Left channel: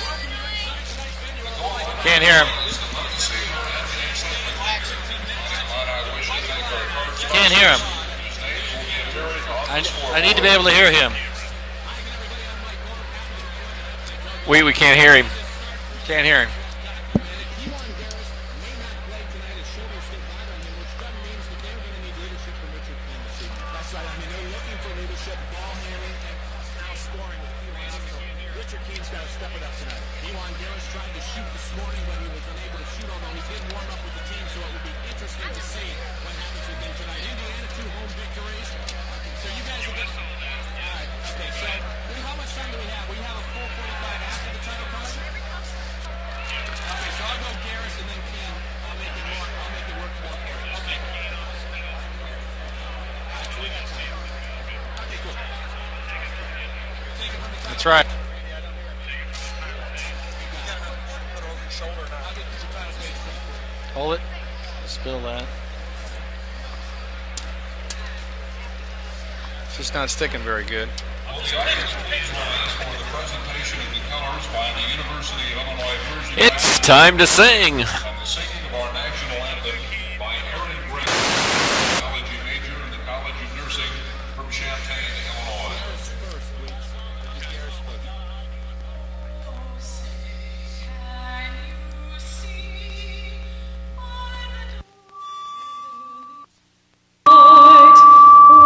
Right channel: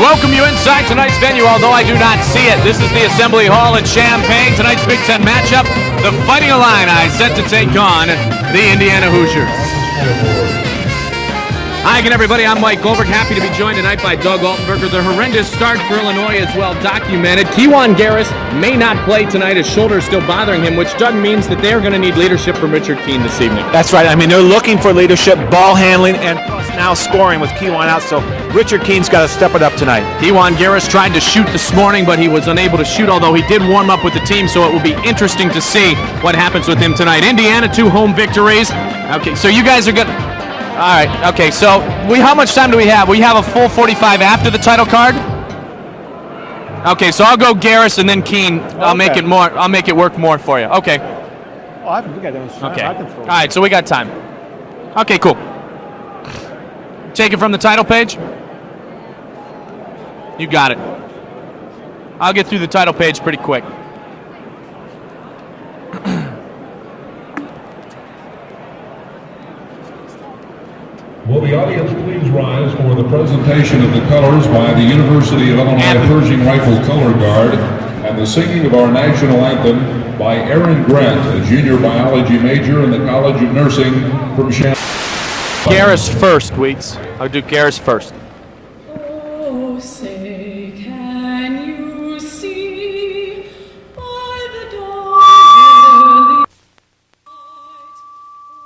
welcome you inside tonight's venue, although I do not see it. This is the Assembly Hall in Champaign. Tonight's Big Ten matchup, the Fighting Illini set to take on the Indiana Hoosiers. I need to be able to hear you. Hi again, everybody. I'm Mike Goldberg. Happy to be joined tonight by Doug Olberg. With a horrendous start for Illinois as well documented. Kejuan Garris may not play tonight. His shoulder is still bothering him, which does means that they're going to need leadership from Richard Keene this evening. That's right. I mean, they're looking for leadership, ball handling, and now scoring with Kejuan out. So Richard Keene's got to step it up tonight. Kejuan Garris tried to shoot this morning, but he was unable to shoot, although he did warm up with the team, so it will be interesting to see what happens with him tonight. Indiana, 2 home victories. Okay, so you guys are good. All right, okay, so how much time do we have? We have a full 45 after the title card? Okay, so I'll go Garris and then Keene. I'll make it work more for you. Okay. Oh, I think we got okay. All right, so we got time. Okay, cool. Take it from the title page. You got it. I'll get through the title page pretty quick. Hold it. Spill that. It's not sticking very good. Will the audience please rise for the presentation of the colors by the University of Illinois Pershing It's time to sing. And the singing of our national anthem by Aaron Grant, a junior biology major in the College of Nursing from Champaign. Garris first, Weeks. I'll do Garris first. Oh, say, can you see by the dawn's early light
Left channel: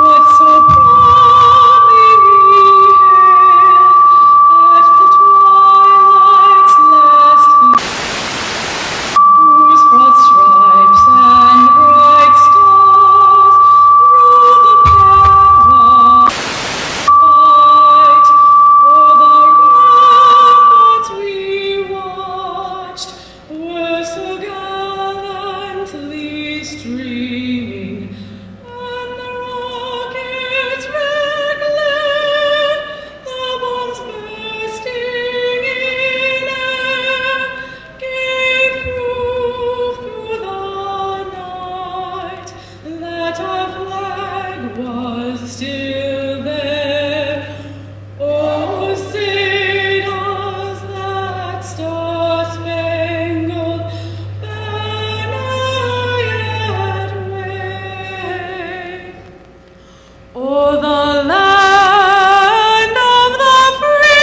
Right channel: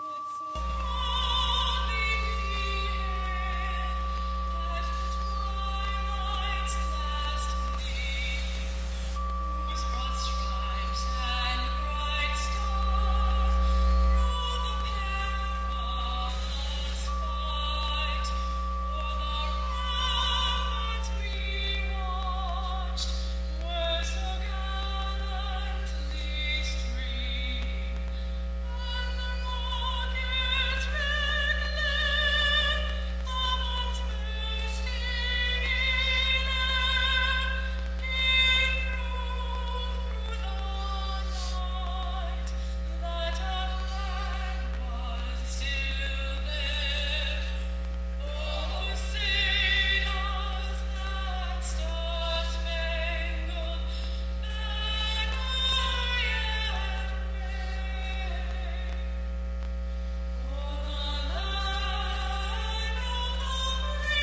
what so proudly we hailed at the twilight's last gleam, whose broad stripes and bright stars through the perilous fight o'er the ramparts we watched were so gallantly streaming, and the rockets' red glare, the bombs bursting in air, gave proof through the night that our flag was still there. Oh, say does that star-spangled banner yet wave o'er the land of the free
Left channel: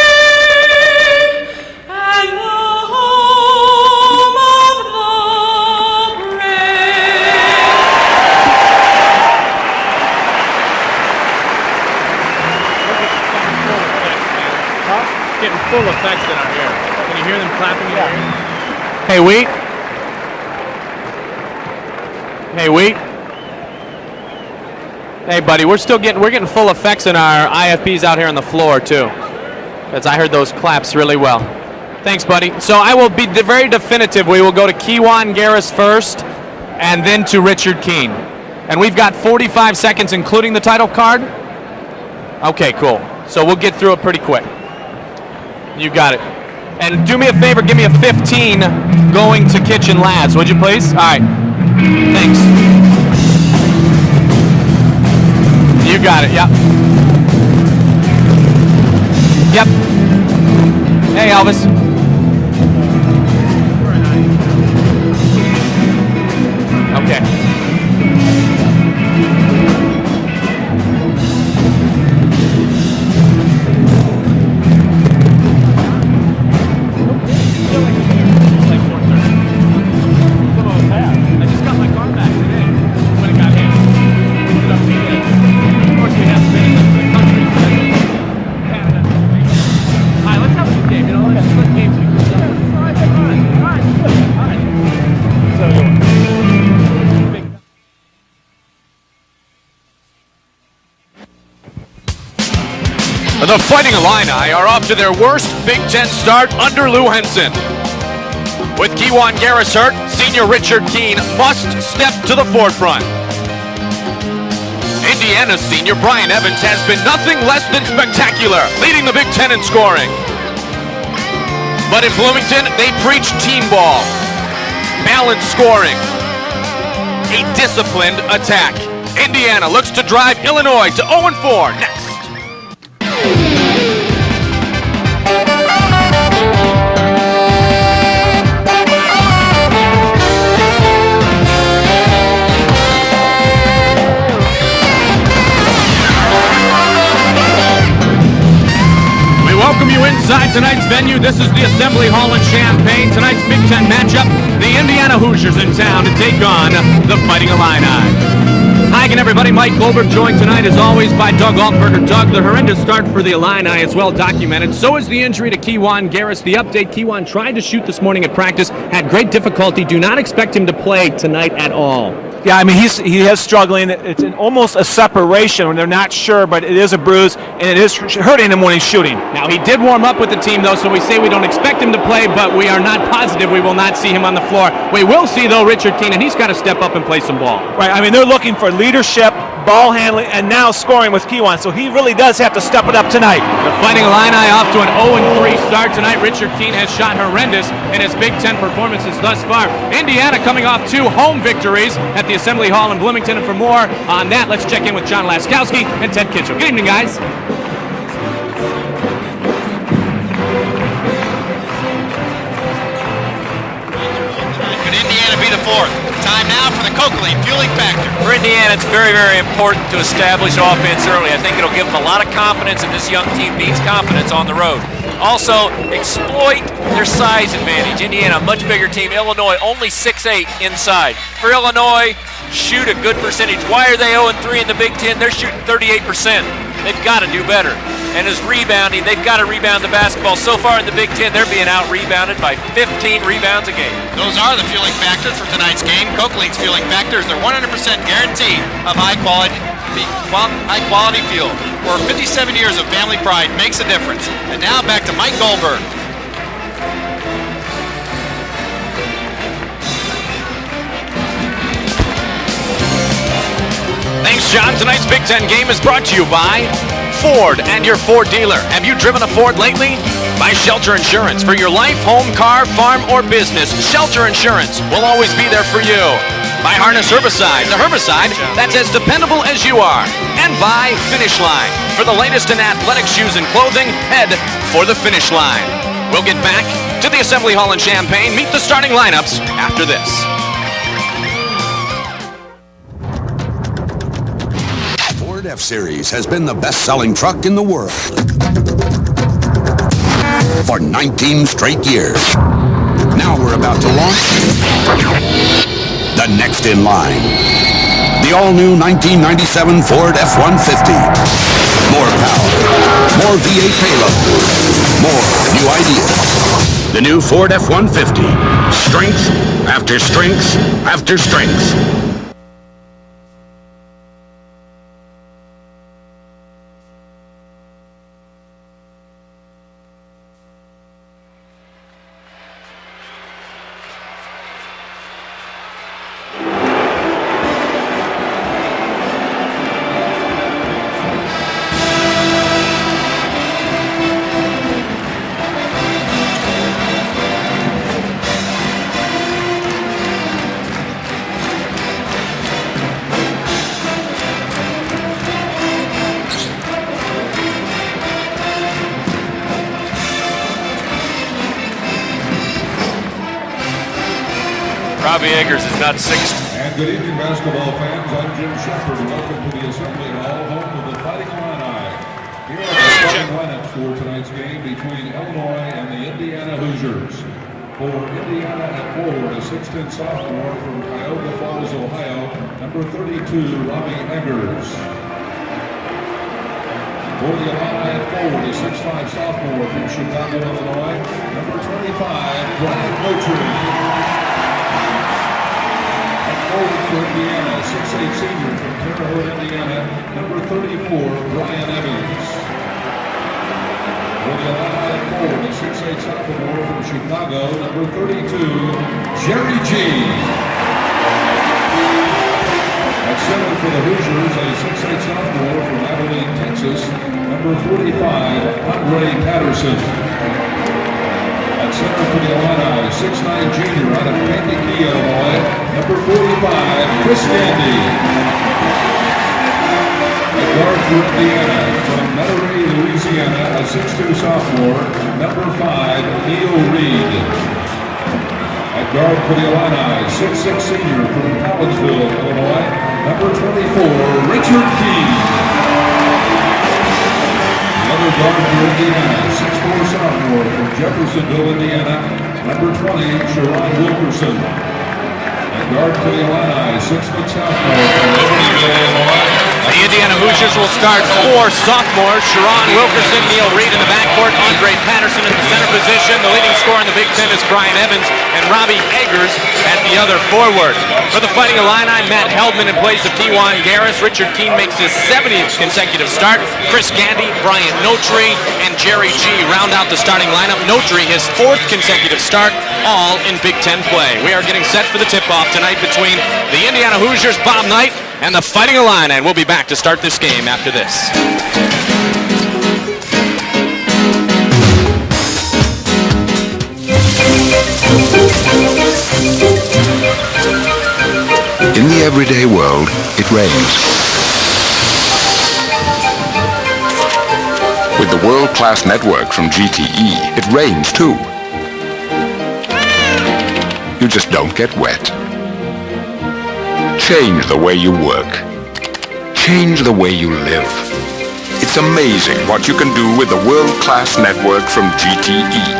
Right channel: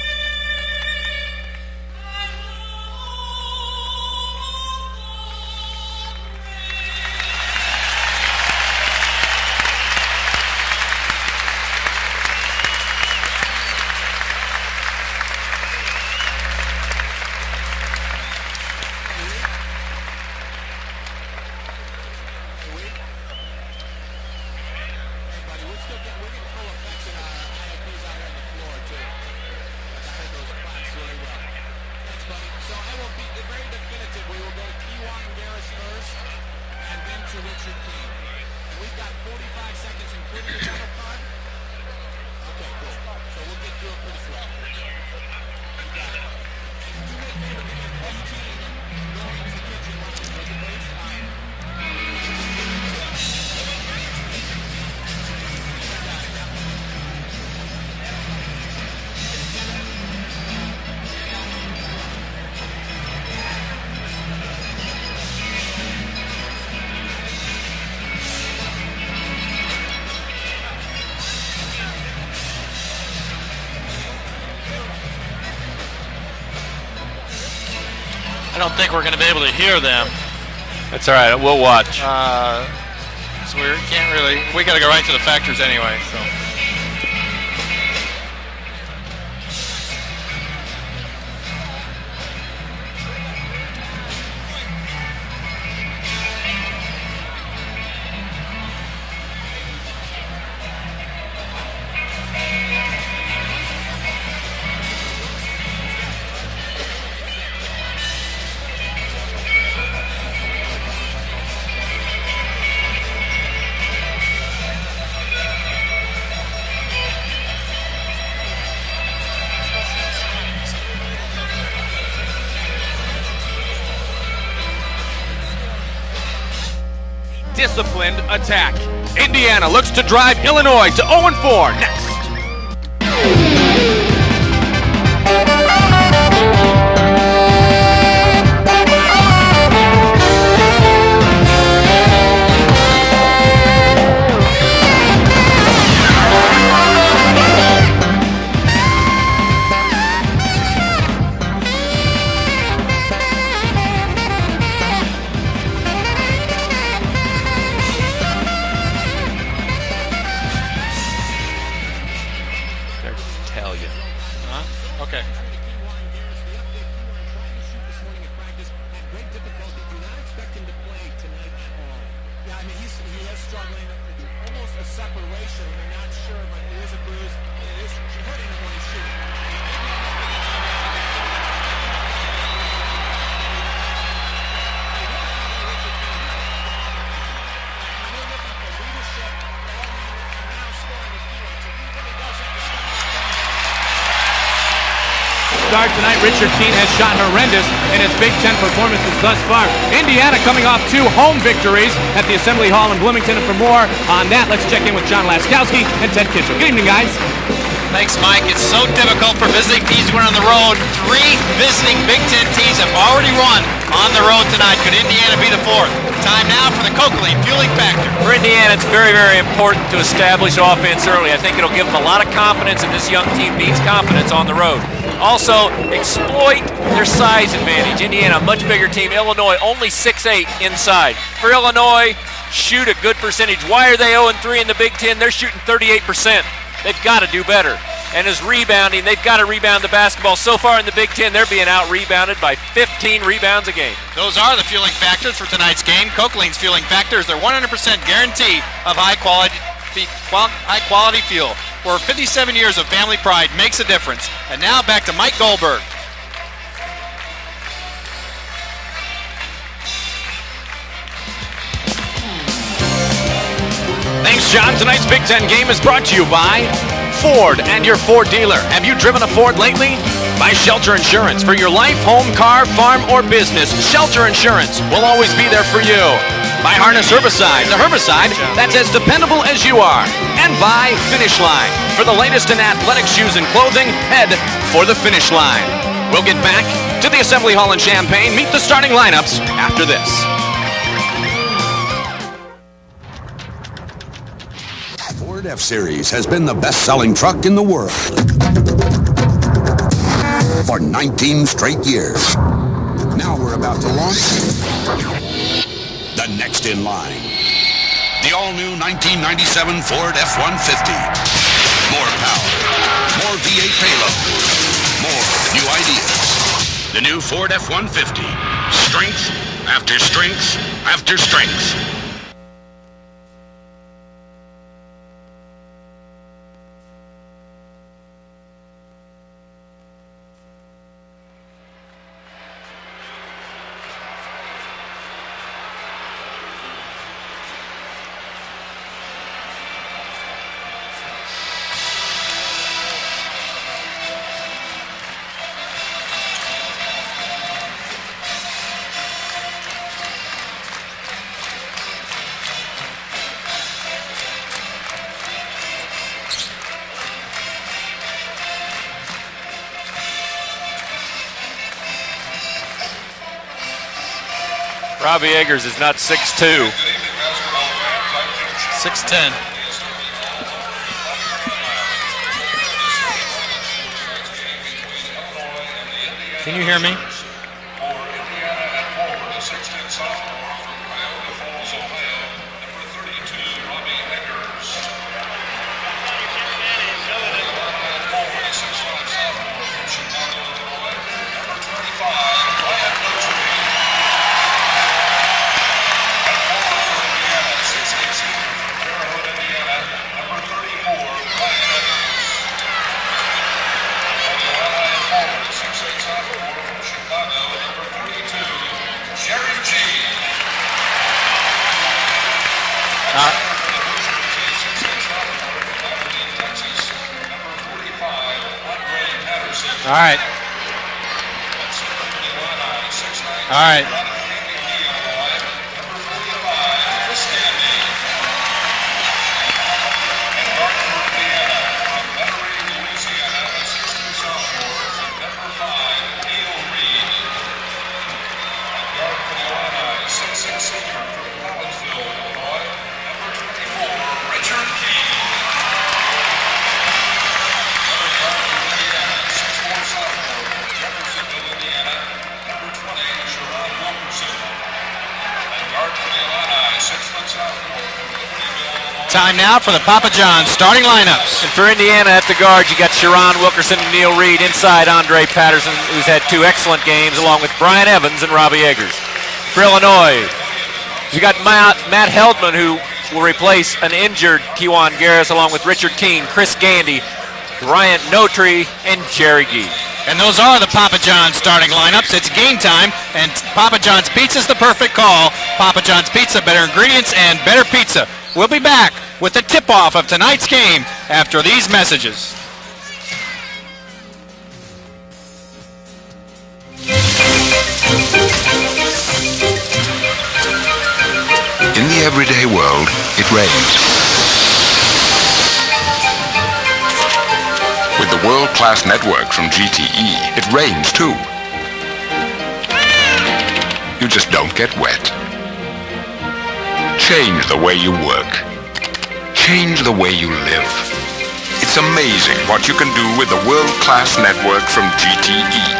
and the home of the brave? Getting full effects in our ear. Can you hear them clapping in our ears? Hey, Wheat. Hey, Wheat. Hey, buddy, we're getting full effects in our IFPs out here on the floor too. As I heard those claps really well. Thanks, buddy. So I will be very definitive. We will go to Kejuan Garris first, and then to Richard Keene. And we've got 45 seconds, including the title card. Okay, cool. So we'll get through it pretty quick. You got it. And do me a favor, give me a 15 going to Kitchen Labs, would you please? All right. Thanks. You got it, yep. Yep. Hey, Elvis. Okay. I don't think we're going to be able to hear them. It's all right. We'll watch. Can't really. We got to go right to the factors anyway. The Fighting Illini are off to their worst Big Ten start under Lou Henson. With Kejuan Garris hurt, senior Richard Keene must step to the forefront. Indiana senior Brian Evans has been nothing less than spectacular, leading the Big Ten in scoring. But in Bloomington, they preach team ball, balanced scoring, a disciplined attack. Indiana looks to drive Illinois to 0-4 next. This is the Assembly Hall in Champaign. Tonight's Big Ten matchup, the Indiana Hoosiers in town to take on the Fighting Illini. Hi again, everybody. Mike Goldberg joined tonight, as always, by Doug Altberger. Doug, the horrendous start for the Illini is well documented. So is the injury to Kejuan Garris. The update, Kejuan tried to shoot this morning at practice, had great difficulty. Do not expect him to play tonight at all. Yeah, I mean, he is struggling. It's almost a separation when they're not sure, but it is a bruise, and it is hurting him when he's shooting. Now, he did warm up with the team, though, so we say we don't expect him to play, but we are not positive we will not see him on the floor. We will see, though, Richard Keenan. He's got to step up and play some ball. Right, I mean, they're looking for leadership, ball handling, and now scoring with Kejuan, so he really does have to step it up tonight. The Fighting Illini off to an 0-3 start tonight. Richard Keenan has shot horrendous in his Big Ten performances thus far. Indiana coming off 2 home victories at the Assembly Hall in Bloomington, and for more on that, let's check in with John Laskowski and Ted Kitchell. Good evening, guys. Thanks, Mike. It's so difficult for visiting teams to win on the road. 3 visiting Big Ten teams have already won on the road tonight. Could Indiana be the 4th? Time now for the Coakley fueling factor. For Indiana, it's very, very important to establish offense early. I think it'll give them a lot of confidence, and this young team needs confidence on the road. Also, exploit their size advantage. Indiana, a much bigger team. Illinois, only 6'8" inside. For Illinois, shoot a good percentage. Why are they 0-3 in the Big Ten? They're shooting 38%. They've got to do better. And as rebounding, they've got to rebound the basketball. So far in the Big Ten, they're being out-rebounded by 15 rebounds a game. Those are the fueling factors for tonight's game. Coakley's fueling factors, they're 100% guarantee of high-quality fuel. Where 57 years of family pride makes a difference. And now back to Mike Goldberg. Thanks, John. Tonight's Big Ten game is brought to you by Ford and your Ford dealer. Have you driven a Ford lately? By Shelter Insurance. For your life, home, car, farm, or business, Shelter Insurance will always be there for you. By Harness Herbicide, the herbicide that's as dependable as you are. And by Finish Line. For the latest in athletic shoes and clothing, head for the Finish Line. We'll get back to the Assembly Hall in Champaign. Meet the starting lineups after this. Ford F-Series has been the best-selling truck in the world for 19 straight years. Now we're about to launch the next in line. The all-new 1997 Ford F-150. More power, more V8 payload, more new ideas. The new Ford F-150. Strength after strength after strength. Robbie Eggers is not 6'2". Good evening, basketball fans. I'm Jim Shepard. 6'10". To the Assembly Hall, home of the Fighting Illini. Here are the starting lineups for tonight's game between Illinois and the Indiana Can you hear me? Hoosiers. For Indiana at forward, a 6'10" sophomore from Cuyahoga Falls, Ohio, number 32, Robbie Eggers. For the Illini at forward, a 6'5" sophomore from Chicago, Illinois, number 25, Brian Lotry. Forward for Indiana, 6'8" senior from Terre Haute, Indiana, number 34, Brian Evans. For the Illini at forward, a 6'8" sophomore from Chicago, number 32, Jerry G. At center for the Hoosiers, a 6'8" sophomore from Abilene, Texas, number 45, Andre Patterson. All right. At center for the Illini, 6'9" junior out of Kankakee, Illinois, number 45, Chris Gandy. At guard for Indiana, from Monterey, Louisiana, a 6'2" sophomore, number 5, Neil Reed. At guard for the Illini, 6'6" senior from Collegeville, Illinois, number 24, Richard Keen. Another guard for Indiana, 6'4" sophomore from Jeffersonville, Indiana, number 20, Sherron Wilkerson. A guard for the Illini, 6-foot sophomore from Libertyville, Illinois. Time now for the Papa John's starting lineup. For Indiana at the guard, you got Sherron Wilkerson and Neil Reed inside Andre Patterson. He's had 2 excellent games along with Brian Evans and Robbie Eggers. For Illinois, forward. you got Matt Heldman, who will replace an injured Kewan Garris along with Richard King, Chris Gandy, Brian Notree, and Jerry G round out the starting Those are the Papa John's starting lineup. It's game time, and Papa John's Pizza's the perfect call. Papa John's Pizza, better ingredients and better pizza. And the We'll be fighting back line, and with we'll be the back to tip-off start of this tonight's game after these messages. In the everyday world, it rains. With the world-class network from GTE, it rains too. You just don't get wet. Change the way you work. Change the way you live. It's amazing what you can do with the world-class network from GTE.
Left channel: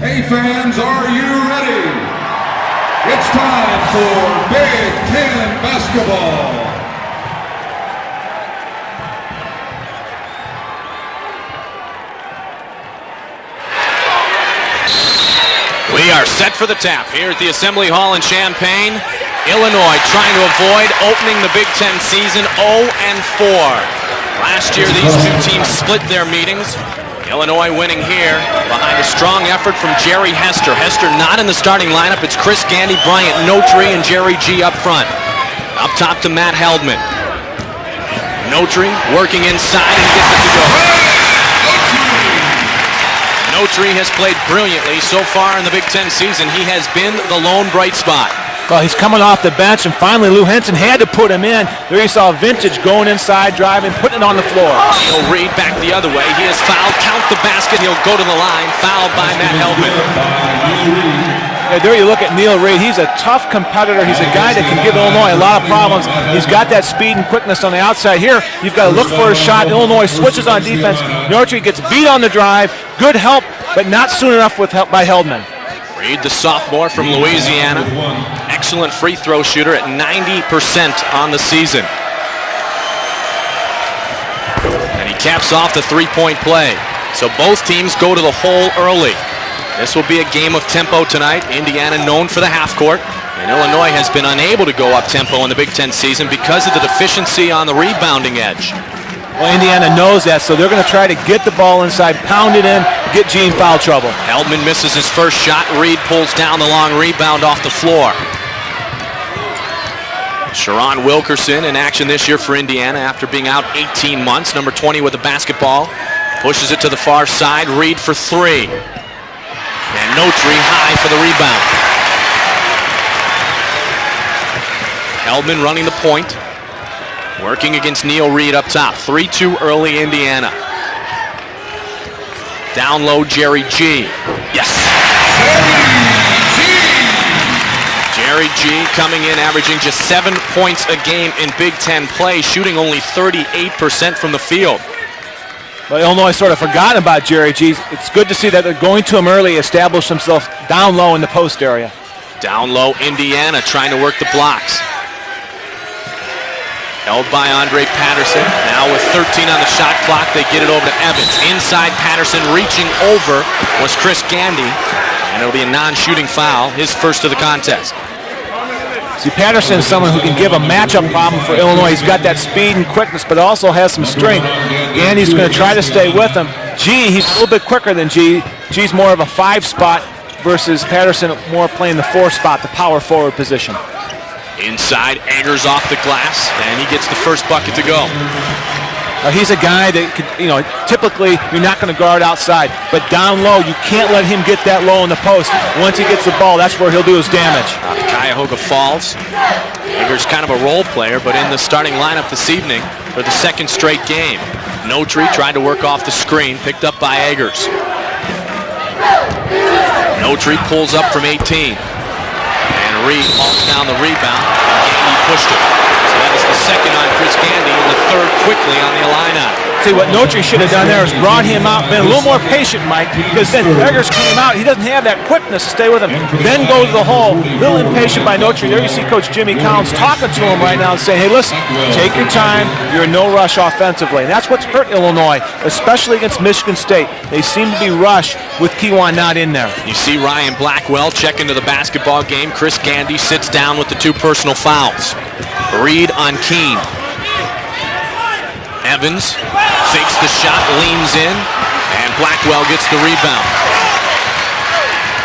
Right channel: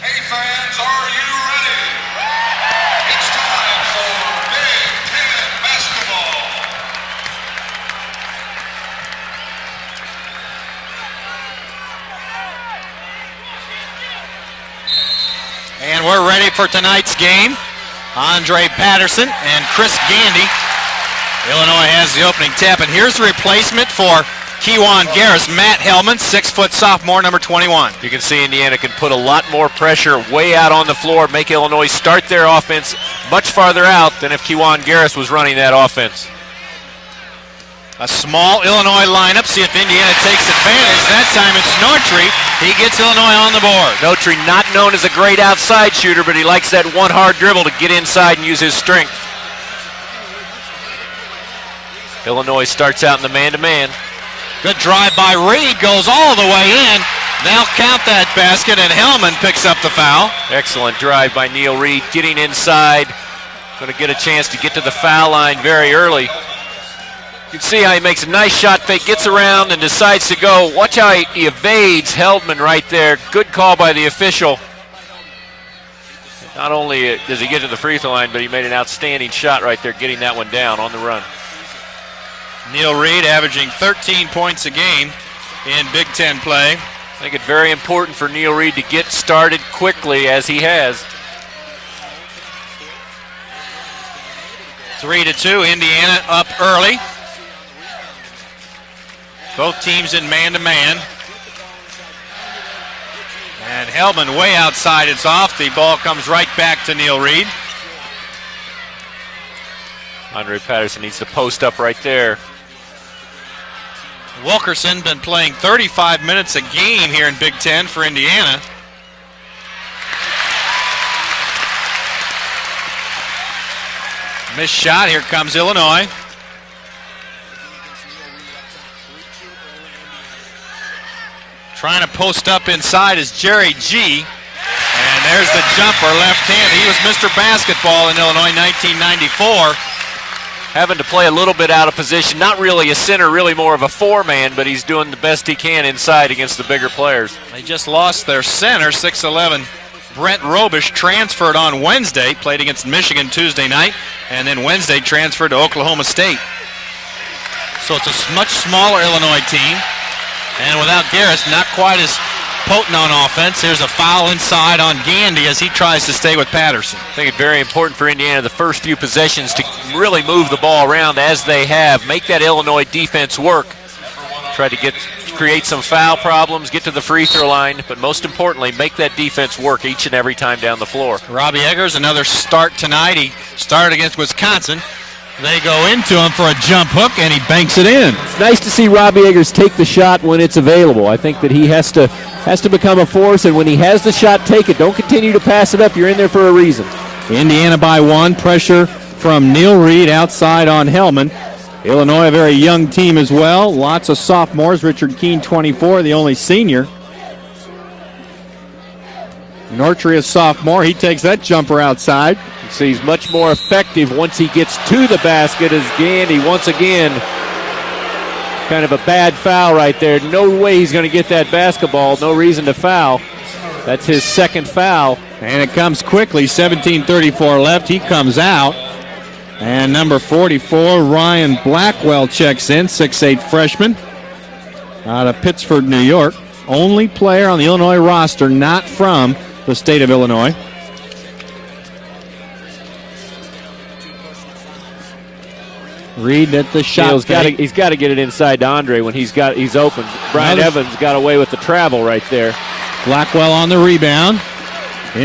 Hey fans, are you ready? It's time for Big Ten basketball. We are ready for tonight's game. The Assembly Hall in Andre Champaign. Patterson, Illinois trying to Chris avoid opening the Big Illinois Ten has the season. opening tip, and here's the replacement for Kewan Garris, Matt Hellman, 6-foot sophomore, number Illinois 21. winning here. see Indiana can put a Strong lot more effort from pressure Jerry way Hester. out on the Hester floor. not in the starting lineup. It's Chris Gandy, Bryant, much no farther trade, out Jerry than G Kewan up front. Garris was running that Up top offense. to Matt Heldman. A small Notree Illinois working lineup. See if inside. Indiana takes the pace. That time it's Notree. He gets Illinois on the board. Notree, not known as a great outside shooter, but he likes that one hard dribble to get inside and use his Well, he's strength. coming off the bench, and finally Lou Henson had to put him in. There you saw Illinois Vintage starts going out in the inside, man-to-man. driving, putting it on the floor. Drive by Reed goes all the way in. Count the basket. Now count that basket, and Hellman picks up the foul. Excellent drive by Neil There Reed. you look at getting Neil Reed. He's inside. a tough competitor. He's a chance guy to that get can to give the Illinois foul a lot line of very problems. early. He's got that speed and quickness on See the how he outside makes a here. nice shot, He's got to but he look gets for a around shot. and Illinois decides to switches go. on defense. Watch how he Notree gets evades beat on the Heldman drive. right there. Good help, Good call but by the not soon official. enough with help by Heldman. Reed, the sophomore from Louisiana. Excellent free throw shooter at 90% on the season. Neil Reed averaging 13 points a game. He caps off the three-point play. So both Very teams go to the important for Neil hole Reed to early. get started This will be quickly, a as game he of has. tempo tonight. Indiana known for the half court. And Illinois has been unable to go up tempo in the 3-2, Big Ten Indiana season up because of the early. deficiency on the rebounding edge. Well, Indiana teams knows is that, so they're going to try to get the ball inside, pound it in, get G in foul trouble. Hellman way Heldman misses outside his is first off. shot. The ball Reed comes pulls right down the back long to Neil rebound Reed. off the floor. Sherron Wilkerson in action this year for Indiana after being out 18 months. Number 20 with the basketball. 35 minutes Pushes a it to the game far here in Big side. Ten Reed for Indiana. three. And Notree high for the rebound. This shot here comes Heldman running Illinois. the point. Working against Neil Reed up top. 3-2 early Indiana. Trying to post up Down inside low, is Jerry G. Yes. There's the jumper. He was Mr. Basketball in Jerry Illinois G coming in 1994. averaging just 7 points Having a to game play a little in bit Big out of Ten position. play, Not shooting really a only center, really more of a 38% from the four-man, but field. he's doing the best he can Well, inside. Illinois sort of against the bigger forgot about players. Jerry G. Just It's lost good to their see that they're center, going to him early, 6'11". establish themselves Brent Robish down low in the transferred post on area. Wednesday, played Down against low, Michigan Indiana Tuesday trying night, to work the and blocks. then Wednesday transferred to Oklahoma State. Held by Andre So it's a Patterson. much smaller Now with 13 on the Illinois shot clock. They get it over to Now Evans. Garris, not Inside quite as Patterson reaching potent on over. offense. Here's a was Chris foul Gandy. inside on Gandy It'll as be he a tries to non-shooting stay with foul. Patterson. His first of the Very contest. important for Indiana. The first few possessions. Patterson's to someone really who can move give a the ball matchup around problem as for they Illinois. have. He's got Make that speed Illinois and quickness, defense but also work. has some strength. Try to give And he's going to create try to some stay foul with him. problems, get to G, the free he's a throw little bit line. quicker than Most G. importantly, G's make more that of a defense 5 work spot each and every time down versus the floor. Patterson Robbie more Eggers, playing the another 4 spot, start power tonight. forward position. Started against Wisconsin. Inside, They Eggers go off the into him glass. for a jumper. gets the first banks it in. It's nice to see Robbie Eggers take the shot when it's available. I think that he has to become a force, and when he has the shot, take it. Don't continue to pass it up. You're in there for a reason. That's where he'll do his damage. Indiana by one. Pressure from Neil Reed outside on Hellman. Illinois, a very young team as well. Lots of sophomores. Richard King, 24, the only senior. Picked up by Eggers. Nortry, a sophomore, he takes that jumper outside. He's much more effective once he gets to the basket as Gandy once again. Chris Gandy in the third quickly. Kind of a bad foul right there. See, what Notre should have done there is brought him out, been a little more patient, Mike, because then Eggers came out. He doesn't have that quickness. And it comes quickly, 17:34 left. He comes out. There you see Coach Jimmy Collins And number talking to him right now, 44, saying, hey, Ryan listen, take Blackwell your time. checks in, You're no 6'8" rush freshman. offensively. And that's what's hurt Illinois, Pittsburgh, especially New York. against Michigan Only State. player on the Illinois roster not from not in there. the state of See Illinois. Ryan Blackwell check into the basketball game. Chris Gandy sits down with the 2 personal fouls. Reed on King. He's got to get it inside to Andre when he's open. Fakes the shot, leans got away in. with the travel right Blackwell there. gets the rebound. Blackwell on the rebound.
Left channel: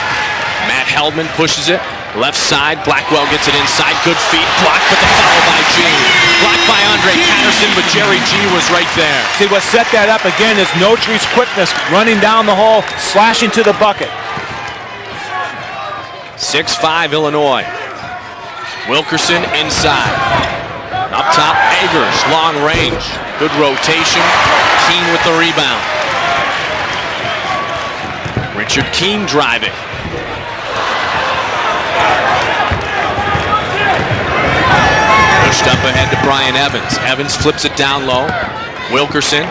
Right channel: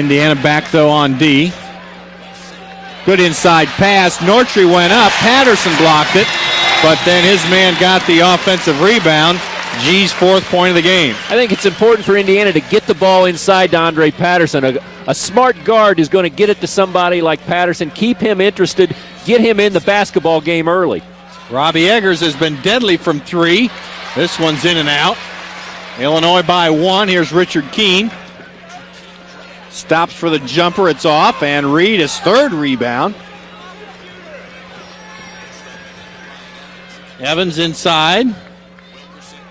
Indiana back though on Hellman D. pushes it. Left side, Blackwell Good gets inside it pass. Good Nortry feet. went up. Patterson blocked it. Blocked by But Andre then his Anderson, man but got Jerry the G was offensive right there. rebound. See, what set G's that up fourth again point is of the game. Notry's I think quickness it's important for running down Indiana the to hall, get the ball slashing to inside the to Andre bucket. Patterson. A smart guard is going to get it to 6'5" somebody like Illinois. Patterson, keep him interested, Wilkerson get him in the inside. basketball game early. Up top, Robbie Eggers has long been deadly range. from Good 3. rotation. This one's in and King out. with the rebound. Illinois by 1. Here's Richard Keene. Richard King driving. Stops for the jumper. It's off. And Reed his third rebound. Pushed up ahead to Brian Evans. Evans flips it down low. Wilkerson.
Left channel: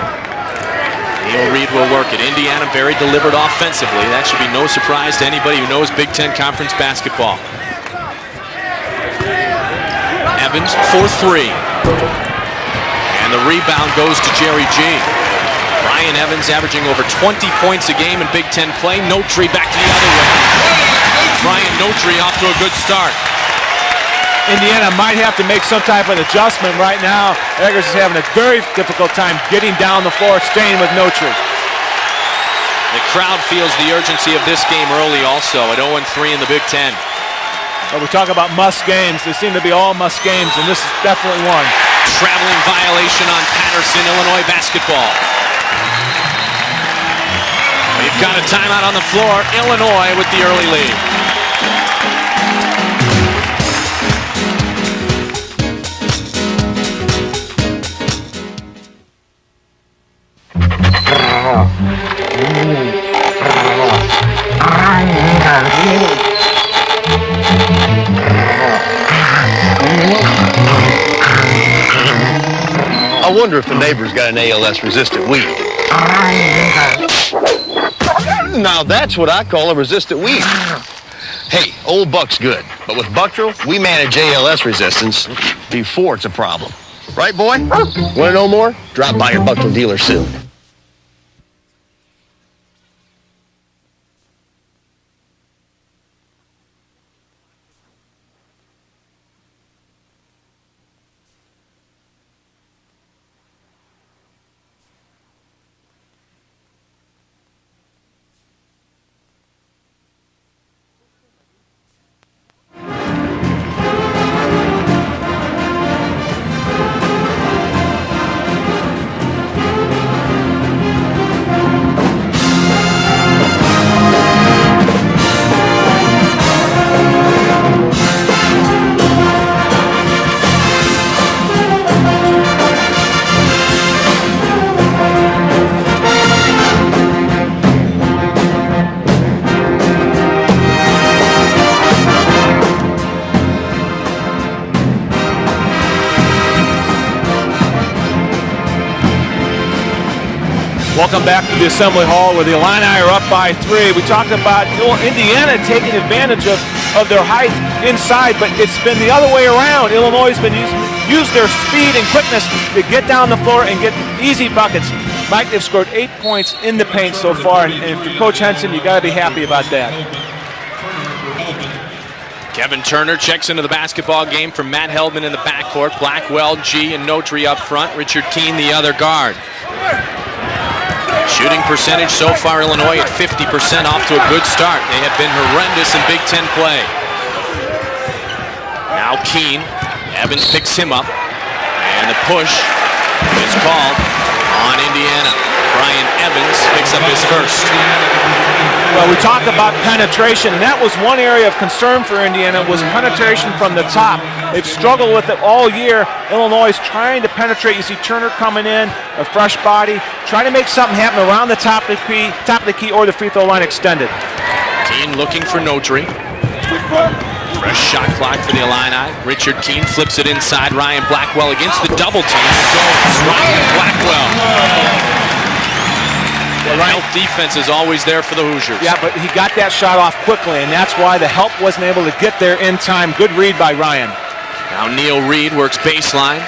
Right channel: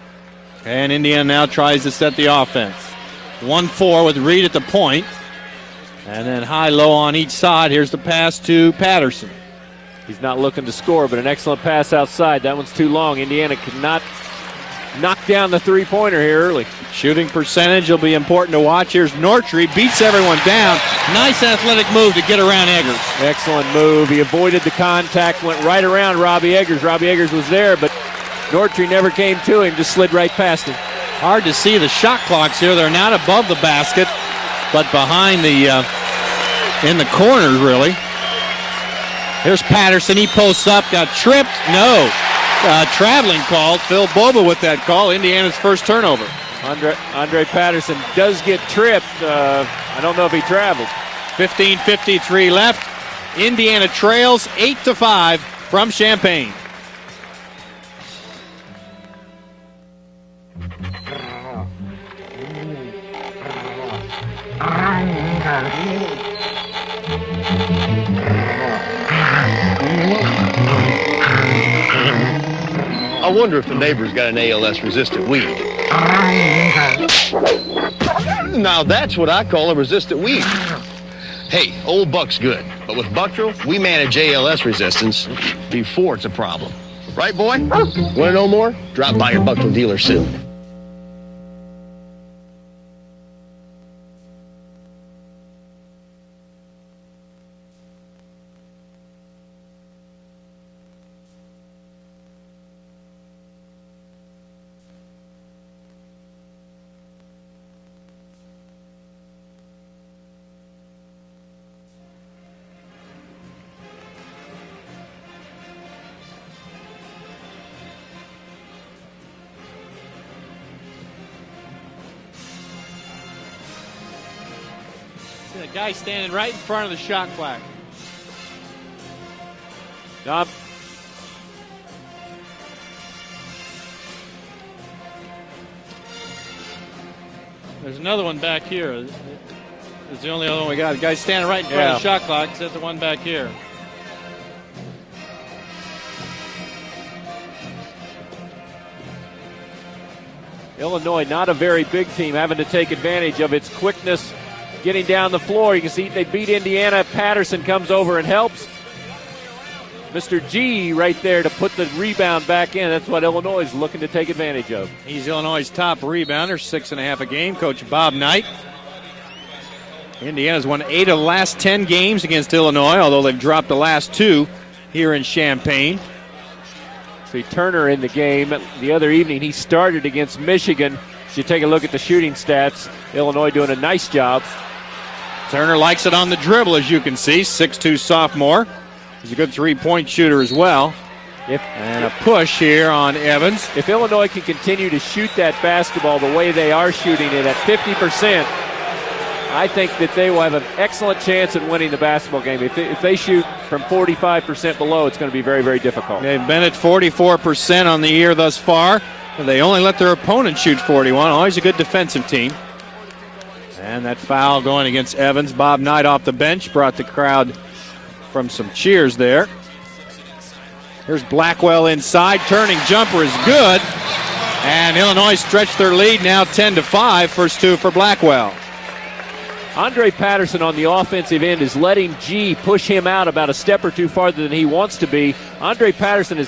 And Indiana now Reed tries will to work set it. the Indiana offense. very deliberate offensively. 1-4 That should Reed be no at the point. surprise to anybody who knows Big Ten Conference High low on basketball. each side. Here's the pass to Patterson. Evans for 3. Pass outside, that one's too long. And the rebound goes to Jerry G. Knock down the three-pointer. Ryan Evans here. averaging over Shooting 20 points a percentage will be game in Big important to Ten watch. play. Here's Notry back Beats everyone down. Nice athletic move to get around Eggers. start. Excellent move. He avoided Indiana the might have to make some right type of around Robbie adjustment Eggers. right Robbie now. Eggers is there, Eggers but having a very Nortry never difficult time came to getting it. down the Slid floor, right past staying him. with Notry. Hard to see the shot clocks here. They're not Crowd above the feels the basket. urgency of this game but early behind also. the, An 0-3 in the Big Ten. In the corners, really. We talk about must games. They seem Here's to be all must Patterson. He games. posts and up. this is Got definitely tripped. one. No. Traveling violation Traveling on call. Patterson. Phil Illinois Vogel with that basketball. ball. Indiana's first turnover. Andre Patterson. They've got a timeout on the floor. Illinois with the early lead. 15:53 left. Indiana trails 8-5 from Champaign. I wonder if the neighbor's got an ALS-resistant weed. Now that's what I call a resistant weed. Hey, old Buck's good, but with Bucktril, we manage ALS resistance before it's a problem. Right, boy? Want to know more? Drop by your Bucktril dealer soon. Welcome back to the Assembly Hall where the Illini are up by 3. We talked about Indiana taking advantage of their height inside, but it's been the other way around. Illinois has been used their speed and quickness to get down the floor and get easy buckets. Mike, they've scored 8 points in the paint so far, and Coach Henson, you got to be happy about that. Indiana's won 8 of the last 10 games against Kevin Illinois. Turner checks into the the last basketball 2 game from Matt Hellman in the Champaign. backcourt. Blackwell, G, and Notry up Turner front. in the Richard game Keene, the other other guard. evening. He started against Michigan. Shooting percentage so far, Illinois at 50%, off to a good start. They have been horrendous Likes in it Big on the Ten dribble, play. as you can see. 6'2" sophomore. Now Keene, Three-point shooter Evans as picks well. him up. And the push here on Evans called on Indiana. Ryan Evans picks up his first. Well, we talked about penetration, and that was one area of concern for Indiana, was penetration from the top. They've struggled with it all year. Illinois is 44% on the year thus far. A fresh they only body, let their trying to opponent make shoot something 41. happen around the Always a top good of defensive the key or the free throw line extended. Foul going against Evans. for Bob Notre Knight Dame. off the bench brought the crowd. Fresh shot clock for the Illini. Cheers there. Richard Keene flips it inside. Ryan Blackwell gets Blackwell the double inside, team. turning jumper is good. Blackwell. And Illinois stretched their lead now 10-5. Defense First is two for always there for the Blackwell. Hoosiers. Yeah, but he got that shot off quickly, and that's why the help wasn't able to get there in time. Good read by Ryan. Neil Reed works baseline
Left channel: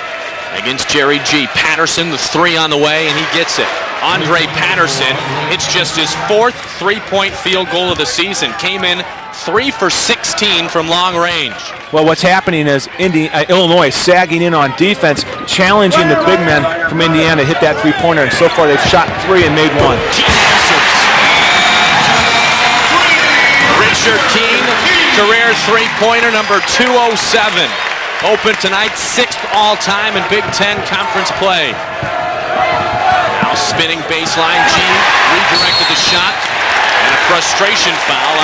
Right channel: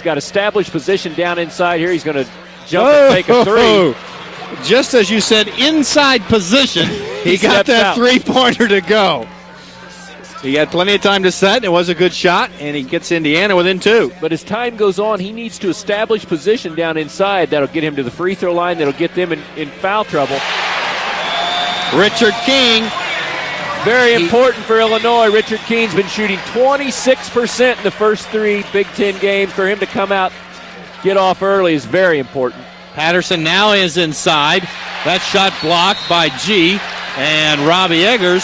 against Jerry G. Patterson. The three on the way. He gets it. Andre Patterson. Just as you said, it's just inside his fourth position. three-point He field got goal that of the season. three-pointer to Came in go. 3 for 16 He had from plenty of long time range. to set. It was a Well, good what's shot. happening is He gets Indiana Illinois with it, too. sagging in on defense, challenging the big men from Indiana to hit that three-pointer. And so far, they've shot 3 and made 1. Richard King. Richard Keene, career three-pointer number 207. Open tonight, 6th all-time in Big Ten conference play. is very important. Patterson now is Spinning inside. baseline, G. That shot blocked by G. And Robbie Eggers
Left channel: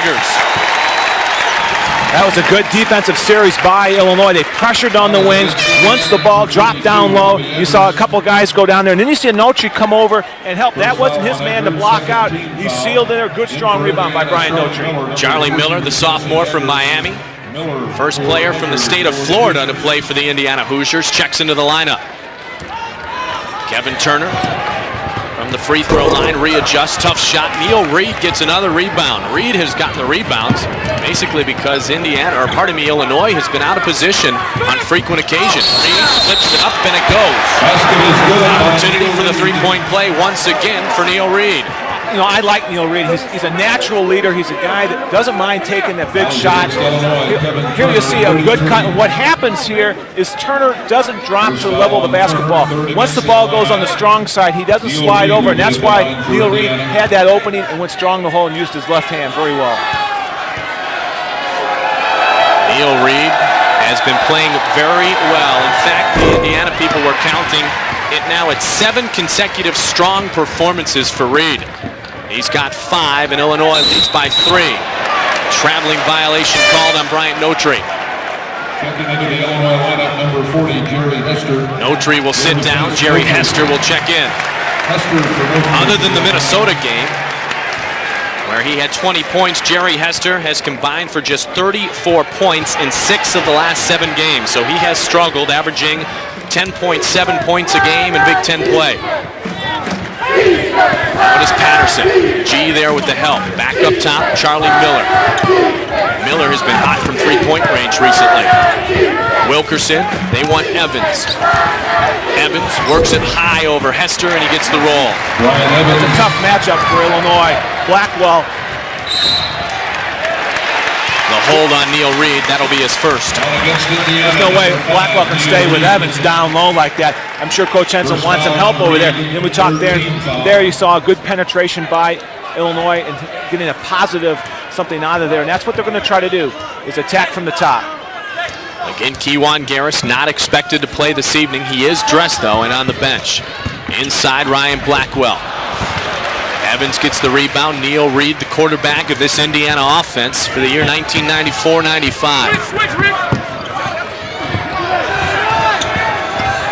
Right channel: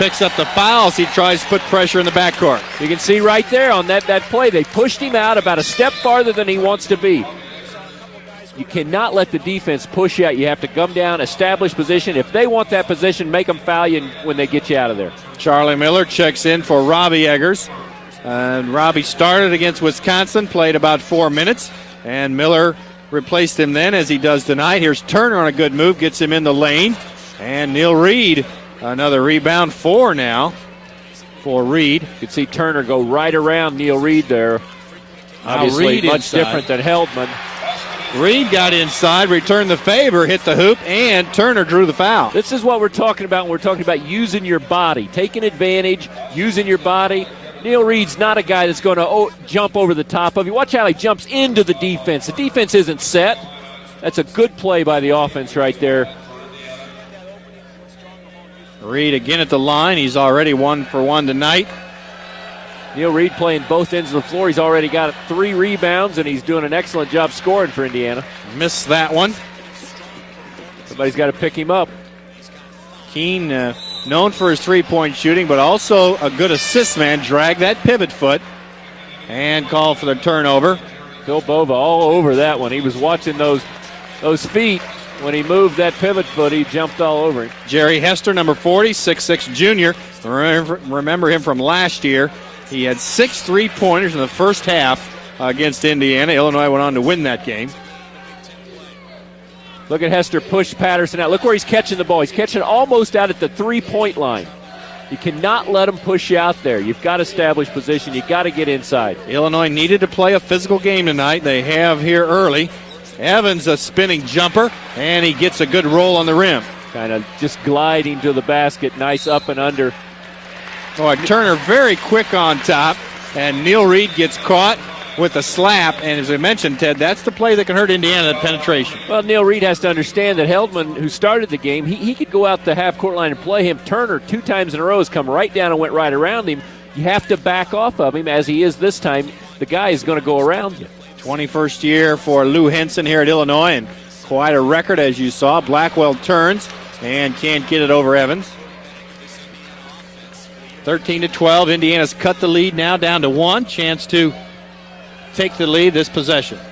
picks up the foul as he tries to put pressure in the That was a backcourt. good defensive series by Illinois. They pressured on the wings. Once the ball dropped down low, you saw a couple guys go down there. And then you see Notre come over and help. That wasn't his man to block out. They want that sealed in position, a make good them strong value. rebound by Brian Notre. Charlie Miller, the sophomore checks in from for Miami. Robbie Eggers. First player from the Robbie state of started Florida to against play for the Wisconsin, Indiana played about Hoosiers. 4 Checks into minutes. the lineup. And Miller replaced him Kevin then, as Turner. he does tonight. Here's Turner on a The good free move, throw gets it line in the lane. readjusts. Tough shot. And Neil Reed Reed gets another rebound. Reed has got the 4 rebounds. Basically because Reed. Indiana, or pardon me, Illinois has been out of position on frequent occasions. Reed flips it up and it goes. Reed got Opportunity inside, for the returned the three-point play favor, once hit the hoop, again for Neil and Reed. Turner drew the foul. I like Neil Reed. He's a natural leader. He's a guy that doesn't mind taking a big shot. Here you see a good cut. What happens here is Turner doesn't drop to the level of the basketball. Once the ball goes on the strong side, he doesn't slide over, and that's why Neil Reed had that opening and went strong the hole and used his left Reed hand again at very the well. line. He's already 1 for 1 tonight. Neil Reed has been playing very well. In fact, the Indiana people were counting it now at 7 consecutive strong performances for Reed. He's got 5 in Illinois, leads by Known for his 3. three-point shooting, but Traveling also violation a good called assist on man. Brian Dragged Notre. that pivot foot. And called for a turnover. Notre will sit down. Jerry Hester will check in. Other than the Minnesota game, Jerry Hester, number where 40, he had 20 points, Jerry Hester has combined for just 34 points in 6 of the last 7 games. So he has struggled, averaging 10.7 points a game in Big Ten play. Look at Hester push Patterson. What is Patterson? G there with the help. Back up top, Charlie Miller. Miller has been hot from three-point range recently. Wilkerson, they want Evans. They have here early. Evans works it high over Hester and he gets the roll. And he gets a good roll on Tough the rim. matchup for Illinois. Blackwell. The basket, nice up and under. Turner Hold on very Neil quick Reed, on that'll be top. his first. And Neil Reed gets No way Blackwell can stay with Evans And down as low you mentioned, like that. that's the play I'm sure that Coach hurt Ensign Indiana wants some help all over there. day. Neil We Reed talked has to understand that there you Hellman saw a good started the penetration game. by He could go out to the Illinois, half-court line and play getting a him positive times in a something row, out of come there. right And that's down what they're and going to try to around do, him. is Have attack to from the back top. off of him as he is this time. Kejuan The guy Garris is gonna not go expected to around. play this evening. First He is year dressed for though Lou and on the Henson here at bench. Illinois. Inside Quite a Ryan record, as you Blackwell. saw. Blackwell turns. Evans gets and the rebound. can't get it Neil over Reed, Evans. the quarterback of this Indiana offense for the year 13-12, Indiana's cut the 1994-95. lead now down to 1. Chance to take the lead this possession.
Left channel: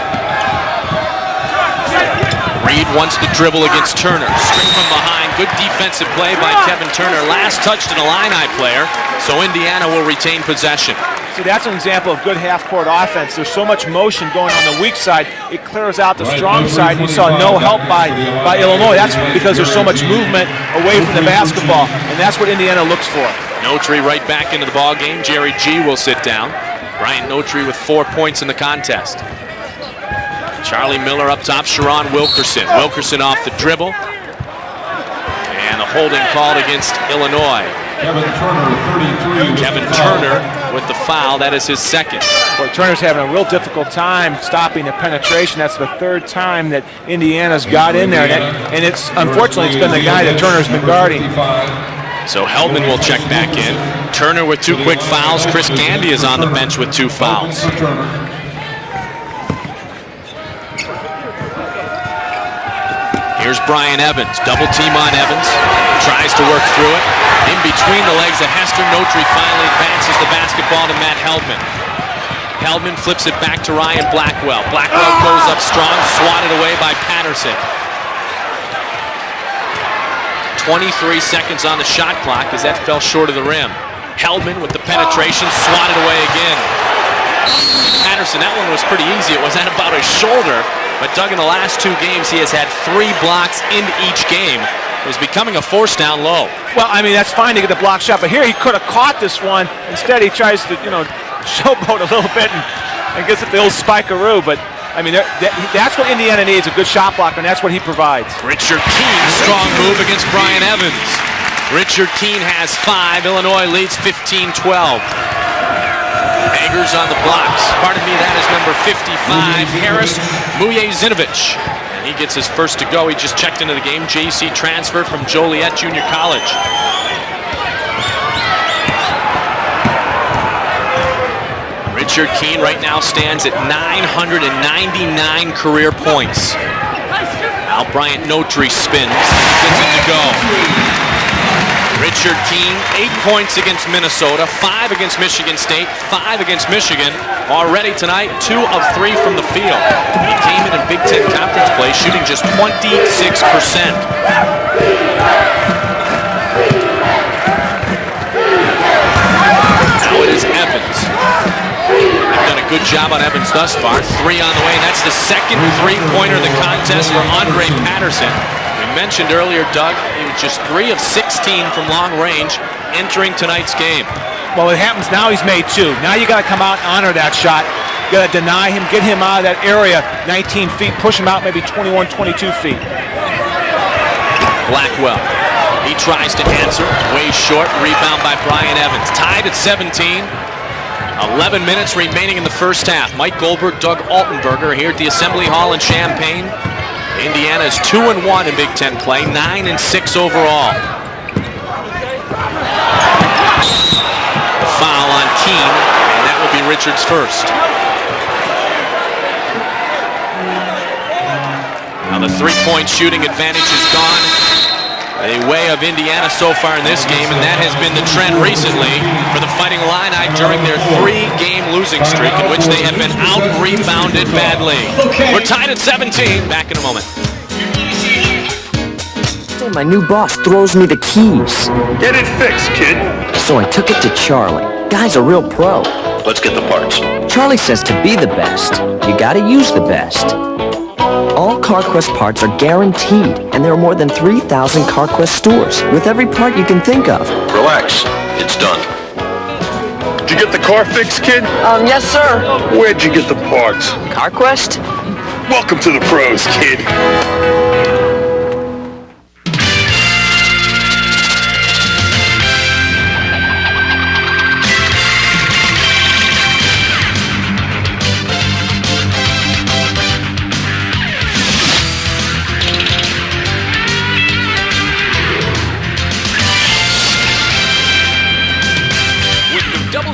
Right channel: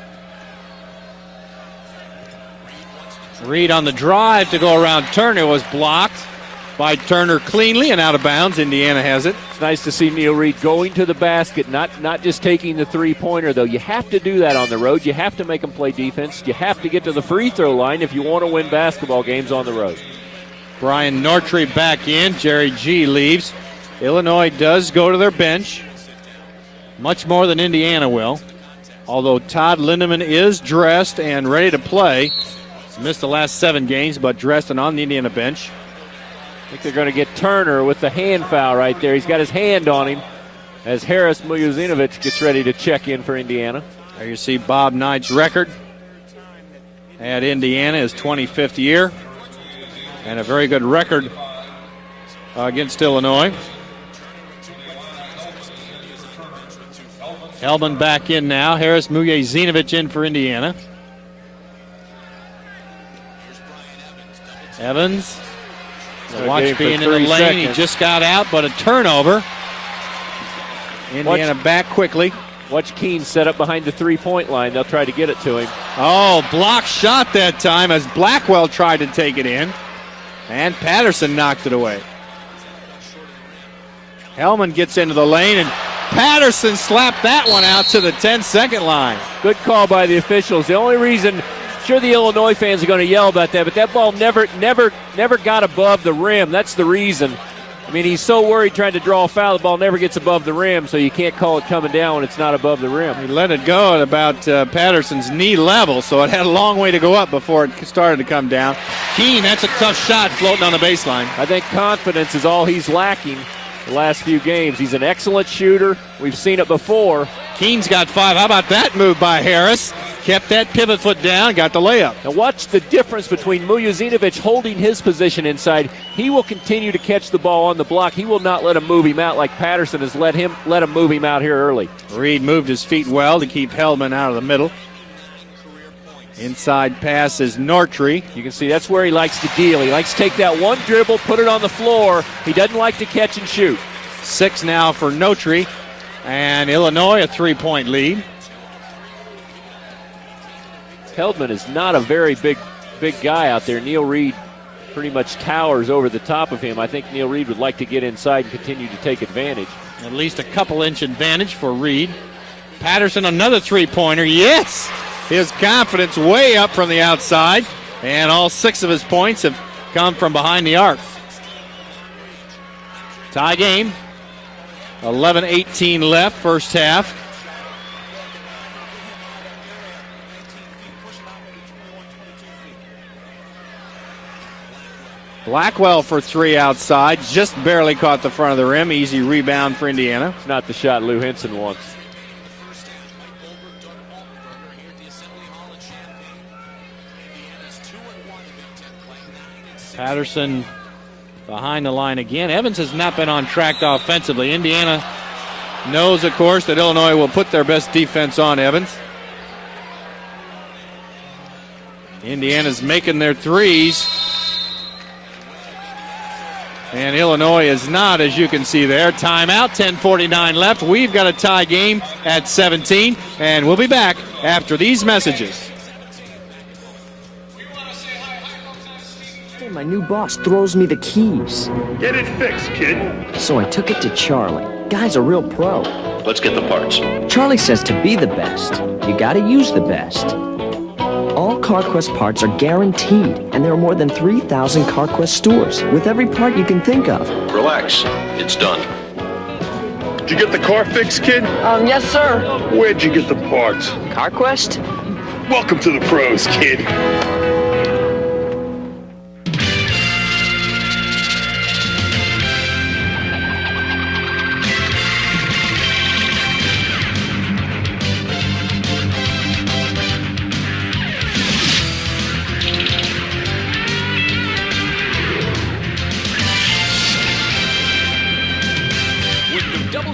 Reed wants to dribble Reed on against the Turner. drive to go around Behind. Turner Good was defensive blocked play by Kevin by Turner. Turner Last touch cleanly to and the out of line bounds. player. Indiana has it. So Indiana will retain possession. That's an example of good half-court offense. There's so much motion going on the weak side. It clears out the strong side. You saw no help by Illinois. That's because there's so much movement away from the basketball. That's what Indiana looks for. Notre right back in the ballgame. Jerry G will sit down. Ryan more than Notre with Indiana 4 will. points in the contest. Although Todd Lindemann is Charlie dressed Miller up and top, ready to Sherron play. Wilkerson. Wilkerson Missed off last the dribble. 7 games, but dressed and on the Indiana bench. And the holding called against Illinois. Turner with the hand foul right there. He's got his Kevin hand on. Turner with the foul. That is his second. Turner's having a real difficult time stopping the penetration. That's the 3rd time that Indiana's got in there. And it's, unfortunately, it's been the guy that Turner's been guarding. So Hellman will check back in. Turner with 2 quick fouls. Chris Gandy is on the bench with 2 fouls. Hellman back in now. Harris Muye-Zinovich in for Indiana. Here's Brian Evans. Double team on Evans. Tries to work through it. In between the legs of Hester. Turnover. Finally advances the basketball to Matt Hellman. Back quickly. Hellman flips it back to Ryan Blackwell. Blackwell goes up strong. Swatted away by shot Patterson. that time as Blackwell tried to take it in. 23 seconds on the shot clock as that fell short of the rim. Hellman with the gets into the penetration, lane. swatted away Patterson slapped that one out to the 10-second was pretty line. easy. It was at about his shoulder. But Doug, in the last 2 games, he has had 3 blocks in each game. It's becoming a force down low. Well, I mean, that's fine to get the block shot, but here he could have caught this one. Instead, he tries to, showboat a little bit. I guess it's Bill Spikeroo, but I mean, that's what Indiana needs, a good shot block, and that's what he provides. Richard Keene, strong move against Brian Evans. Richard Keene has 5. Illinois leads 15-12. He's an excellent shooter. We've seen it Akers before. on the block. Keane's got 5. How about that move by Harris? Kept that pivot foot down, got the layup. He gets his first to go. He just checked into the game. JC transfer from Joliet Junior College. He will continue to catch the ball on the block. He will not let him move him out like Patterson has let him move him out here early. Richard Keene right now stands at 999 career points. Side pass is Notry. Brian Notry spins. Take that one dribble, put it on the floor. Richard Keene, 8 points against Minnesota, 5 against Michigan State, 5 against Michigan. Already tonight, 2 of 3 from the field. He came in Big Ten Conference play, shooting just 26%. Now it is Evans. They've done a good job on Evans thus far. 3 on the way. That's the second 3-pointer of the contest for Andre Patterson. And all 6 of his mentioned points earlier, Doug, come from behind the just 3 arc. of 16 from long range entering tonight's game. Well, it happens now. He's made 2. Now you got to come out and honor that shot. You got to deny him, get him out of that area, 19 feet, push him out maybe 21, 22 feet. Blackwell he tries to answer, way short, rebound by Brian Evans. Tied at 17. 11 minutes remaining in the first half. Mike Goldberg, Doug Altenberger here at the Assembly Hall in Champaign. Indiana is 2-1 in Big Ten play, 9-6 overall. Behind the line again. Evans has not been on track offensively. Foul on Keene. Knows, of course, that Illinois will put their best defense on Evans. Now the 3-point shooting advantage is gone the way of Indiana so far in this game, and that has been the trend recently. Timeout, 10:49 left. We've got a tie game losing streak in which they have been out-rebounded badly. We're tied at 17. Back in a moment. My new boss throws me the keys. Get it fixed, kid. So I took it to Charlie. Guy's a real pro. Let's get the parts. Charlie says to be the best, you gotta use the best. All CarQuest parts are guaranteed, and there are more than 3,000 CarQuest stores with every part you can think of. Relax. It's done. Did you get the car fixed, kid? Yes, sir. Where'd you get the parts? CarQuest? Welcome to the pros, kid.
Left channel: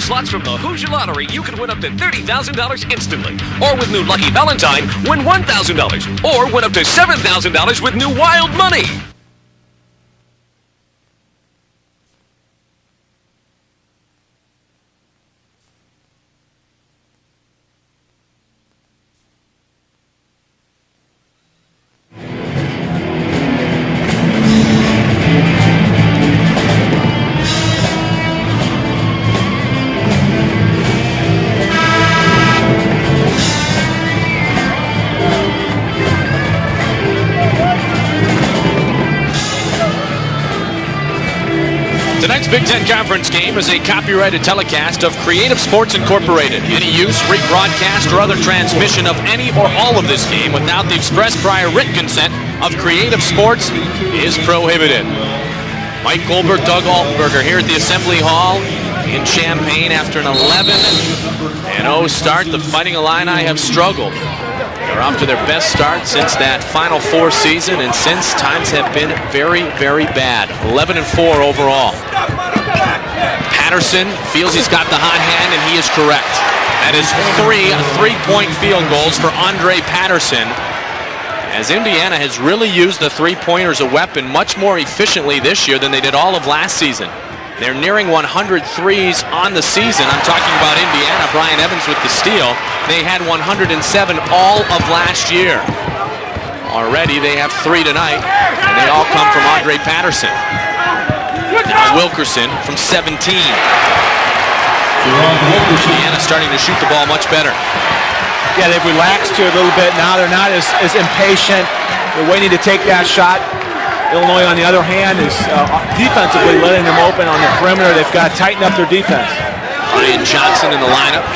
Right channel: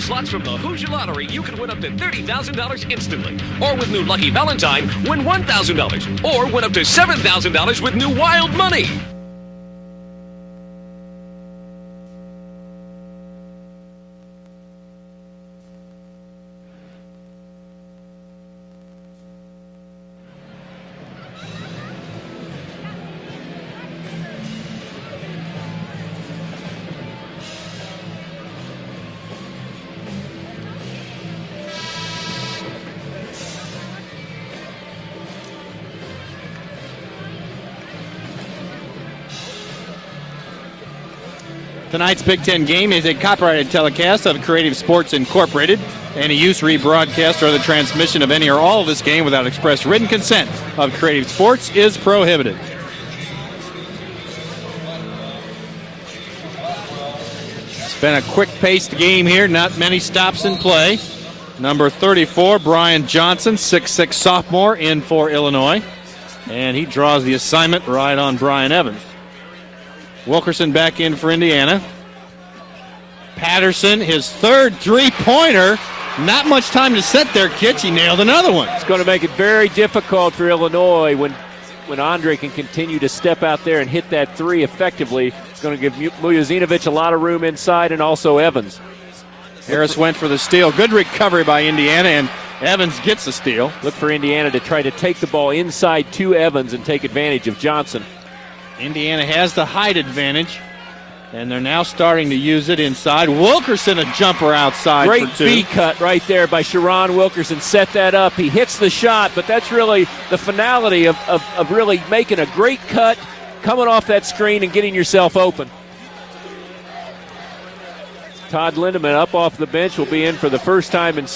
Slots from the Hoosier Lottery, you can win up to $30,000 instantly. Or with new Lucky Valentine, win $1,000. Or win up to $7,000 with new Wild Money. Tonight's Big Ten Conference game is a copyrighted telecast of Creative Sports Incorporated. Any use, rebroadcast, or other transmission of any or all of this game without the express prior written consent of Creative Sports is prohibited. Mike Goldberg, Doug Altenberger here at the Assembly Hall. Quick-paced game here, not many stops in play. Number 34, Brian Johnson, 6'6" sophomore, in off for to their Illinois. best start since that Final Four season, and since times have been very, very bad. Wilkerson 11-4 overall. Patterson feels he's got the hot hand, and he is correct. Not much time to set three-point field goals for Andre Patterson. As Indiana has really used the three-pointer as a weapon much more efficiently this year than they did all of last season. They're nearing 100 threes on the season. I'm talking about good recovery by Indiana. Steal. They had 107 all of last year. Already they have 3 tonight, and they all come from Andre Patterson. Wilkerson from 17. Wilkerson a jumper outside. Indiana starting to shoot the ball much better. Yeah, they've relaxed here a little bit. Now they're not as impatient, waiting to take that shot. Illinois, on the other hand, is defensively letting them open on the perimeter. They've got to tighten up their defense. Ryan Johnson in the lineup.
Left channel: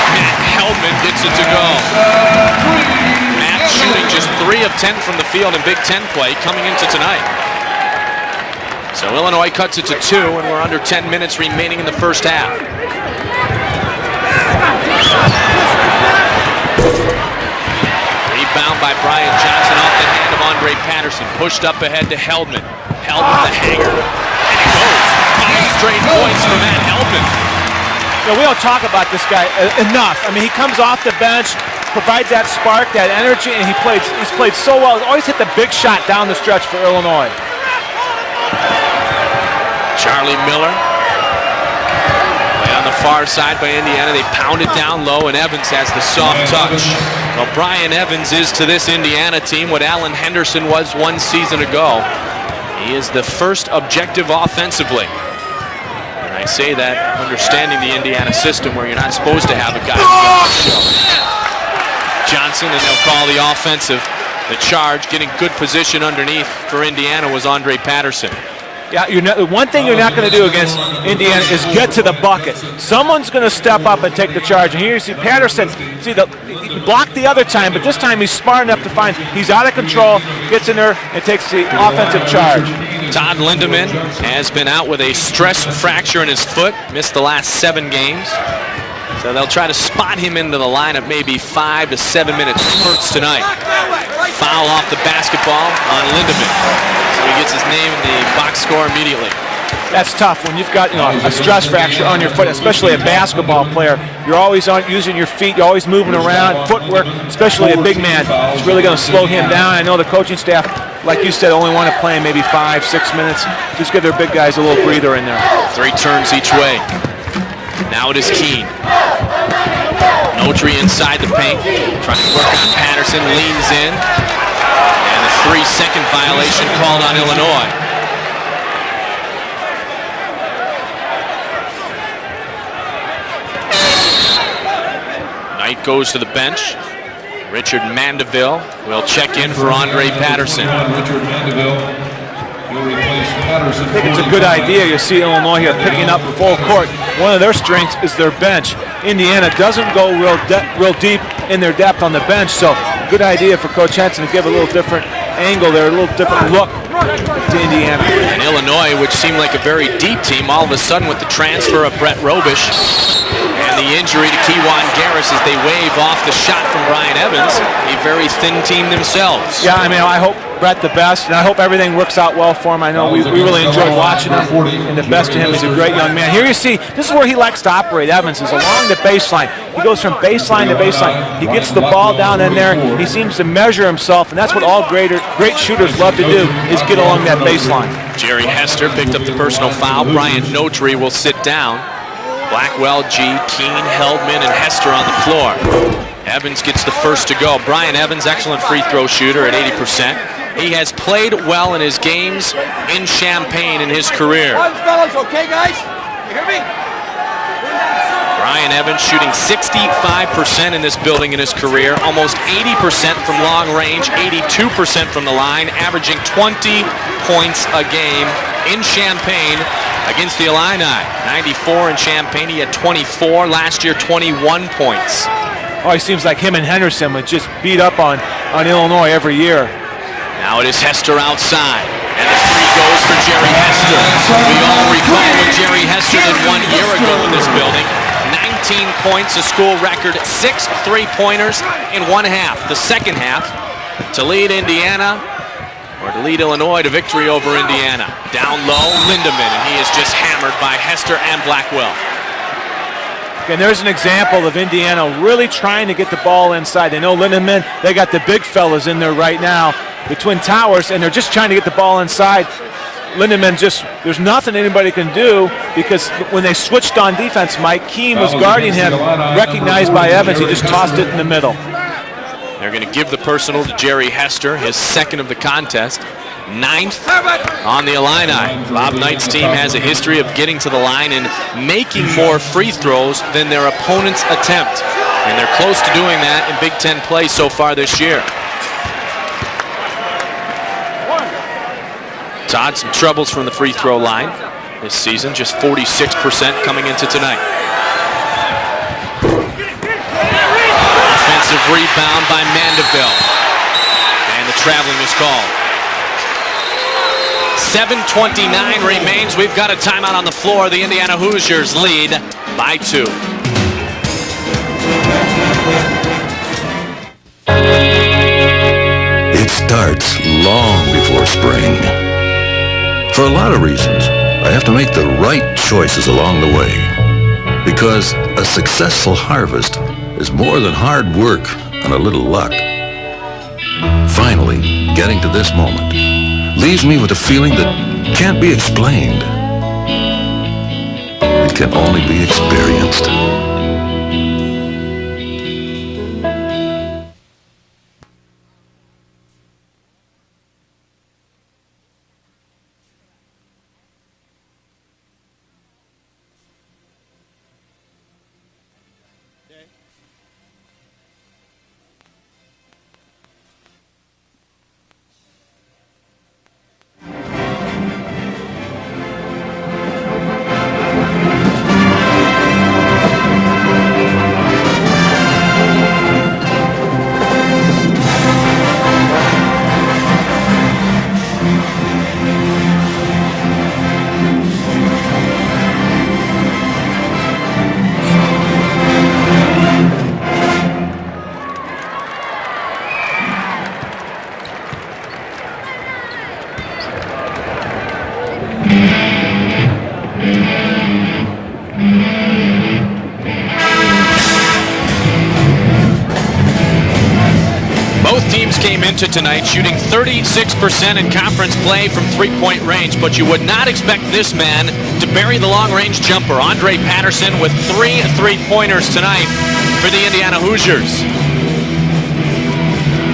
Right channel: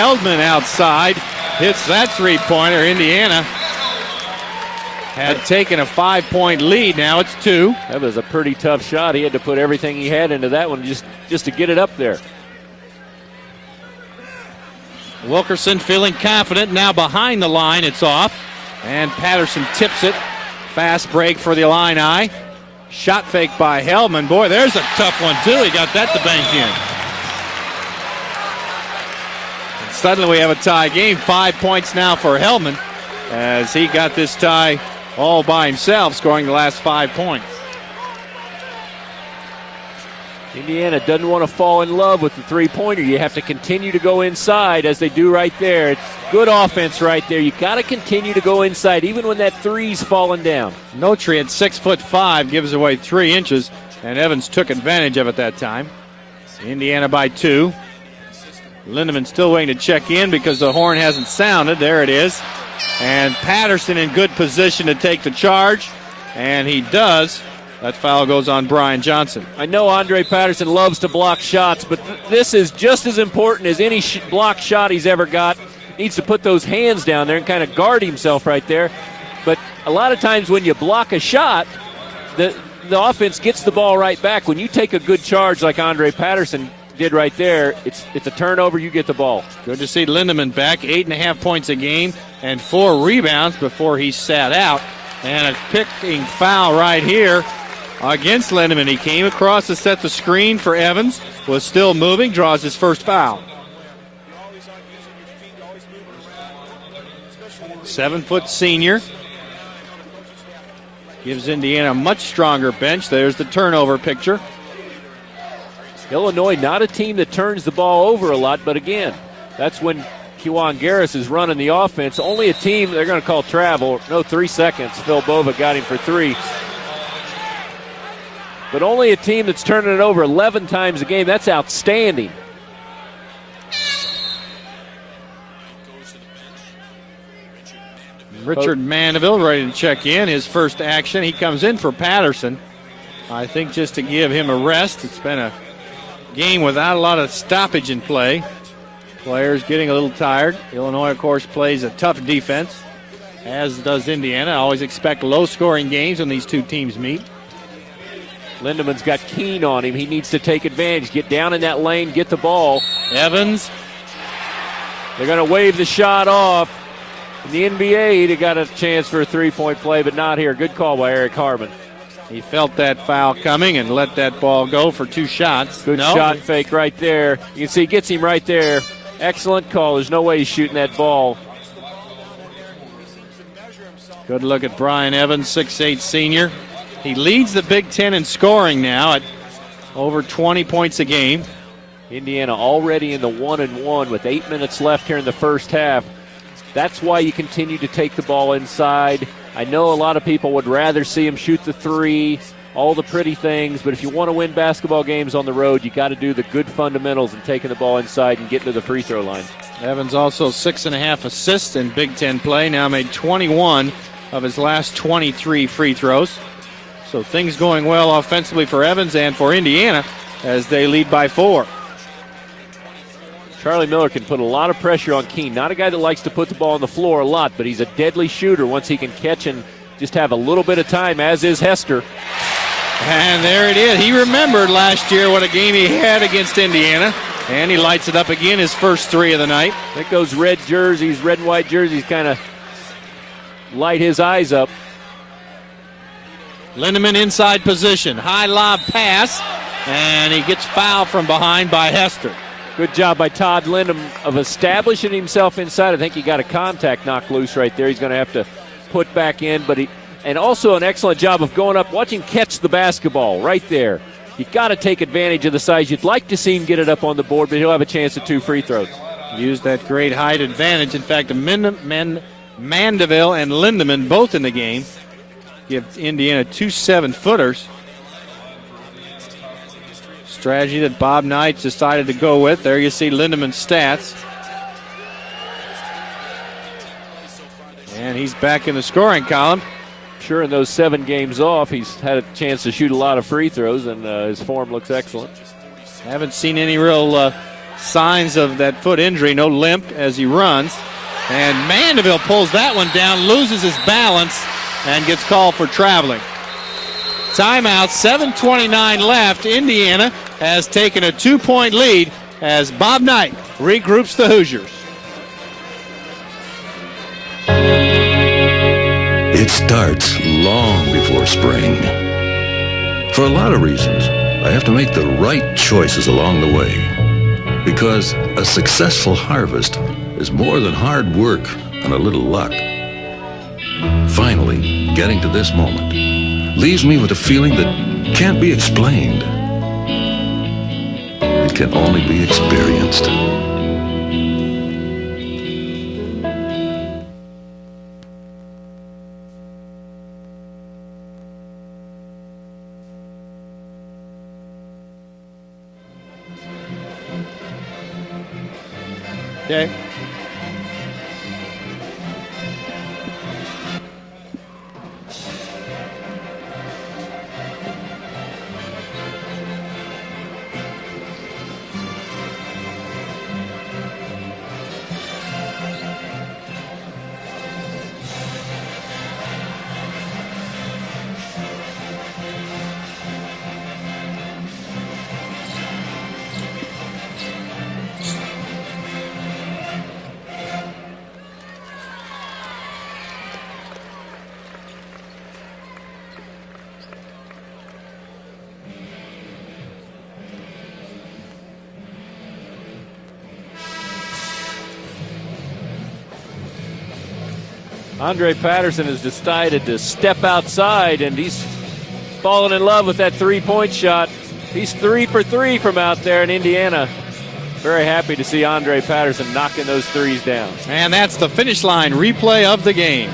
Hellman outside. That three-pointer, Indiana. Matt shooting just 3 of 10 from the field. Taking a 5-point lead. Now it's 2. That was a pretty tough shot. So Illinois cuts it to 2. We're under 10 minutes remaining in the first half. Wilkerson feeling confident. Now behind the line, it's off. Rebound by Brian Johnson. Tips it. Of Andre Patterson break for pushed the up ahead Illini. to Heldman. Shot break by Hellman. Boy, there's a tough one. Straight points for Matt Heldman. We don't talk about this guy enough. Suddenly we have he comes a tie off game. the bench, 5 points now provides for that Hellman. spark, that energy, and he plays so well. Always hit the big shot down the stretch for Illinois. Charlie Miller. Doesn't want to fall in love with the three-pointer. On the far side by Indiana, they pound it down low, and Evans has the soft touch. Well, Brian Evans is to this Indiana team what Alan Henderson was 1 season ago. 6'5", gives away He is 3 the inches. first objective Evans offensively. took advantage of it that time. I say that understanding the Indiana system where you're not supposed to have to check in because the horn hasn't sounded. There it is. Johnson, and they'll call the offensive in good position charge, to take getting the good charge. position underneath And for Indiana was Andre Patterson. Foul goes on Brian Johnson. One thing you're not going to do against Indiana is get to the bucket. Someone's going to step up and take the charge. And here's Patterson. Needs to put those hands blocked down the other there, time, but this time he's smart enough to find he's out of control, gets in there, and takes the offensive charge. Todd Lindemann has been out with a stress fracture in his foot. Missed the last 7 games. The turnover, you get the ball. So they'll try to spot him into the lineup maybe 5 to 7 minutes. 4 rebounds before he sat Foul out. off the basketball on Lindemann. Foul right here. He gets his name in the box score immediately. Across to set That's the tough. screen When for you've got Evans. a stress fracture on your foot, especially a basketball player. You're always using your feet. You're always moving around. Footwork, especially a big man, really going to slow him down. I know the coaching staff, like you said, only want to play maybe 5, 6 minutes. Just give their big guys a little breather in there. 3 turns each way. Not a team that turns the ball Now over it is a lot, Keene. but again, that's when Notary inside the paint. Trying to put Patterson leans in. 3 seconds. 3-second violation called on Illinois. But only a team that's turning it over 11 times a game. That's outstanding. Knight goes to the bench. Richard Mandeville will check Mandeville in for Andre Patterson. Action. He comes in for Patterson. It's a good idea. You see Illinois here picking up full court. One of their strengths is their bench. Indiana doesn't go real deep in their depth on the bench, so good idea for Coach Henson to give a little different angle there, a little different look to Indiana. And Illinois, which seemed like a very deep team, all of a sudden with the transfer of Brett Robish Evans and the injury to Kewan Garris as they wave off the shot from Brian Evans, a very thin team themselves. Yeah, I mean, I hope Brett the best, and I hope everything works out well for him. I know we really enjoyed watching him. And the best in him is a great young man. Here you see, this is where he likes to operate. Evans is along the baseline. He goes from baseline to baseline. He gets the ball down in there. He seems to measure himself, and that's what all great shooters love to do, is get along that baseline. Jerry Hester picked up the personal foul. Brian Notary will sit down. Blackwell, G, Keene, Heldman, and Hester on the floor. Evans gets the first to go. Brian Evans, excellent free throw shooter at 80%. He has played well in his games in Champaign in his career. Basketball games on the road, you got to do the good fundamentals of taking the ball inside. Brian Evans shooting 65% in this building in his career, almost 80% from long range, 82% from the line, averaging 20 points a game in Champaign against the Illini. 94 in Champaign, he had 24 last year, 21 points. Oh, he seems like him and Henderson would just beat up on Illinois every year. just have a Now little it is bit of Hester time. As is outside. Hester. And the three goes for Jerry Hester. We all recall what Jerry Hester did 1 year ago in this building. He lights it up again. His 19 first three points, of a the school night. record, Those 6 red jerseys, three-pointers red, white jerseys in kind one of half. The second half, Light his to lead eyes up. Indiana, or to lead Illinois to Lindemann victory over inside Indiana. position. High Down lob low, pass. Lindemann, and he is just And he hammered gets by fouled Hester from and behind by Blackwell. Hester. Good job by Todd. And there's an Lindemann example of Indiana establishing really himself trying to inside. get the ball inside. They know Lindemann, they got the big fellas in there right now between towers, and they're just trying to get the ball inside. Catch the basketball. Lindemann right just, there. there's nothing He's gotta anybody take can advantage do of the size. because You'd like to when see they him get it switched up on the board, defense, but he'll have Mike a chance Keem to was do it. guarding him, recognized by Evans. He just tossed it in the middle. They're going to give the personal to Jerry Hester, his second of the contest. Indiana, 2 Ninth 7-footers. on the Illini. Bob Knight's team has a history of getting to the line Bob Knight and decided making to more go with. free There you see throws than Lindemann's their stat. opponent's attempt. And they're close to doing that in Big Ten play so far this year. He's back in the scoring column. Sure, in those 7 games off, he's had a chance Todd's to shoot troubles a lot from of the free throw line His form looks this excellent. season, just 46% Any coming real, into tonight. Signs of that foot injury, no limp as he runs. Offensive And rebound Vanderbilt by pulls that one Vanderbilt. down, loses his balance, And the traveling and is gets called. called for traveling. Timeout, 7:29 remains. left. We've got a Indiana timeout on the floor. has The taken Indiana a 2-point Hoosiers lead as by Bob 2. Knight regroups the Hoosiers. It starts long before spring. For a lot of reasons, I have to make the right choices along the way. Because a successful harvest is more than hard work and a little luck. Finally, getting to this moment leaves me with a feeling that can't be explained. It can only be experienced. Okay. Both teams came into tonight shooting 36% in conference play from three-point range, but you would not expect this man to bury the long-range jumper. Andre Patterson with 3 three-pointers tonight for the Indiana Hoosiers. And that's the finish line replay of the game.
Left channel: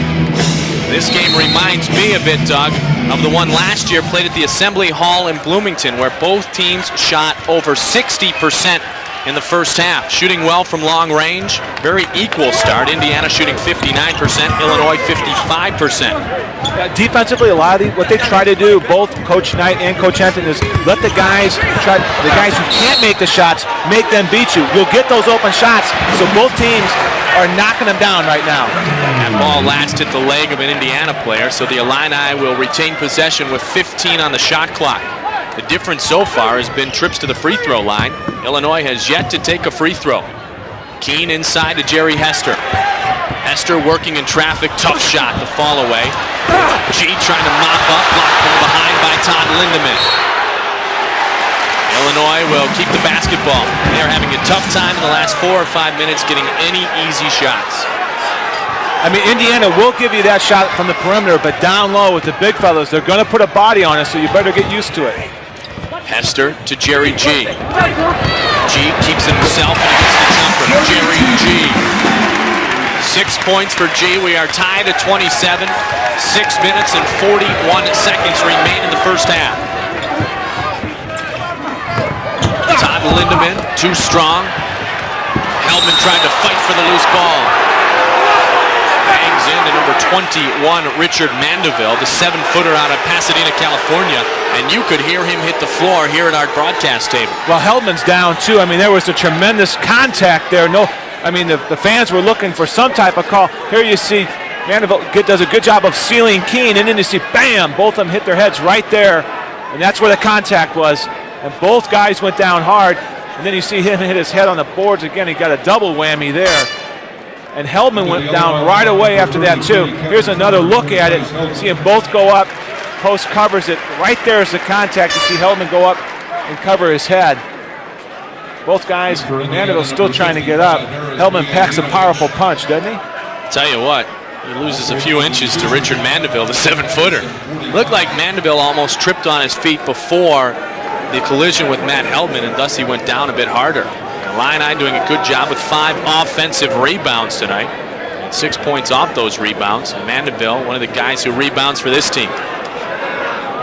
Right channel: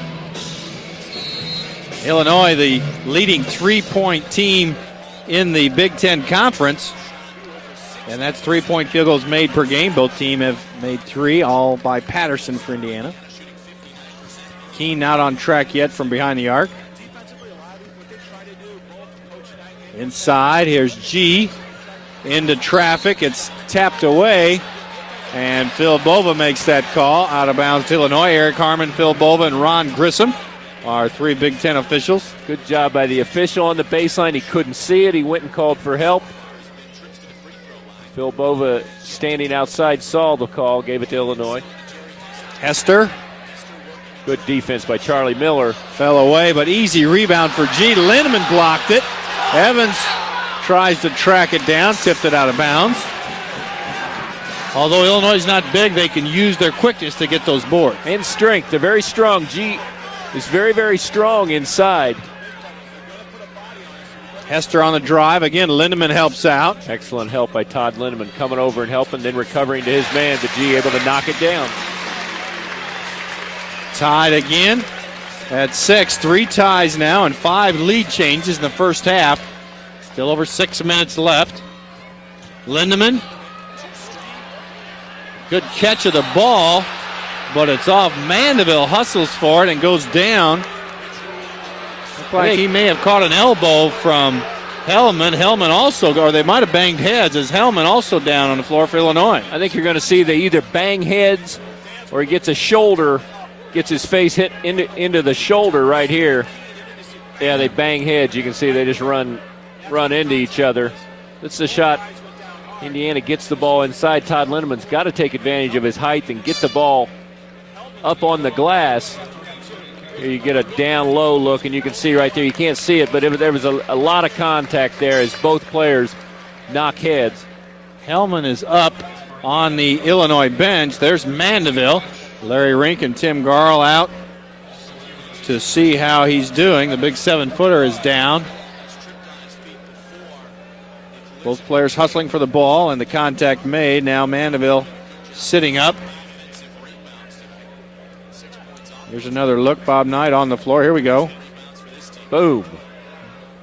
This game reminds me of it, Illinois, Doug, the of the one leading last year played at the three-point Assembly Hall in in the Bloomington, Big where Ten both Conference. teams shot over 60% three-point field goals in the made per first game. half, Both shooting teams well from long three, range. all Very by equal Patterson. start. Indiana shooting 59%, Illinois Not on track yet from 55%. behind the arc. Defensively, a lot of what they try to do, both Coach Knight and Coach Hampton, is let the guys try. The guys who can't make the shots, make them beat you. You'll get those open shots. So both teams are knocking them down right now. The ball lasted the leg of an Indiana player, so the Illini will retain possession with 15 on the shot clock. The difference so far has been trips to the free throw line. Illinois has yet to take a free throw. Keen inside to Jerry Hester. Hester working in traffic, tough shot, fall away. Fell away, but easy rebound for G. Lindemann blocked it. By Todd Lindemann. Evans tries to track it down. Illinois will keep the basketball. They're having a tough time the last 4 or 5 minutes getting any easy shots. And strength, they're very I strong. mean, Indiana will give you that shot from the perimeter, but down inside. low with the big fellas, they're going to put a body on us, so you better get Hester used on to the it. drive. Again, Lindemann helps Hester out. to Jerry G. G keeps it himself. Jerry G. 6 points for G. Tied We are again. tied at 27. At 6, 3 6 ties minutes and now, and 41 5 lead seconds changes in the remain in the first half. A little over 6 minutes left. Lindemann, too strong. Hellman tried to fight for the loose ball. But it's off. Mandeville hustles for it and goes down. 21, Richard Mandeville, the 7-footer out of Pasadena, California. And you could hear him hit the floor here in our broadcast stage. Well, Hellman's down too. I mean, there was a tremendous contact there. No, I mean, the fans were looking for some type of call. Here you see Mandeville does a good job of sealing Keene, and then you see, bam, both of them hit their heads right there. And that's where the contact was. Both guys went down hard, and then you see him hit his head on the boards again. He got a double whammy there. And Hellman went down right away after that, too. Here's another look at it. You see them both go up. Post covers it. Right there is the contact. You see Hellman go up and cover his head. Hellman is both up guys on the still Illinois trying to get bench. up. There's Hellman packs a powerful punch. Larry Rink and Tim Tell you Garl what, out. he loses a few inches to Richard Mandeville, the 7-footer. Looked like Mandeville almost tripped on his feet before the collision with Matt Hellman, and thus he went down a bit harder. Illini doing a good job with 5 offensive rebounds tonight. 6 points off those rebounds. Mandeville, one of the guys who rebounds for this team.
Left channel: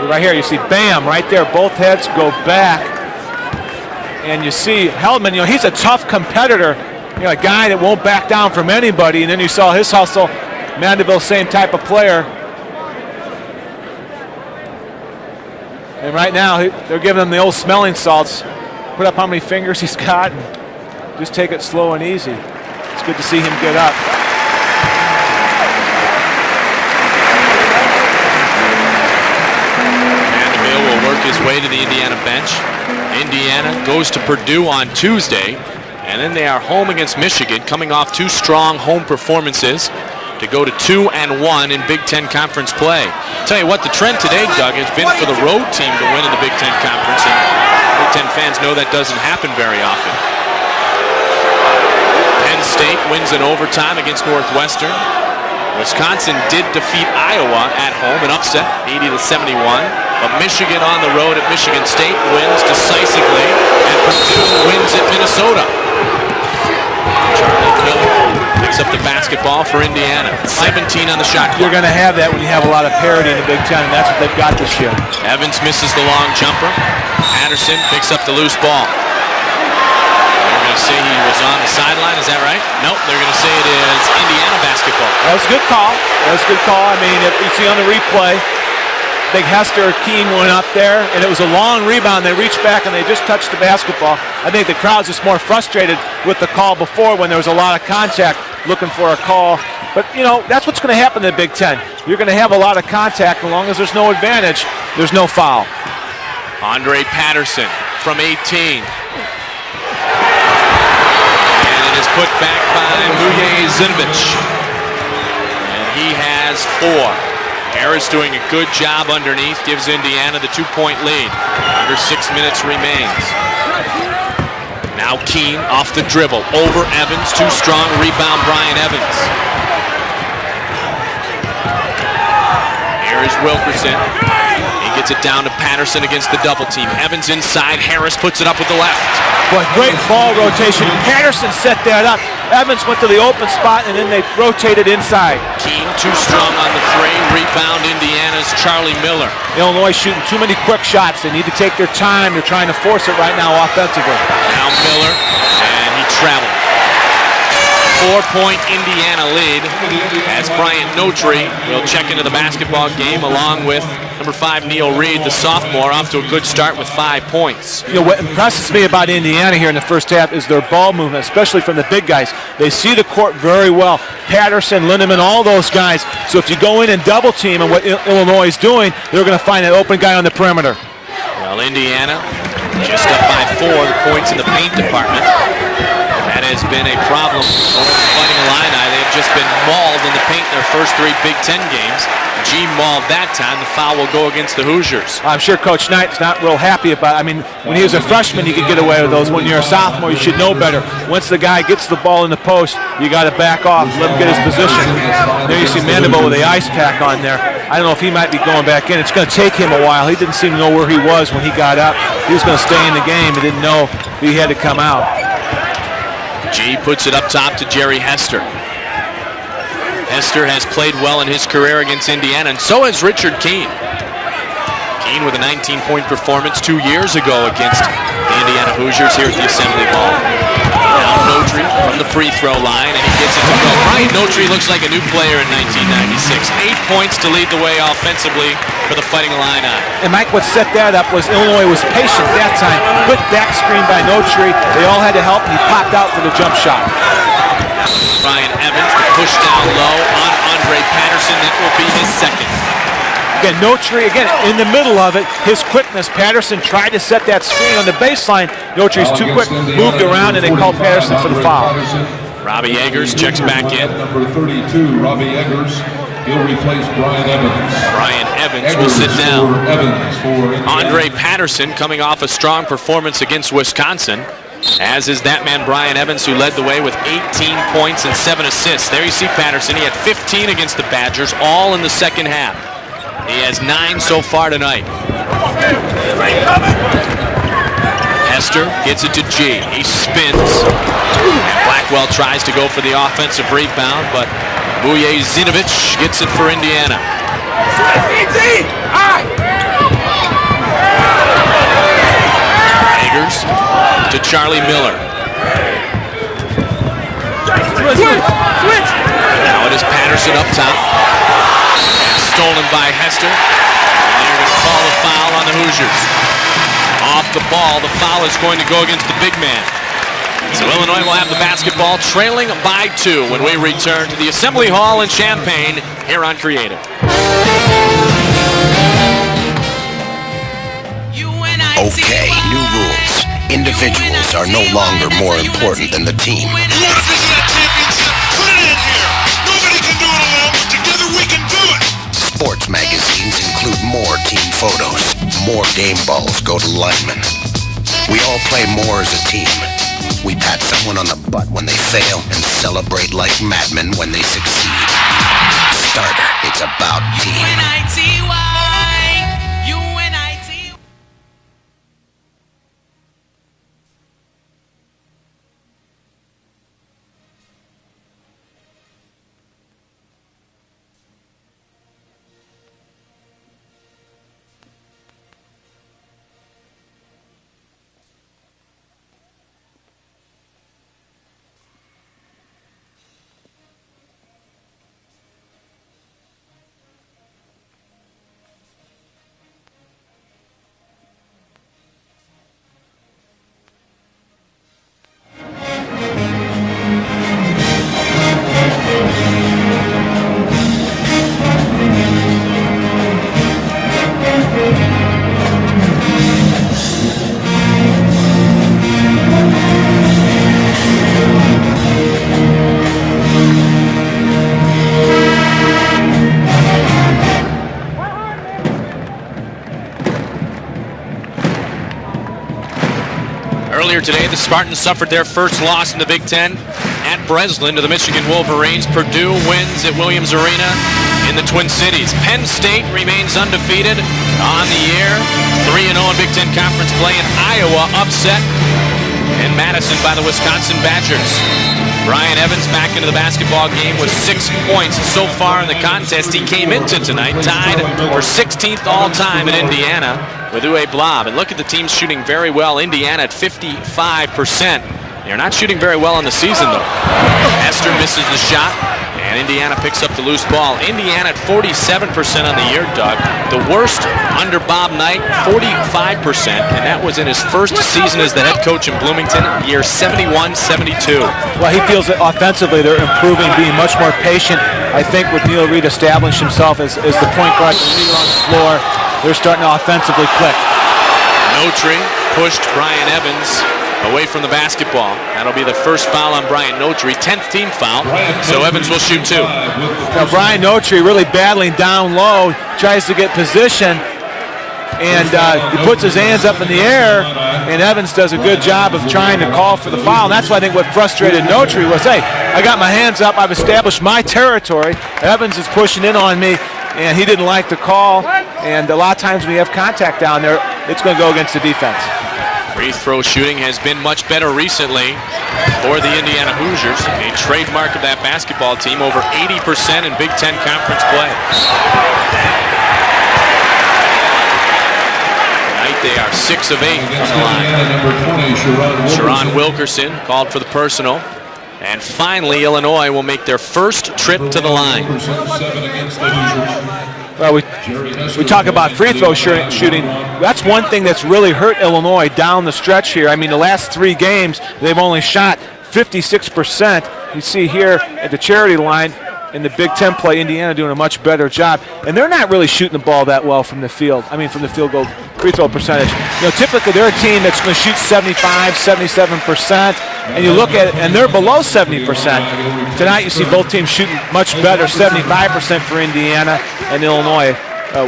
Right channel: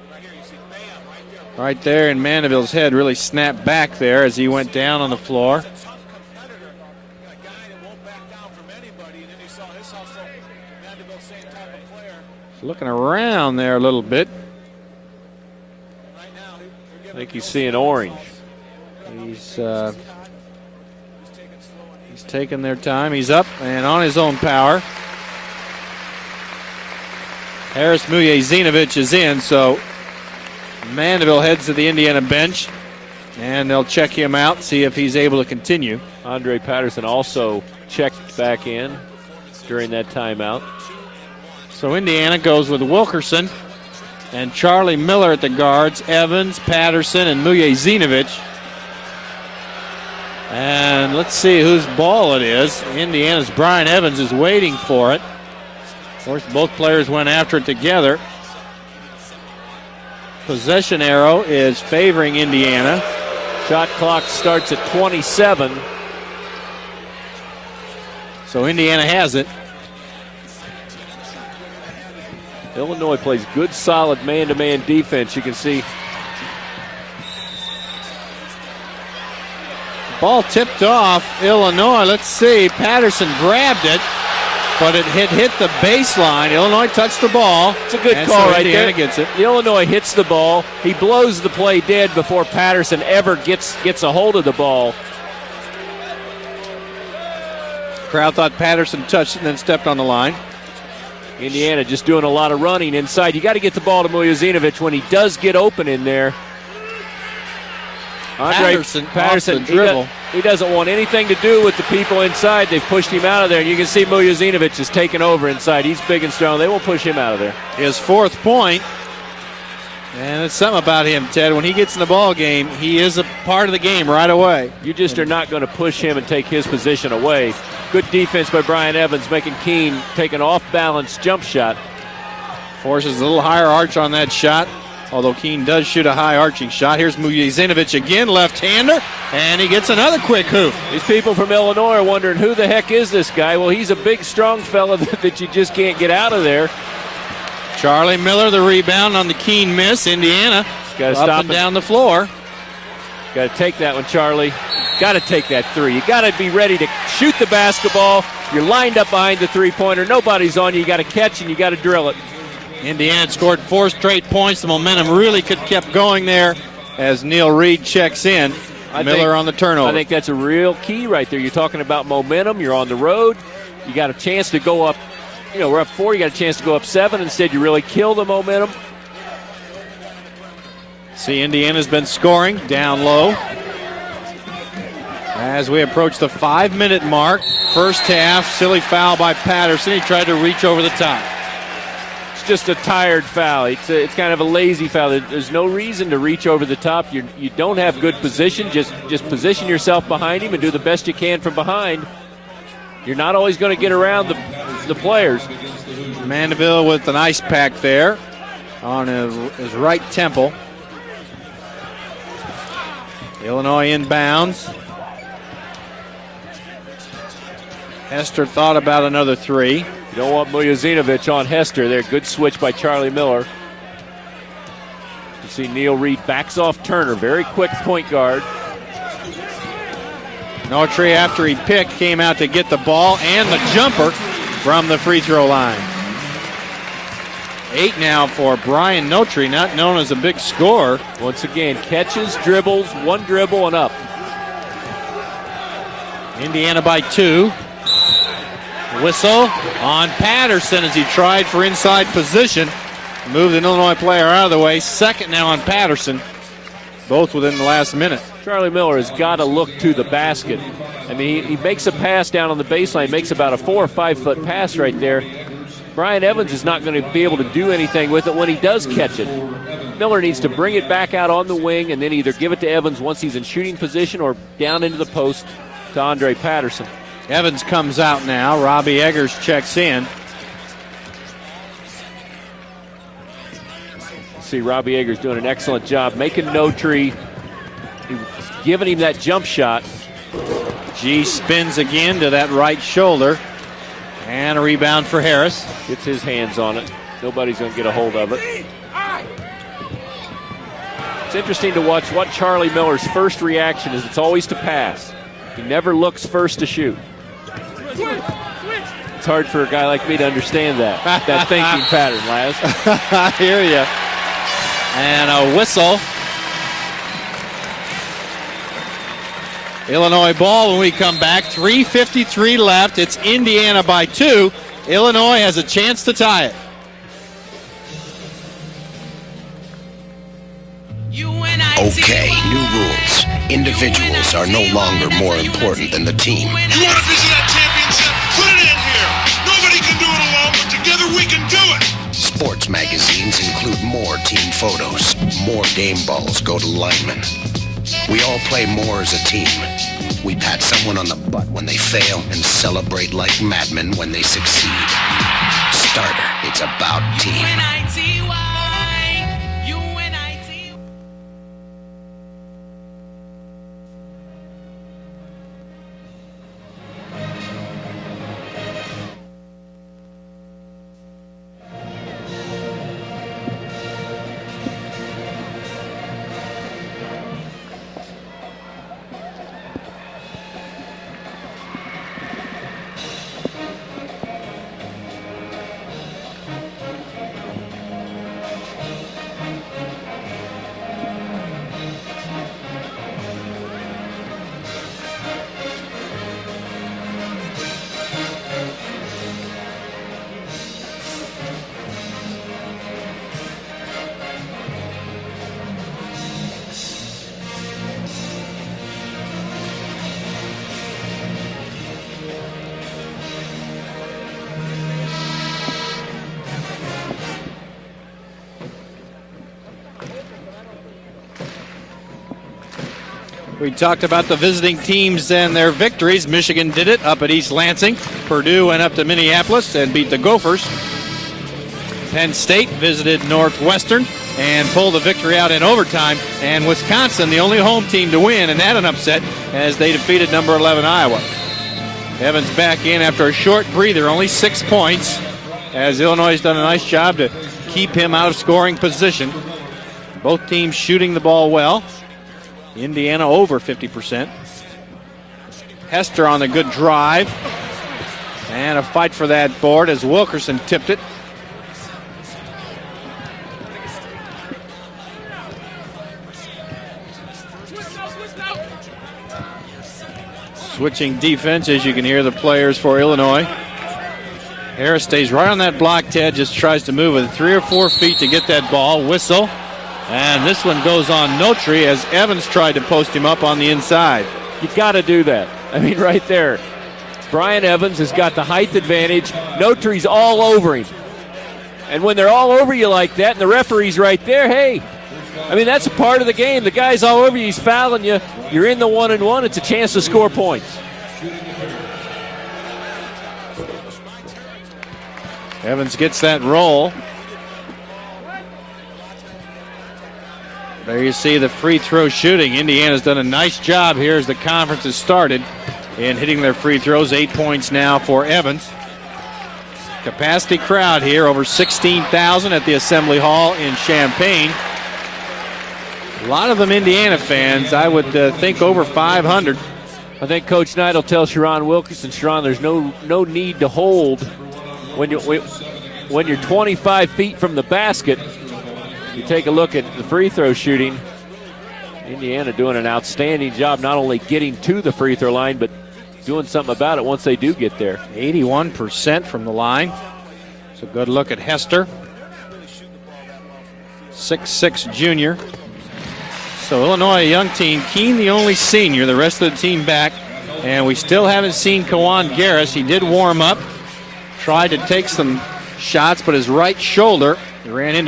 Right here, you see, bam, right there. Both heads go back. Head really snapped back there. And you see Hellman, he's a tough competitor. A guy that won't back down from anybody. And then you saw his hustle. Mandeville, same type of player. Looking around there a little bit. And right now, they're giving him the old smelling salts. Put up how many fingers he's got. And just take it slow and easy. Taking their time. He's see him get up on his own power. There's Zinovich is in, so Mandeville will work his way to the Indiana bench. Indiana goes to Purdue on Tuesday, and then they are home against Michigan, coming off 2 strong home performances to go to 2-1 in Big Ten Conference play. I'll tell you what, the trend today, Doug, has been for the road team to win the Big Ten Conference. Big Ten fans know that doesn't happen very often. And let's see whose ball it Penn is. State wins in overtime against Northwestern. Wisconsin did defeat Iowa at home, an upset, 80-71. But Michigan on the road at Michigan State wins decisively, and Purdue wins at Minnesota. Charlie Miller picks up the basketball for Indiana. 17 on the shot clock. You're going to have that when you have a lot of parity in the Big Ten. That's what they've got this year. Evans misses the long jumper. Patterson picks up the loose ball. Ball tipped off Illinois. Let's see. Patterson grabbed it. But it hit the baseline. Illinois touched the ball. See on the replay right there. Big Hester Keene went up there, and it was a long rebound. They reached back and they just touched the basketball. I think the crowd's just more frustrated with the call before when there was a lot of contact looking for a call. But, that's what's going to happen in the Big Ten. You're going to have a lot of contact as long as there's no advantage. There's no foul. Andre Patterson from 18. Patterson dribble. He doesn't want anything to do with the people inside. They push him out there. You can see Zinovich is taking over inside. He's taking down. They won't push him out of there. Harris doing a good job underneath, gives Indiana the 2-point lead. When he gets the ball game, he is a part of the game right away. Now Keene off the dribble, over Evans. 2 strong rebound, Ryan Evans. Keene taking off-balance jump shot. Here is Wilkerson on that shot. He gets it down to Patterson against the double team. Evans inside. Harris puts it up with the left. Great ball rotation. Patterson set that up. Evans went to the open spot and then they rotated inside. Keene too strong on the 3. Rebound Indiana. Charlie Miller. Illinois shooting too many quick shots. They need to take their time. They're trying to force it right now offensively. Now Miller. Got to take that too. You got to be ready to shoot the basketball. 4-point Indiana lead. Nobody's Ryan Notary. He'll check into the basketball game along with number 5 Neil Reed, the sophomore, off to a good start with 5 points. So what impresses me about Indiana here in the first half is their ball movement, especially from the big guys. They see the court very well. Patterson, Lindemann, all those guys. So if you go in and double team, and what Illinois is doing, they're going to find an open guy on the perimeter. See, Indiana's been scoring down just low. by 4 points in the paint department. As we approach the 5-minute mark, first half, silly foul by Patterson, tried to reach over first 3 Big Ten games. Gene Ball that time, the foul will go against the Hoosiers. I'm sure Coach Knighton's not real happy about it. I mean, when he was a freshman, he could get away with those. When you're a sophomore, you should know better. Once the guy gets the ball in the post, you got to back off, let him get his position. There you see Mandeville with the ice pack on there. I don't know if he might be going back in. It's going to take him a while. He didn't seem to know where he was when he got up. He was going to stay in the game. He didn't know he had to come out. G puts it up top to Jerry Hester. Thought about another 3. Hester has played well in his career against Indiana, and so has Richard Keene. with a 19-point performance 2 years ago against the Indiana Hoosiers here at the Assembly Hall. Autry from the free throw line. Brian Autry looks like a new player in 1996. 8 points to lead the way offensively. And Mike, what set that up was Illinois was patient that time. Good back screen by Autry. They all had to help, and he popped out for the jump shot. By 2. Brian Evans pushed down low. And Patterson, he tried for inside position. And Autry again in the middle of it. His quickness. Patterson tried to set that screen on the baseline. Autry's too quick, moved around, and they called Patterson for the foul. Makes a pass down on the Robbie Eggers checks back in. pass right there. Brian Evans is not going to be able to do anything with it. Evans will sit down. Miller needs to bring Andre it back out Patterson of the way, coming maybe off a to strong Evans performance once he against gets in Wisconsin, position or down into as the is post. that man Brian Evans, who led the way with 18 points and 7 assists. There you see Patterson. He had 15 against the Badgers, all in the second half. He has 9 so far tonight. Hester gets it to G. He spins. Blackwell tries to go for the offensive rebound, but Zinovic gets it for Indiana. Eggers to Charlie Miller. Never looks first to shoot. Switch! Now it is Patterson up top. Stolen by Hester. They're going to call a foul on the Hoosiers. Off the ball, the foul is going to go against the big man. Illinois ball. So Illinois will have the basketball, trailing by 2 when we return to the Assembly Hall in Champaign. Has a chance to here tie on Creative. Okay, new rules. Individuals are no longer more important than the team. Sports magazines include more team photos. More game balls go to linemen. We all play more as a team. We pat someone on the butt when they fail and celebrate like madmen when they succeed. Starter, it's about me. Earlier today, the Spartans suffered their first loss in the Big Ten. Michigan did it at Breslin to the Michigan Wolverines. Purdue wins at Williams Arena in the Twin Cities. Penn State remains undefeated on the year. 3-0 Big Ten Conference play in the only home team to win, and that an upset. And Madison by the Wisconsin Badgers. Brian Evans back in the basketball game for 6 points so far in the contest. He came into tonight tied for 16th all-time in Indiana with Uwe Blab. And look at the team shooting very well. Indiana at 55%. They're not shooting very well in the season, though. Hester misses the shot. And Indiana picks up the loose ball. Indiana at 47% on the year, Doug. The worst under Bob Knight, 45%. And that was in his first season as the head coach in Bloomington, year 71-72. Well, he feels that offensively they're improving, being much more patient. I think when Neil Reed established himself as the point guard to get that ball, they're starting to offensively play. This one goes on Autry Evans tried to post him up on the inside. Away from the basketball. That'll be the first foul on Brian Autry, 10th team foul. So Evans will shoot 2. Now Brian Autry really battling down low, tries to get position, and puts his hands up in the air, and Evans does a good job of trying to call for the foul. And that's why I think what frustrated Autry was, hey, I got my hands up, I've established my territory. Evans is pushing in on me, and he didn't like the call. And a lot of times when you have contact down there, it's going to go against the defense. Free throw shooting, Indiana's done a nice job has been much better recently for the Indiana Hoosiers. A trademark of that basketball team, over 80% in Big Ten crowd conference here, over 16,000 at the Assembly Hall in Champaign. 6 of 8. Indiana fans, I would think over 5. Sherron Wilkerson called for the personal. And finally, Illinois will make their first trip to the line. When you're 25 feet from the basket. We talk about free throw shooting. That's one thing that's really hurt Illinois down the stretch here. I mean, the last 3 games, they've only shot 56%. You see here the charity line in the Big Ten play, Indiana doing a much better job. And they're not really shooting the ball that well from the field. I mean, from the field goal free throw percentage. You know, typically they're a team that's going to shoot 75, 77%. And you look at it, and they're below 70%. Tonight you see both teams shooting much better, 75% for Indiana. And Illinois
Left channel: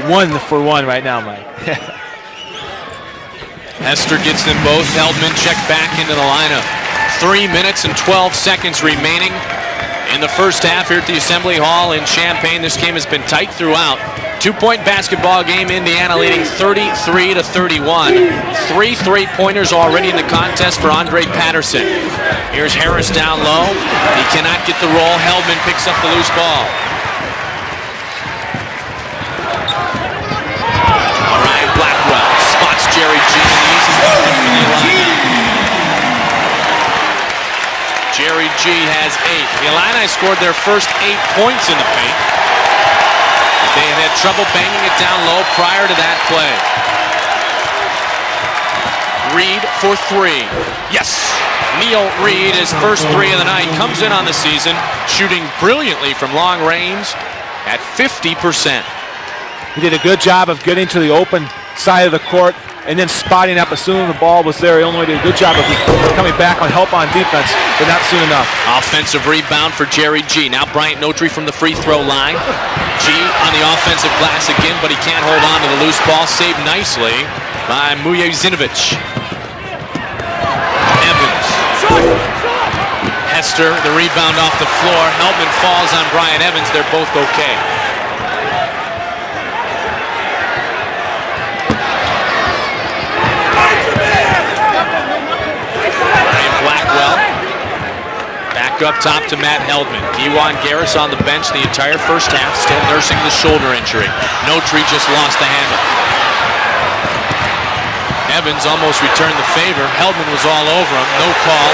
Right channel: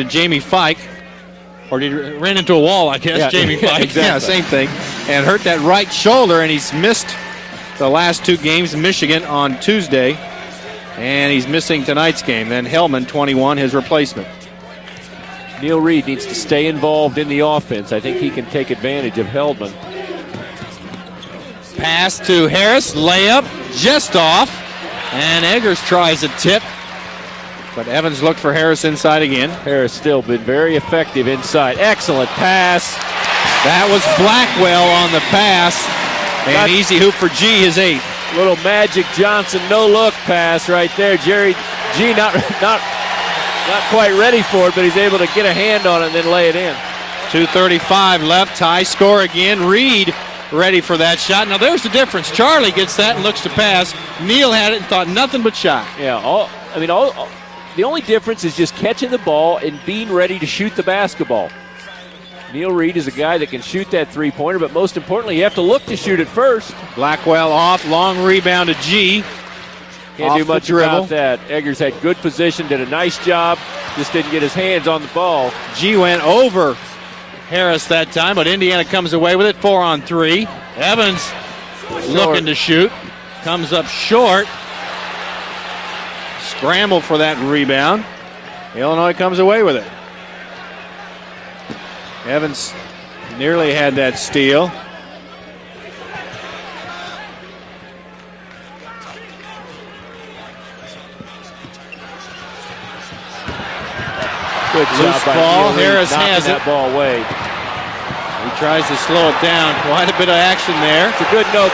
1-for-1 right now, Mike. Ran into a wall, I guess. Jamie Foxx. Hester gets them both. Helmet check right shoulder, and he's missed 3 minutes and 12 seconds remaining on Tuesday in the first half here at the Assembly Hall in Champaign. This game has been tight throughout. 2-point basketball game. Indiana leading 33-31. 3 3-pointers already in the contest for Andre Patterson. Pass to Harris. Down low. Just off. Cannot get the roll. Helmet picks up a loose ball. Evans looked for Harris inside again. Harris still been very effective inside. Excellent pass. Jerry G. That was Blackwell on the pass. And easy hoop for G, his 8. Jerry G. Magic Johnson, no look scored their first 8 points in the game. Not quite ready for it, but he's able to get a hand on it and lay it in. 2:35 left, high score again. Reed ready for that shot. Now there's a difference. Charlie gets first 3 of the night. Comes in on the season, shooting brilliantly from long range. At 50%. Catching the ball. He did a good job of getting to the open side of the court and then spotting up as soon as the ball was there. Illinois did a good job of coming back on help on defense, but not soon enough. Offensive rebound for Jerry G. Now Brian Notary from the free throw line. G on the offensive glass again, but he can't hold on to the loose ball. Saved nicely. Harris that time, but Indiana comes away with it. 4 on 3. Evans looking to shoot. Hester, the rebound off the floor. Helman falls on Brian Evans. They're both okay. Rebound. Illinois comes away with it. Evans nearly had that steal. Brian Blackwell. Back up top to Matt Heldman. Kewan Garris on the bench the entire first half, still nursing the shoulder injury. No Tridges lost the hand. Harris has it. Evans almost returned the favor. Heldman was all over. No call.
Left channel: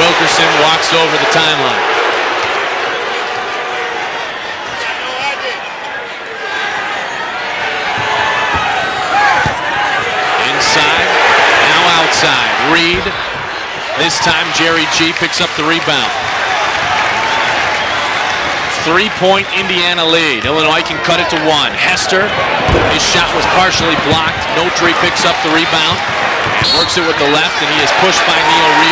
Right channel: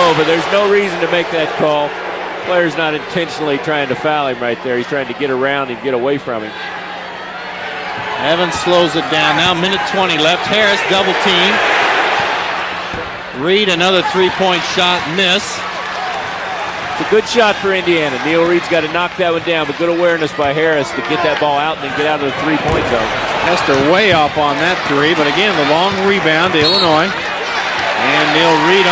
Wilkerson walks over the timeline. The player's not intentionally trying to foul him right there. He's trying to get around and get away from him. Evans slows it down. Now minute 20 left. Harris double team. Now outside. Reed, another 3-point shot. This time Jerry G picks miss. up the rebound. Good shot for Indiana. Neil Reed's got a 3-point Indiana lead. Illinois can cut it to 1. Hester, his shot was partially blocked. Notary picks up the rebound. Works it with the left, and he is pushed by Reed.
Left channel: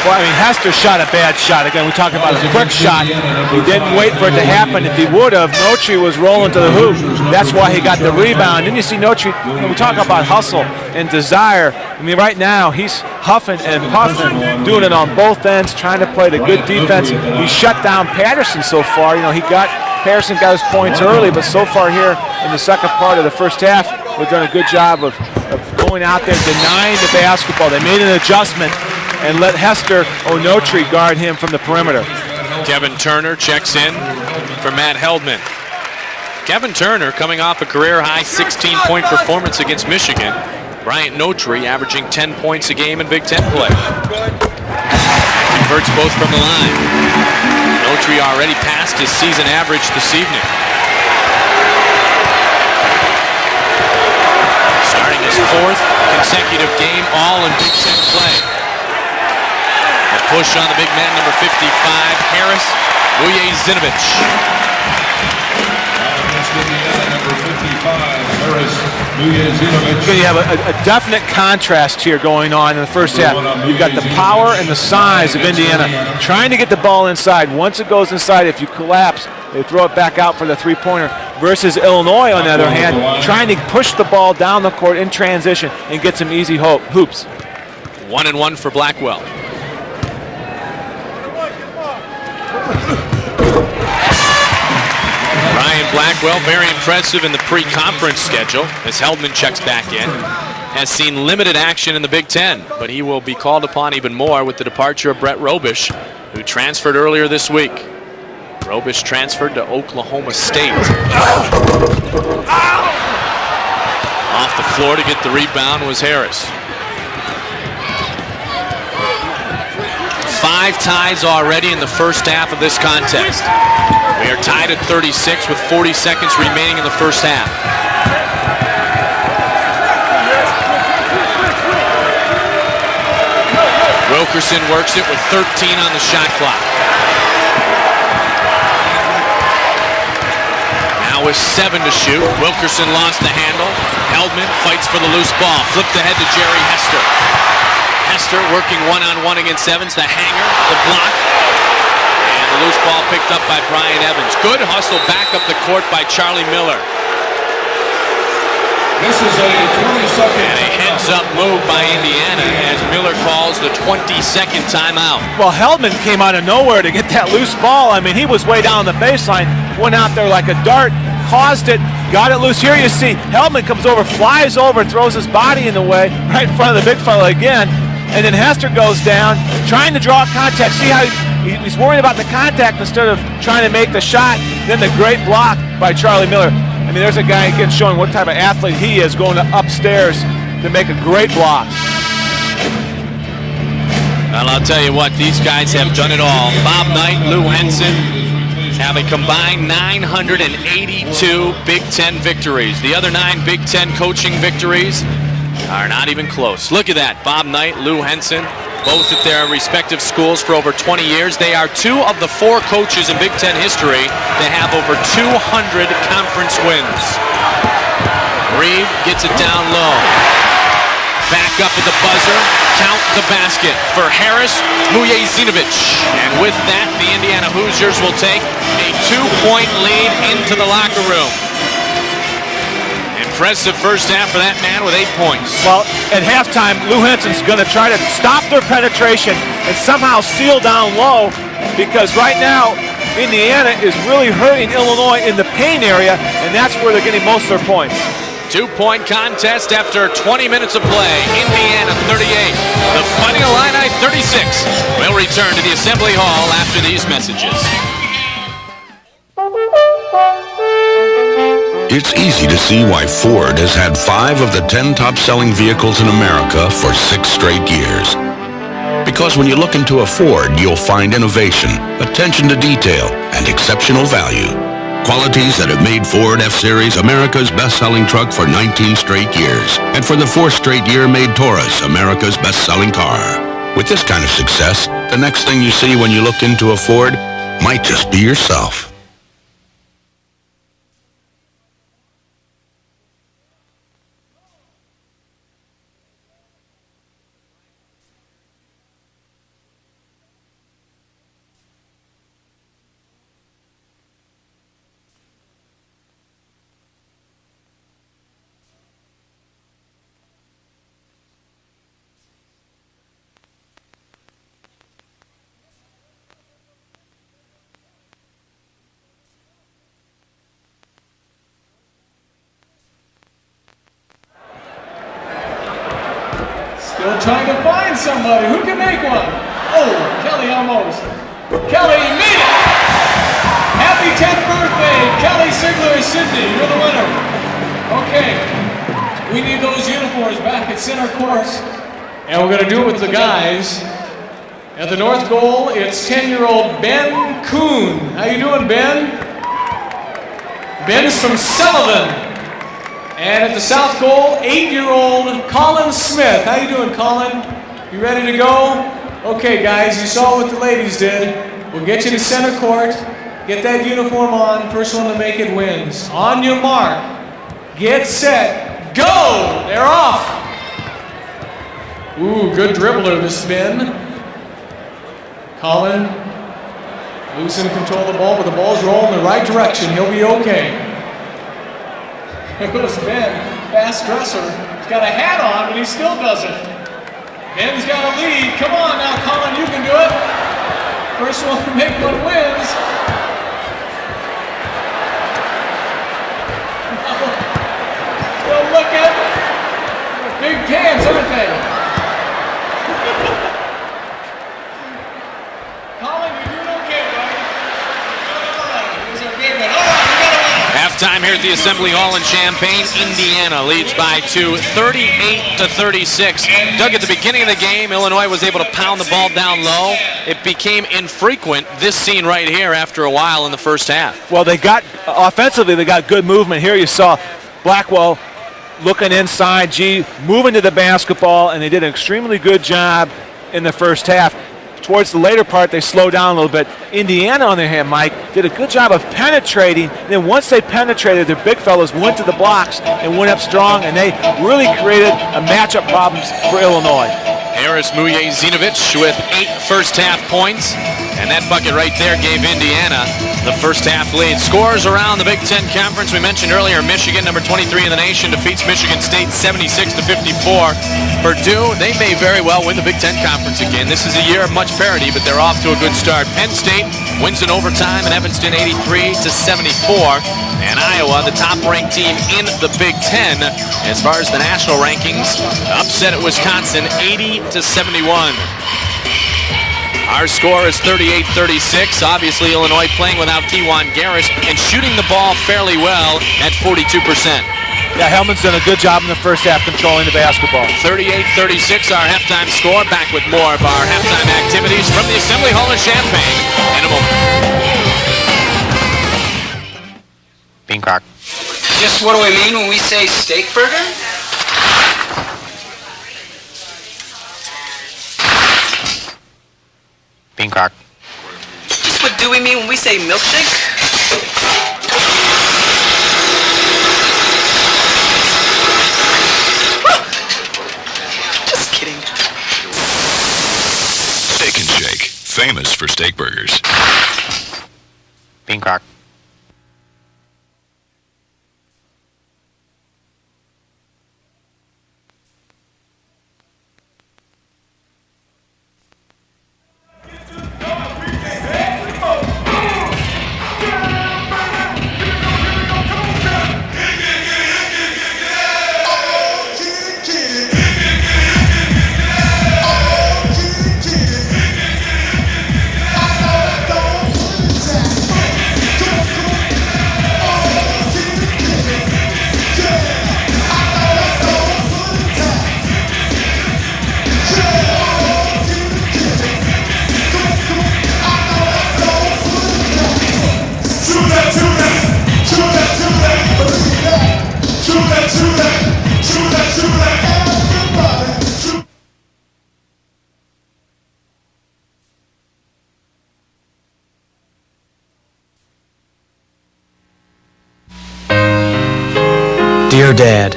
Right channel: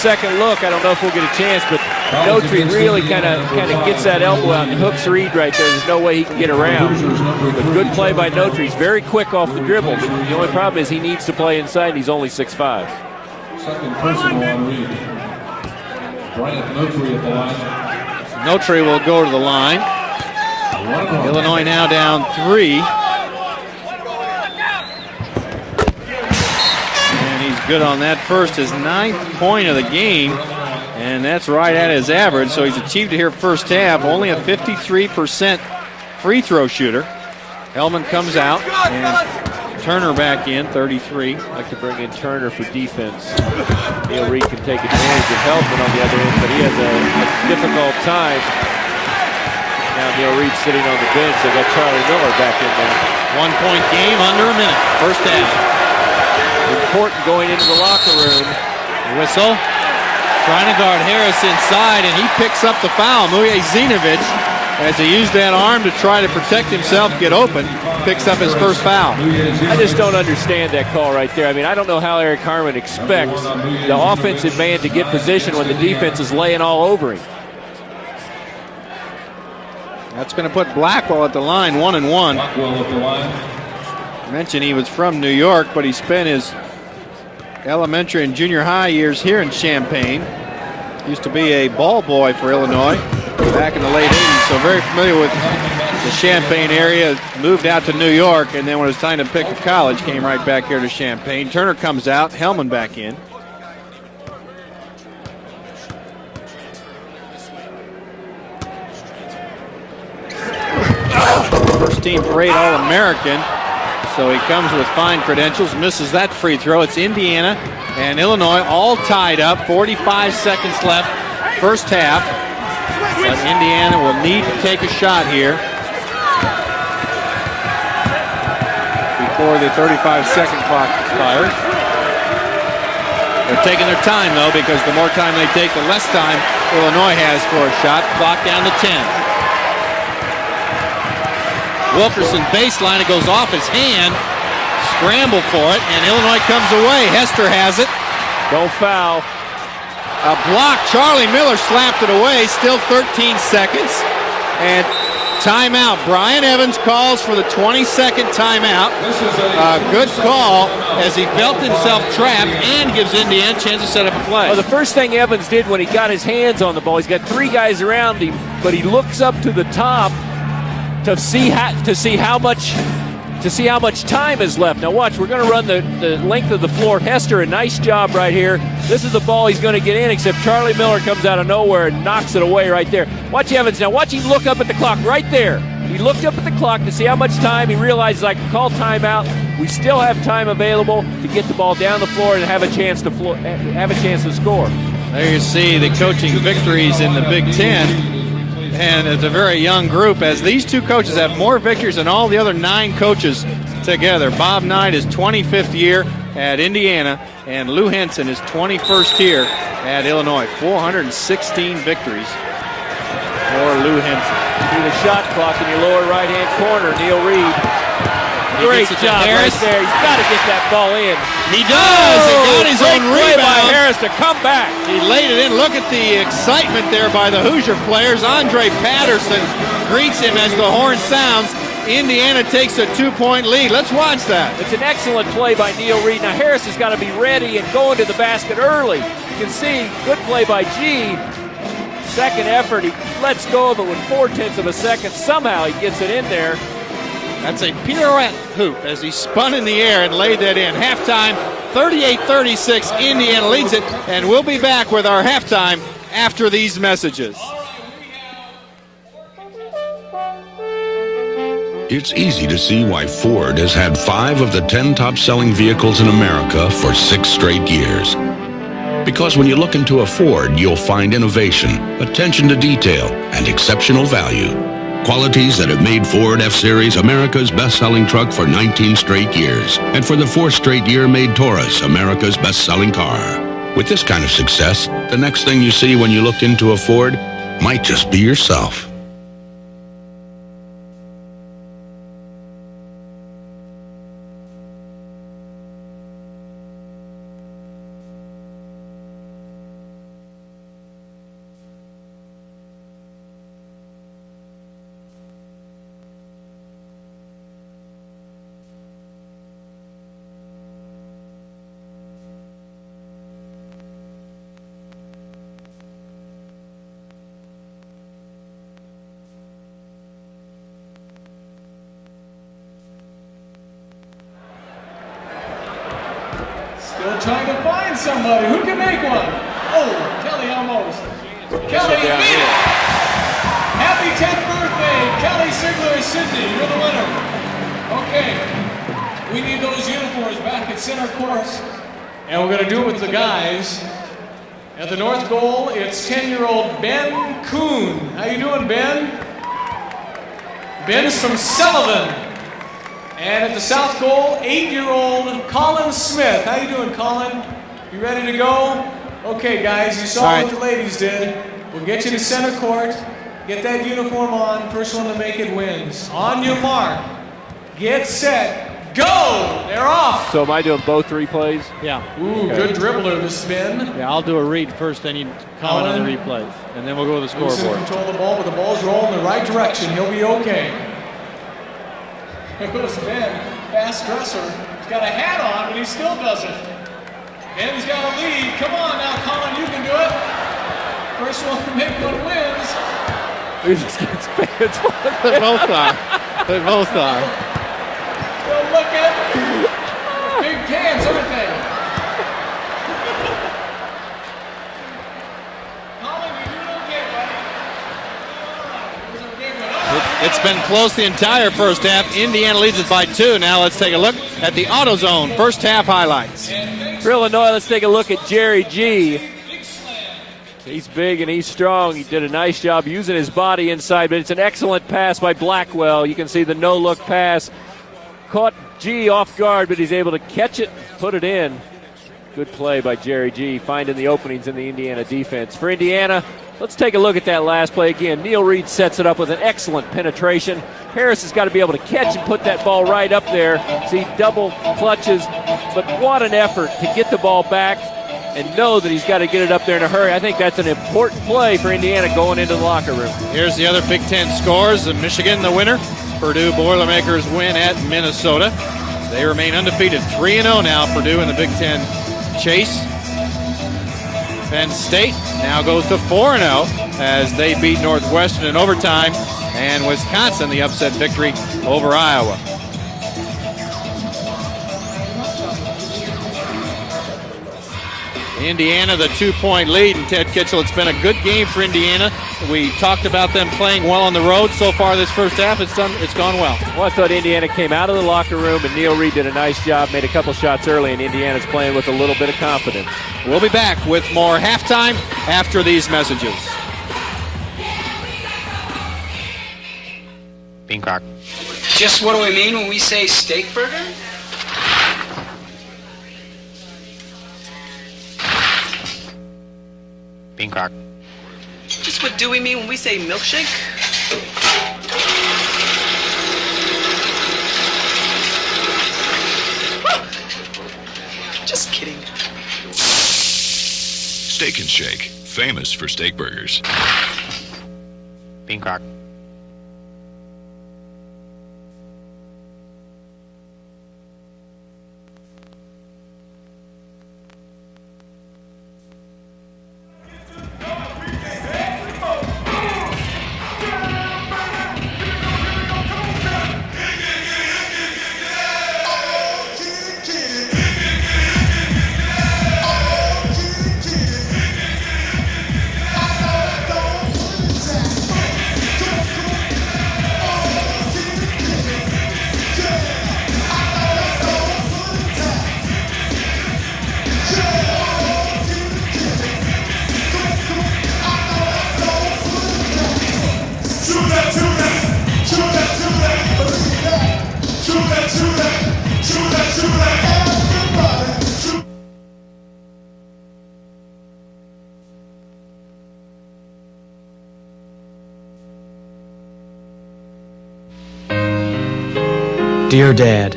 Hester shot a bad shot. Again, we talk about a quick shot. He didn't wait for it to happen. If he would have, Notary was rolling to the hoop. That's why he got the rebound. Didn't you see Notary? We talk about hustle and desire. I mean, right now, he's huffing and puffing, doing it on both ends, trying to play the good defense. He shut down Patterson so far. You know, Patterson got his points early, but so far here in the second part of the first half, they've done a good job of going out there, denying the basketball. They made an adjustment and let Hester or Notary guard him from the perimeter. Kevin Turner checks in for Matt Heldman. Kevin Turner coming off a career-high 16-point performance against Michigan. Bryant Notary averaging 10 points a game in Big Ten play. Hurts both from the line. Notary already passed his season average this evening. Started his 4th consecutive game, all in Whistle. Push on the big man inside, and he picks up the foul. As he used that arm to try to protect himself, get open, picks up his first foul. We have a definite contrast here going on in the first half. You've got the power and the size of Indiana trying to get the ball inside. Once it goes inside, if you collapse, they throw it back out for the 3-pointer. Versus Illinois, on the other hand, trying to push the ball down the court in transition and get some easy hoops. Elementary and junior high years here in Champaign. Used to be a ball boy for Illinois back in the late 80s, so very familiar with Ryan Blackwell, very impressive in the pre-conference schedule. As Heldman checks back in, has seen limited action in the Big Ten, but he will be called upon even more with the departure of Brett Robish, who transferred earlier this week. Robish transferred to Oklahoma State. Steve Great All-American. So he comes to Florida, get the rebound was Harris. That free throw. It's Indiana and Illinois all tied up. 45 5 ties already in the first half of this contest. Indiana will be tied at 36 with 40 seconds remaining in the first half. Before the 35 seconds mark. Roberson works it with 13 on the shot clock. Illinois has 4 shots. Back down to 10. Now with 7 to shoot. Wilkerson lost the hand. Heldman fights for the loose ball. Flipped ahead to Illinois comes away. Hester has it. Hester working one-on-one against Evans. The half block. Charlie Miller slapped it away. Still 13 seconds. Ryan Evans. Good hustle back up the court by Charlie Brian Evans Miller. calls for the 20-second timeout. This is a 20-second Ends up moved by Indiana. Miller calls the 22nd timeout. Well, Heldman came out of nowhere to get that loose ball. I mean, he was way down the baseline, went out there like a dart, tossed it, got it loose. Here you see, Heldman comes over, flies over, throws his body in the way, right in front of the big fella again, and then Hester goes down, trying to draw contact. See how he's worried about the contact instead of trying to make the shot. Then the great block by Charlie Miller. I mean, there's a guy who gets shown what type of athlete he is, going upstairs to make a great block. Down the floor and have a chance to score. And I'll tell you what, these guys have done it all. Bob Knight, Lou Henson have a combined 982 Big Ten victories. The other 9 Big Ten coaching victories are not even close. Look at that. Bob Knight, Lou Henson, both at their respective schools for over 20 years. They are 2 of the 4 coaches in Big Ten history to have over 200 conference wins. Reed gets it down low. Back up the buzzer. The basket for Harris, Vujicic. And with that, the Indiana Hoosiers will take a 2-point lead into the locker room. Indiana takes a 2-point lead. Impressive first half for that man with 8 points. Well, at halftime, Lou Henson's going to try to stop their penetration and somehow seal down low, because right now, Indiana is really hurting Illinois in the paint area, and that's where they're getting most of their points. 2-point contest after 20 minutes of play. Indiana 38, the Fighting Illini 36. We'll return to the Assembly Hall after these messages. It's easy to see why Ford has had 5 of the 10 top-selling vehicles in America for 6 straight years. Because when you look into a Ford, you'll find innovation, attention to detail, and exceptional value. Qualities that have made Ford F-Series America's best-selling truck for 19 straight years. And for the 4th straight year made Taurus America's best-selling car. With this kind of success, the next thing you see when you look into a Ford might just be yourself. Still trying to find somebody. Who can make one? Oh, Kelly almost. Kelly made it! Happy 10th birthday, Kelly Sigler Sydney. You're the winner. Okay, we need those uniforms back at center court. And we're going to do it with the guys. At the north goal, it's 10-year-old Ben Kuhn. How you doing, Ben? Ben's from Sullivan. And at the south goal, 8-year-old Colin Smith. How you doing, Colin? You ready to go? Okay, guys, you saw what the ladies did. We'll get you to center court. Get that uniform on. First one to make it wins. On your mark. Get set. Go! They're off. So am I doing both 3 plays? Yeah. Ooh, good dribbler, this Ben. Yeah, I'll do a read first, then you Colin. 3 plays. And then we'll go to the score. Loose and control the ball, but the ball's rolling the right direction. He'll be okay. Here goes Ben, fast dresser. He's got a hat on, but he still doesn't. Ben's got a lead. Come on now, Colin, you can do it. First one to make one wins. They're both not. They're both not. Well, look at big cans, aren't they? Colin, you're doing okay, buddy. close the entire first half. Indiana leads by 2. Indiana leads by 2, 38-36. Doug, at the beginning of the game, Illinois was able to pound the ball down low. It became infrequent, this scene right here, after a while in the first half. Well, they got, offensively, they got good movement here. You saw Blackwell looking inside, Gene, moving to the basketball, and they did an extremely good job in the first half. Towards the later part, they slowed down a little bit. Indiana, on the other hand, Mike, did a good job of penetrating. And then once they penetrated, their big fellas went to the blocks and went up strong, and they really created a matchup problem for Illinois. Aris Muye-Zinovich with 8 first-half points, and that bucket right there gave Indiana the first-half lead. Scores around the Big Ten Conference. We mentioned earlier, Michigan, number 23 in the nation, defeats Michigan State 76-54. Purdue, they may very well win the Big Ten Conference again. This is a year of much parity, but they're off to a good start. Penn State wins in overtime, and Evanston 83-74. And Iowa, the top-ranked team in the Big Ten, as far as the national rankings, upset at Wisconsin 80-71. Indiana, the 2-point lead. Our score is 38-36. Obviously, Illinois playing without Kewan Garris and shooting the ball fairly well at 42%. Helmut's done a good job in the first half controlling the basketball. 38-36, our halftime score. Back with more of our halftime activities from the Assembly Hall of Champaign. In a moment. Peacock. What do we mean when we say steak burger? Peacock. What do we mean when we say milkshake? Famous for steak burgers. Peacock. Dear Dad,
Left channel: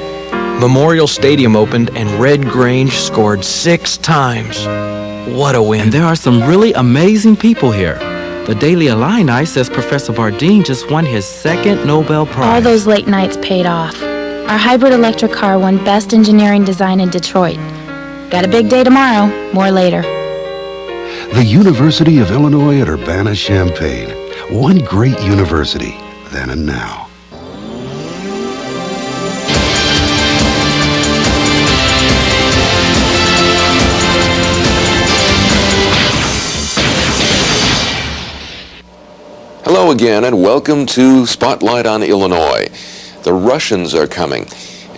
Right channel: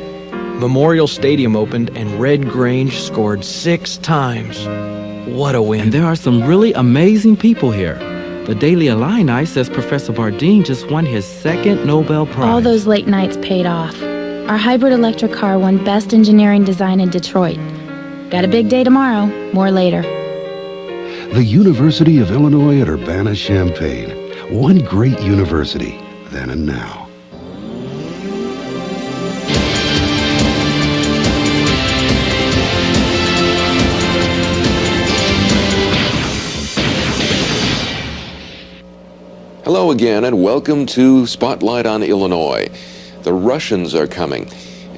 Memorial Stadium opened and Red Grange scored 6 times. What a win. And there are some really amazing people here. The Daily Illini says Professor Bardeen just won his 2nd Nobel Prize. All those late nights paid off. Our hybrid electric car won Best Engineering Design in Detroit. Got a big day tomorrow. More later. The University of Illinois at Urbana-Champaign. One great university, then and now. Hello again, and welcome to Spotlight on Illinois. The Russians are coming,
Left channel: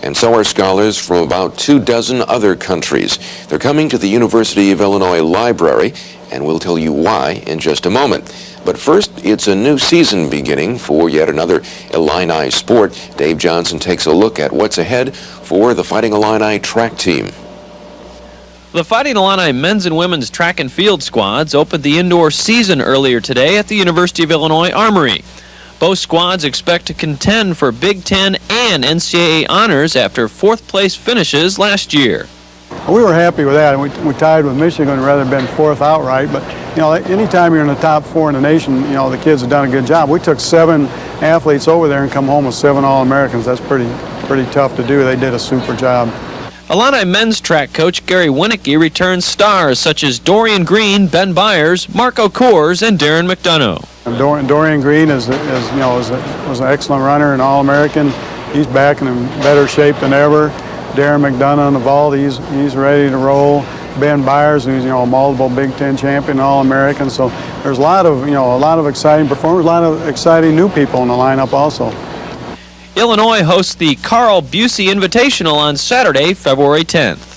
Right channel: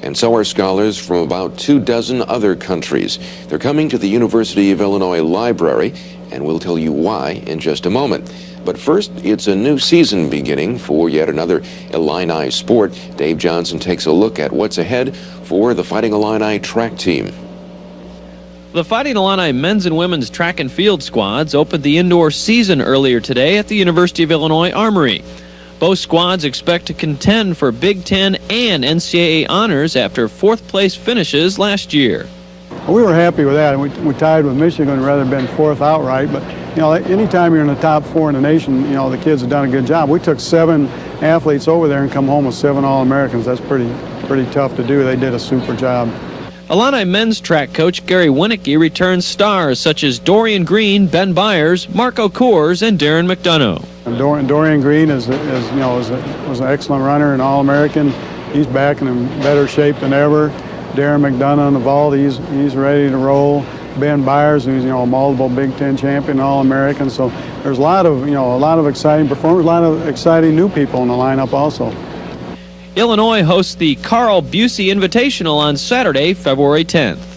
and so are scholars from about 24 other countries. They're coming to the University of Illinois Library, and we'll tell you why in just a moment. But first, it's a new season beginning for yet another Illini sport. Dave Johnson takes a look at what's ahead for the Fighting Illini track team. The Fighting Illini men's and women's track and field squads opened the indoor season earlier today at the University of Illinois Armory. Both squads expect to contend for Big Ten and NCAA honors after 4th place finishes last year. We were happy with that. We tied with Michigan rather than 4th outright, but you know, anytime you're in the top 4 in the nation, you know, the kids have done a good job. We took 7 athletes over there and come home with 7 All-Americans. That's pretty tough to do. They did a super job. Illini men's track coach Gary Winnicky returns stars such as Dorian Green, Ben Byers, Marco Kors, and Darren McDonough. Dorian Green was an excellent runner and All-American. He's back in better shape than ever. Darren McDonough on the vault, he's ready to roll. Ben Byers, who's a multiple Big Ten champion, All-American. So there's a lot of exciting performers, a lot of exciting new people in the lineup also. Illinois hosts the Carl Busey Invitational on Saturday, February 10th.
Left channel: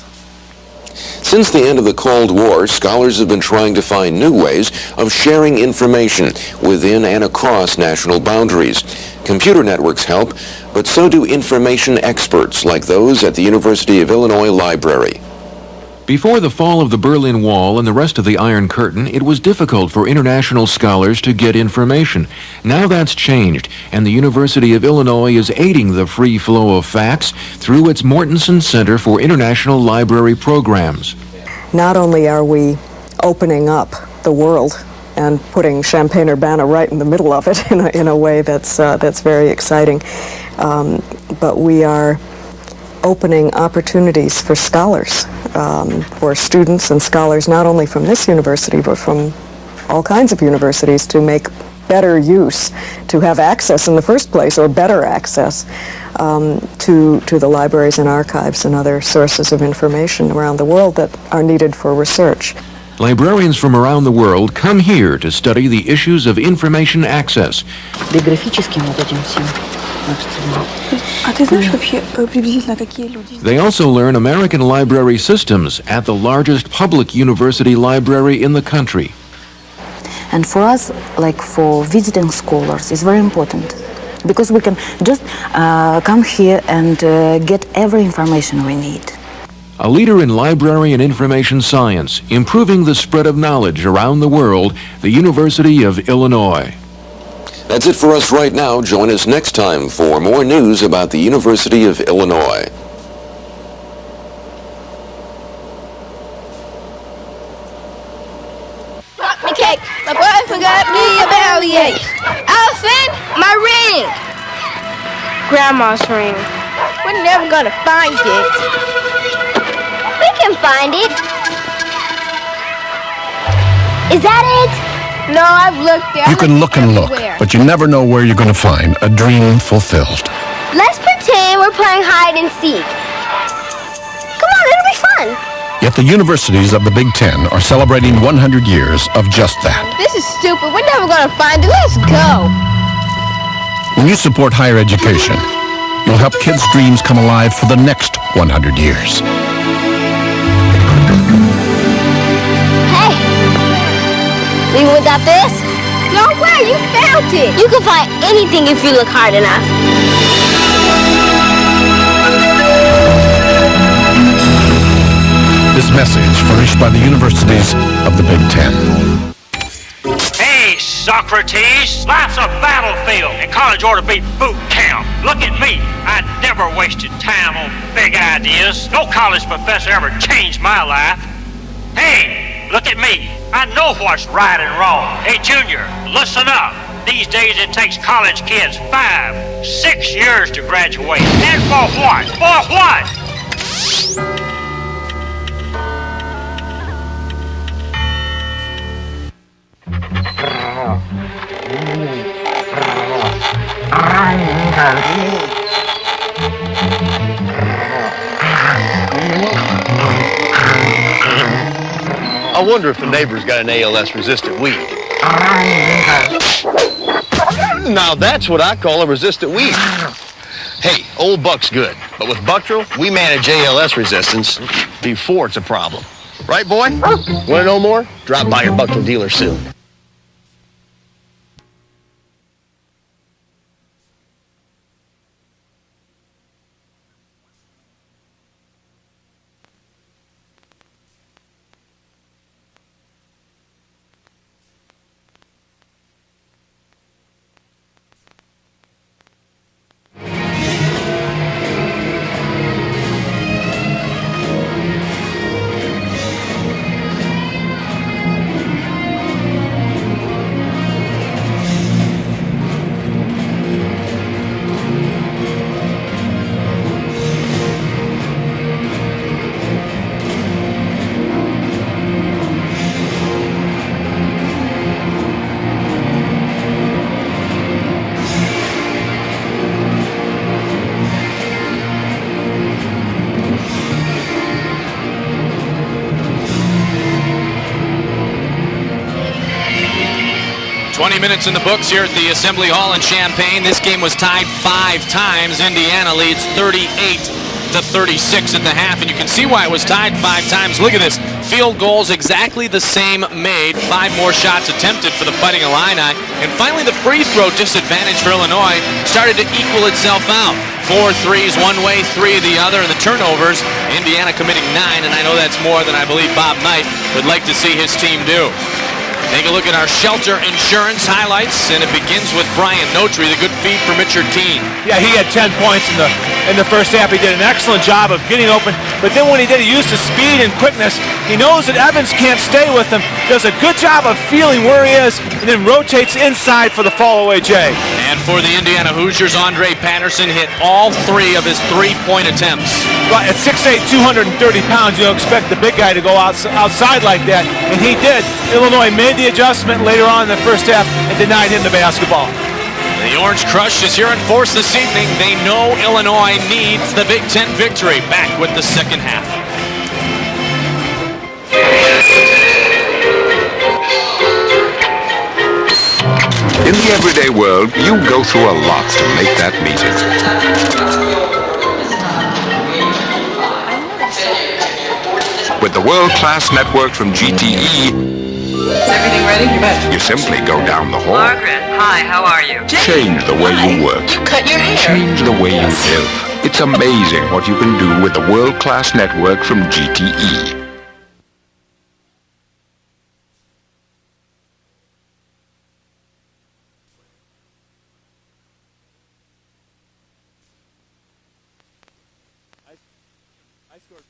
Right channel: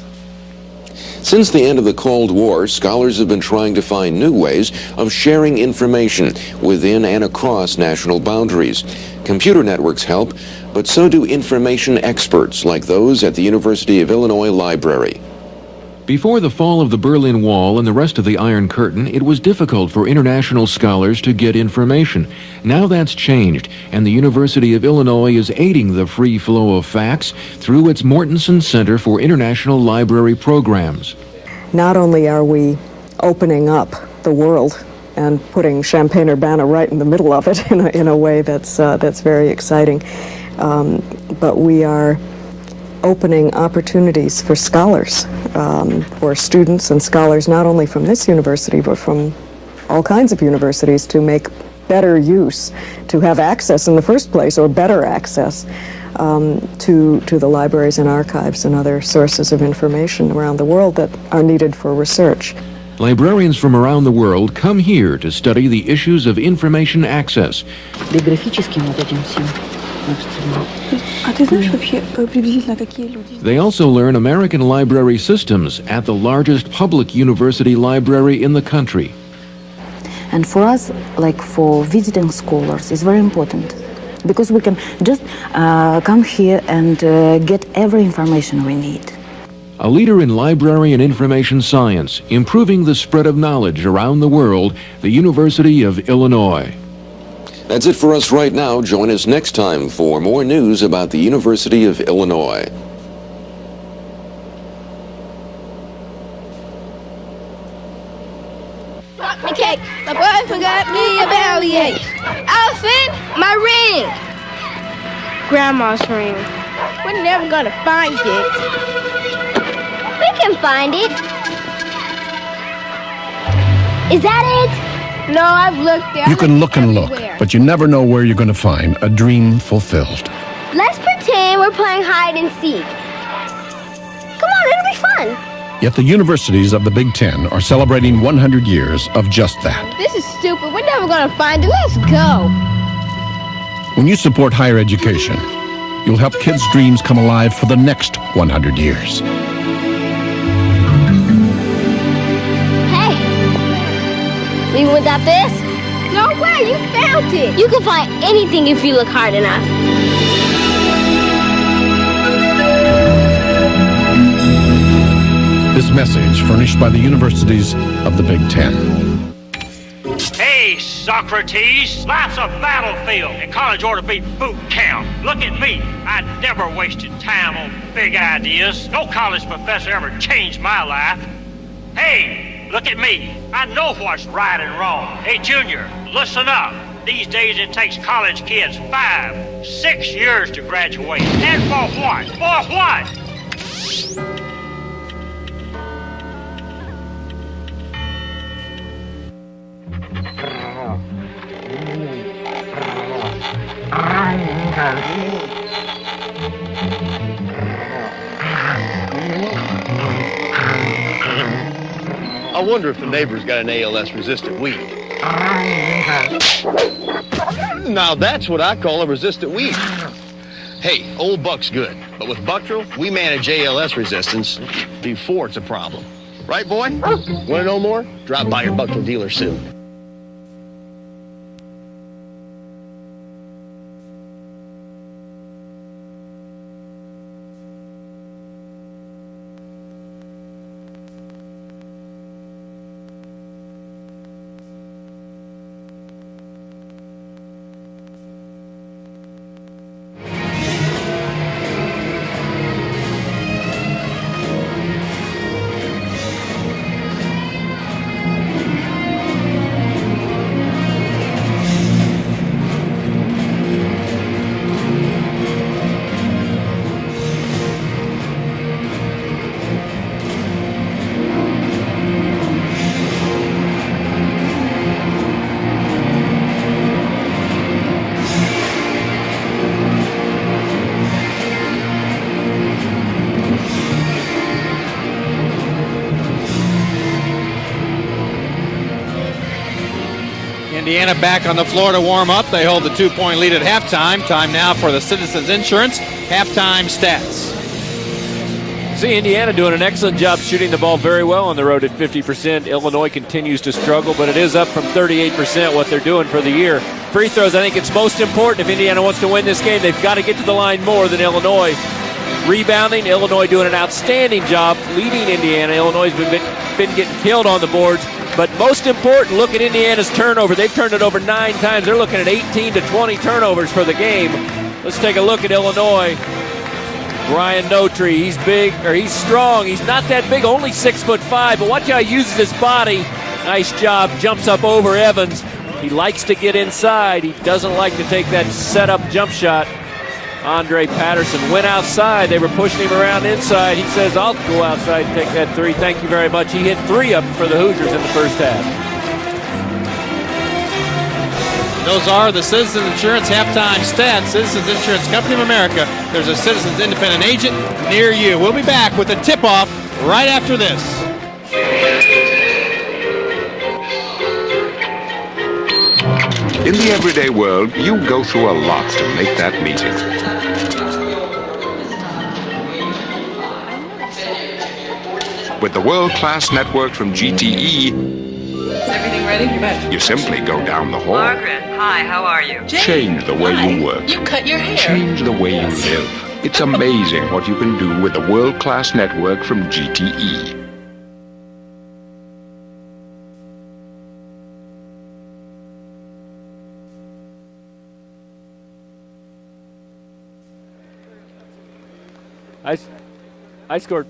Since the end of the Cold War, scholars have been trying to find new ways of sharing information within and across national boundaries. Computer networks help, but so do information experts like those at the University of Illinois Library. Before the fall of the Berlin Wall and the rest of the Iron Curtain, it was difficult for international scholars to get information. Now that's changed, and the University of Illinois is aiding the free flow of facts through its Mortensen Center for International Library Programs. Not only are we opening up the world and putting Champaign-Urbana right in the middle of it in a way that's very exciting, but we are opening opportunities for scholars, or students and scholars, not only from this university, but from all kinds of universities, to make better use, to have access in the first place, or better access to the libraries and archives and other sources of information around the world that are needed for research. Librarians from around the world come here to study the issues of information access. They also learn American library systems at the largest public university library in the country. And for us, like for visiting scholars, it's very important because we can just come here and get every information we need. A leader in library and information science, improving the spread of knowledge around the world, the University of Illinois. That's it for us right now. Join us next time for more news about the University of Illinois. Okay, my boy forgot me a bellyache. Allison, my ring. Grandma's ring. We're never gonna find it. We can find it. Is that it? No, I've looked there. You can look and look, but you never know where you're going to find a dream fulfilled. Let's pretend we're playing hide and seek. Come on, it'll be fun. Yet the universities of the Big Ten are celebrating 100 years of just that. This is stupid. We're never going to find it. Let's go. When you support higher education, you'll help kids' dreams come alive for the next 100 years. Hey, we got this? No way, you found it. You can find anything if you look hard enough. This message furnished by the universities of the Big Ten. Hey, Socrates, life's a battlefield, and college ought to be boot camp. Look at me. I never wasted time on big ideas. No college professor ever changed my life. Hey, look at me. I know what's right and wrong. Hey, Junior, listen up. These days it takes college kids 5, 6 years to graduate. And for what? For what? I wonder if the neighbor's got an ALS-resistant weed. Now that's what I call a resistant weed. Hey, old Buck's good, but with Bucktril, we manage ALS resistance before it's a problem. Right, boy? Want to know more? Drop by your Bucktril dealer soon. Back in the books here at the Assembly Hall in Champaign. This game was tied 5 times. Indiana leads 38-36 at the half. And you can see why it was tied 5 times. Look at this. Field goals exactly the same made. 5 more shots attempted for the Fighting Illini. And finally the free throw disadvantage for Illinois started to equal itself out. 4 threes one way, 3 the other. The turnovers, Indiana committing 9. And I know that's more than I believe Bob Knight would like to see his team do. Take a look at our shelter insurance highlights. And it begins with Brian Notry, the good feed from Richard Keene. Yeah, he had 10 points in the first half. He did an excellent job of getting open. But then what he did, he used his speed and quickness. He knows that Evans can't stay with him. Does a good job of feeling where he is, and then rotates inside for the fall-away J. And for the Indiana Hoosiers, Andre Patterson hit all 3 of his 3-point attempts. Well, at 6'8", 230 pounds, you don't expect the big guy to go outside like that. And he did. Illinois made the adjustment later on in the first half and denied him the basketball. The Orange Crush is here in force this evening. They know Illinois needs the Big Ten victory. We'll be back with the tip-off right after this. In the everyday world, you go through a lot to make that meeting. With the world-class network from GTE, everything ready? you simply go down the hall. Margaret, hi, how are you? Change the way you work. Cut your hair. Change the way you live. It's amazing what you can do with the world-class network from GTE. I scored.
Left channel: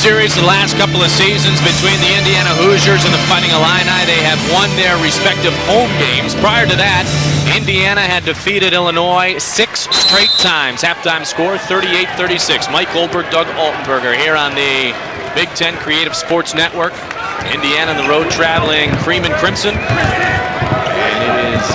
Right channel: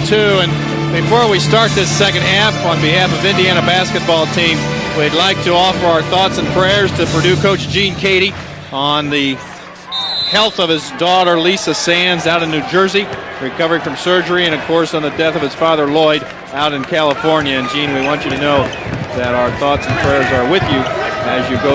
series the last couple of seasons between the Indiana Hoosiers and the Fighting Illini. They have won their respective home games. Prior to that, Indiana had defeated Illinois 6 straight times. His daughter Lisa Sands out in New Jersey, recovering from surgery, and of course on the death of his father Lloyd Sports out in California. Indiana, the road traveling Cream and Crimson. With you.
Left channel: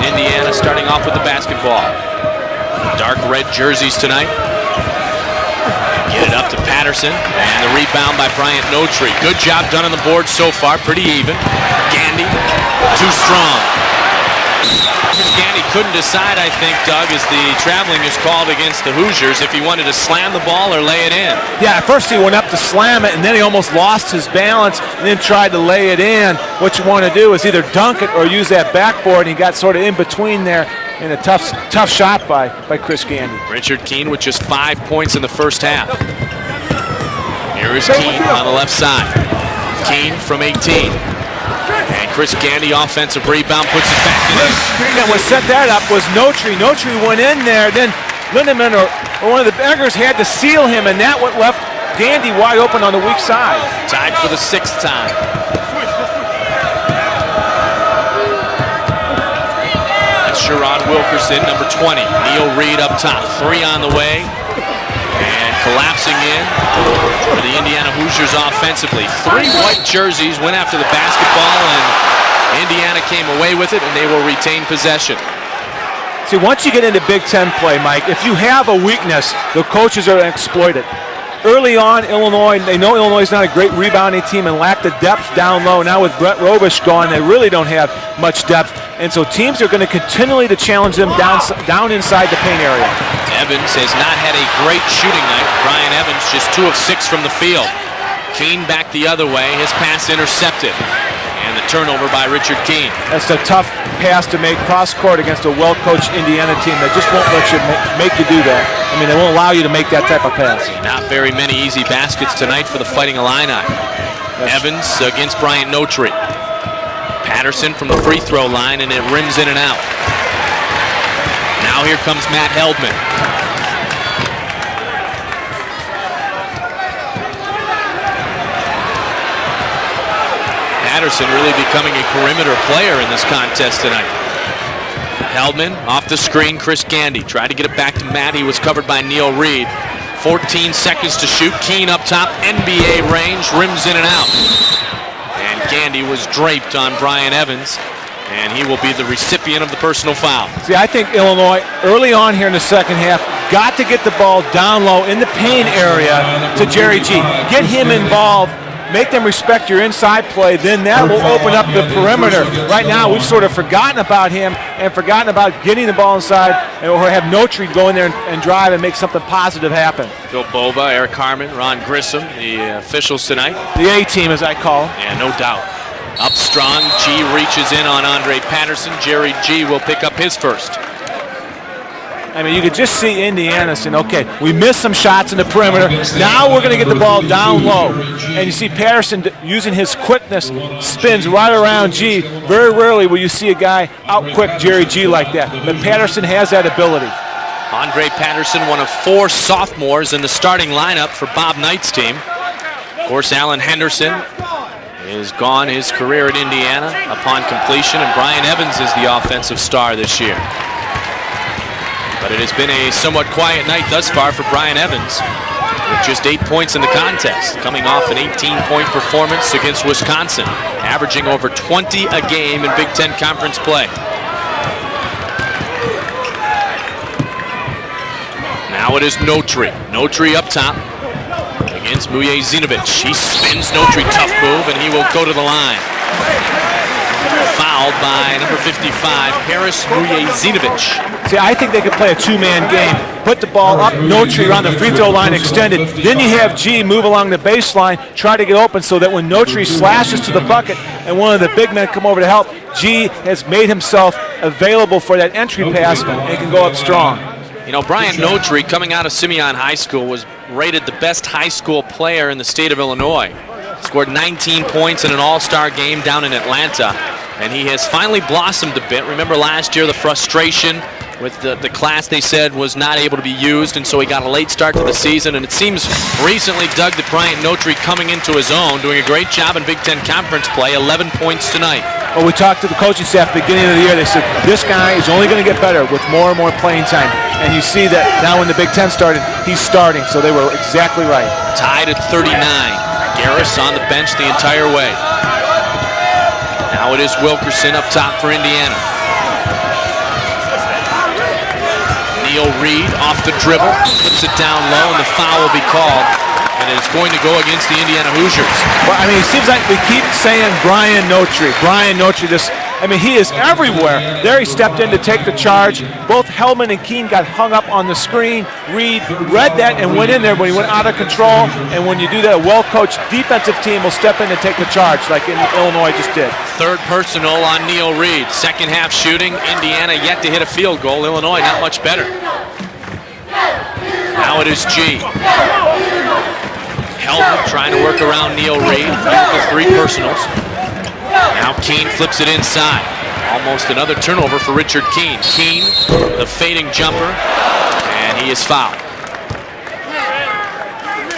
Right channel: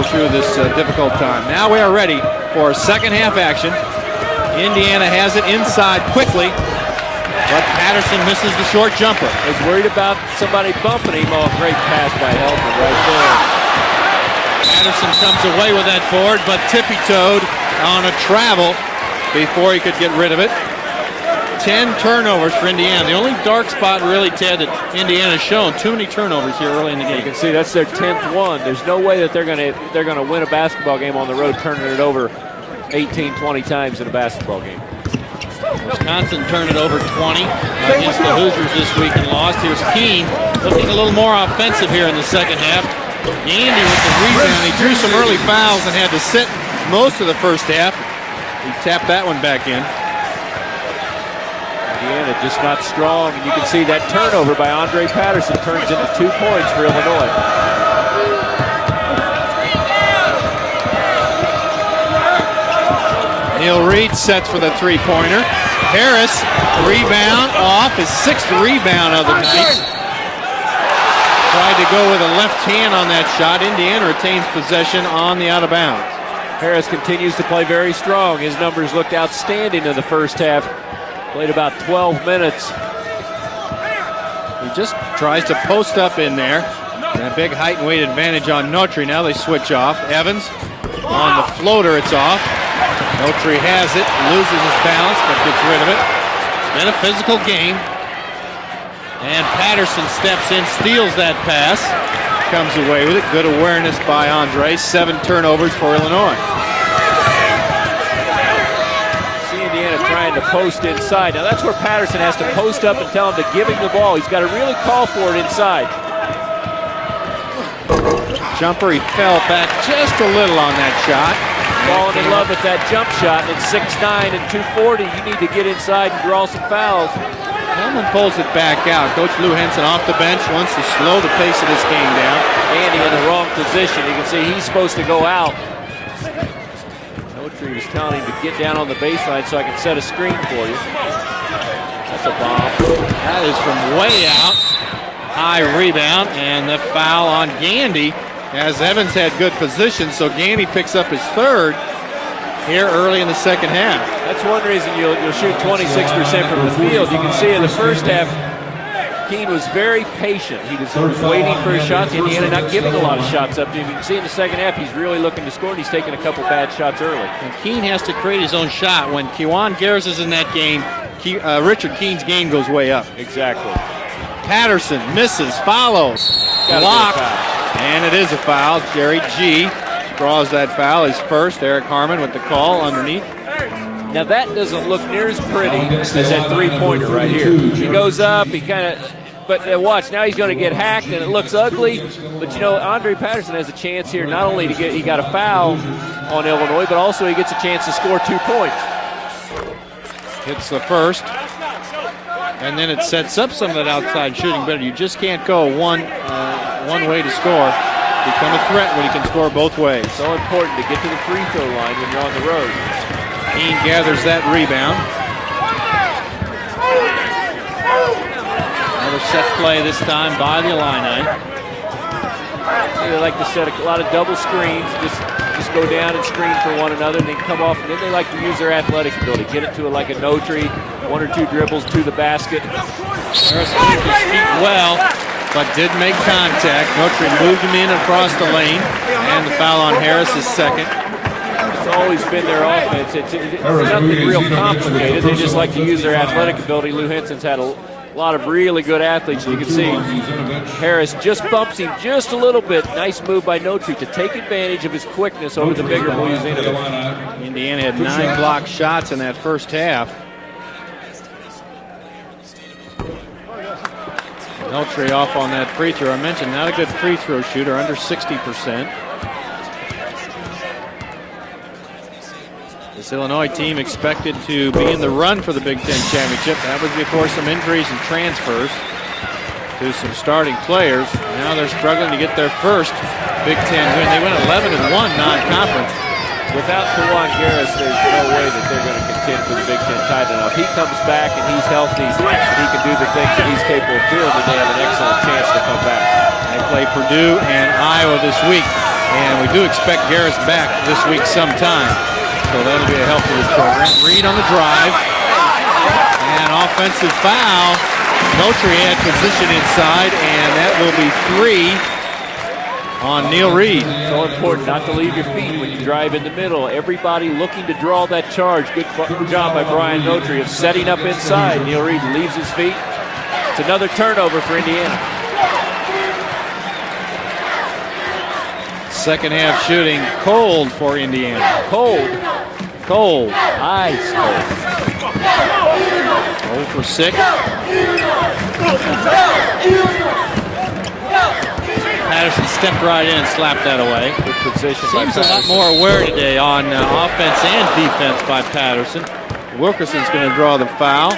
Indiana starting off with the basketball. Now we're ready for a second half red action. Jerseys tonight. Indiana has it inside quickly. Patterson, and the rebound by Brian Notry. Good job done on the board so far, pretty even. Gandy, too strong. Gandy couldn't decide, I think, Doug, as the traveling was called against the Hoosiers, if he wanted to slam the ball or lay it in. Yeah, at first he went up to slam it, and then he almost lost his balance, and then tried to lay it in. What you want to do is either dunk it or use that backboard. He got sort of in between there, and a tough shot by Chris Keene. Richard Keene with just 5 points in the first half. Johnson turned it over to 20. Here is Keene on the left side. Keene from 18. A little more offensive here. Chris Gandy offensive rebound. We set that up with Notry. Notry went in there, then Lindemann or one of the backers had to seal him, and that left Gandy wide open on the weak side. Tied for the sixth time. Sherron Wilkerson, number 20. Neil Reed up top. 3 on the way. Sets for the three-pointer. Harris, rebound. Sixth rebound. Jerseys went after the basketball. Indiana came away with it, and they will retain possession. On the out of bounds. See, once you get into Big Ten play, Mike, if you have a weakness, the coaches are going to exploit it. early on, Illinois, they know Illinois is not a great rebounding team and lack the depth down low. Now with Brett Robish gone, they really don't have much depth. And so teams are going to continually to challenge them down inside the paint area. Evans has not had a great shooting night with Brian Evans, just 2 of 6 from the field. Keene back the other way, his pass intercepted. Turnover by Richard Keene. That's a tough pass to make cross-court against a well-coached Indiana team that just won't let you make you do that. I mean, they won't allow you to make that type of pass. Not very many easy baskets tonight for the Fighting Illini. Evans against Brian Notary. Patterson from the free throw line and then rims in and out. Just a little on that shot. Now here comes Matt Heldman. At 6'9" and 240, you need to get inside and draw some fouls. Heldman pulls it back out. Coach Lou Henson off the bench. Patterson really becoming a perimeter player in this contest tonight. He's supposed to go out. Heldman off the screen. Chris Gandy tried to get it back to Matt. He was covered by Neil Reed. 14 seconds to shoot. Keene up top. NBA range. Rims it out. Gandy is draped on Brian Evans, and he will be the recipient of the personal foul. See, I think Illinois, early on here in the second half, got to get the ball down low in the paint area to Jerry G. Get him involved. Make them respect your inside play, then that will open up the perimeter. Right now, we've sort of forgotten about him and forgotten about getting the ball inside, or have Notary go in there and drive and make something positive happen. Boba, Eric Harmon, Ron Grissom, the officials tonight. The A-team, as I call it. Misses, follows. Up strong, G reaches in on Andre Patterson. Jerry G will pick up his first. That foul is first, Eric Harmon. I mean, you could just see Indiana saying, okay, we missed some shots in the perimeter. Now we're going to get the ball down low. And you see Patterson using his quickness, spins right around G. Very rarely will you see a guy out-quick Jerry G like that. But Patterson has that ability. Also, he gets a chance to Andre score Patterson, one of 4 sophomores in the starting lineup for Bob Knight's team. And then of course, Alan Henderson has gone his career at Indiana upon completion, and Brian Evans is the offensive star this year. It has been a somewhat quiet night thus far for Brian Evans. Just 8 points in the contest, coming off an 18-point performance against Wisconsin, averaging over 20 a game in Big Ten Conference play. Now it is Notary. Notary up top against Bujanovic. He spins Notary tough move, and he will go to the line. Didn't make contact. Foul line number 85, Bujanovic. See, I think they could play a 2-man game. Put the ball up, Notary on the free throw line extended. Then you have G move along the baseline, try to get open so that when Notary slashes to the bucket and one of the big men come over to help, G has made himself available for that entry pass and he can go up strong. You know, Brian Notary, coming out of Simeon High School, was rated the best high school player in the state of Illinois. Scored 19 points in an all-star game down in Atlanta, and he has finally blossomed a bit. Remember last year, the frustration with the class they said was not able to be used, and so he got a late start to the season, and it seems recently Doug the Brian Notary coming into his own, doing a great job in Big Ten Conference play, 11 points tonight. Well, we talked to the coaching staff at the beginning of the year. They said, this guy is only going to get better with more and more playing time. And you see that now when the Big Ten started, he's starting, so they were exactly right. Tied at 39. Harris on the bench the entire way. Now it is Wilkerson up top for Indiana. We do expect Harris back this week sometime. Neil Reed off the dribble. Brings it down low. The foul will be called. And it's going to go against the Indiana Hoosiers. Well, I mean, it seems like they keep saying Brian Notary. Brian Notary just, I mean, he is everywhere. There he stepped in to take the charge. Both Heldman and Keene got hung up on the screen. Reed read that and went in there, but he went out of control. And when you do that, a well-coached defensive team will step in and take the charge like Illinois just did. Third personal on Neil Reed. Second half shooting. Indiana yet to hit a field goal. Illinois not much better. Goal. Now it is G. Trying to work around Neil Reed. 3 personals. Now Keene flips it inside. That's another turnover for Richard Keene. Keene with a fading jumper. And he is fouled. Wilkerson's going to draw the foul.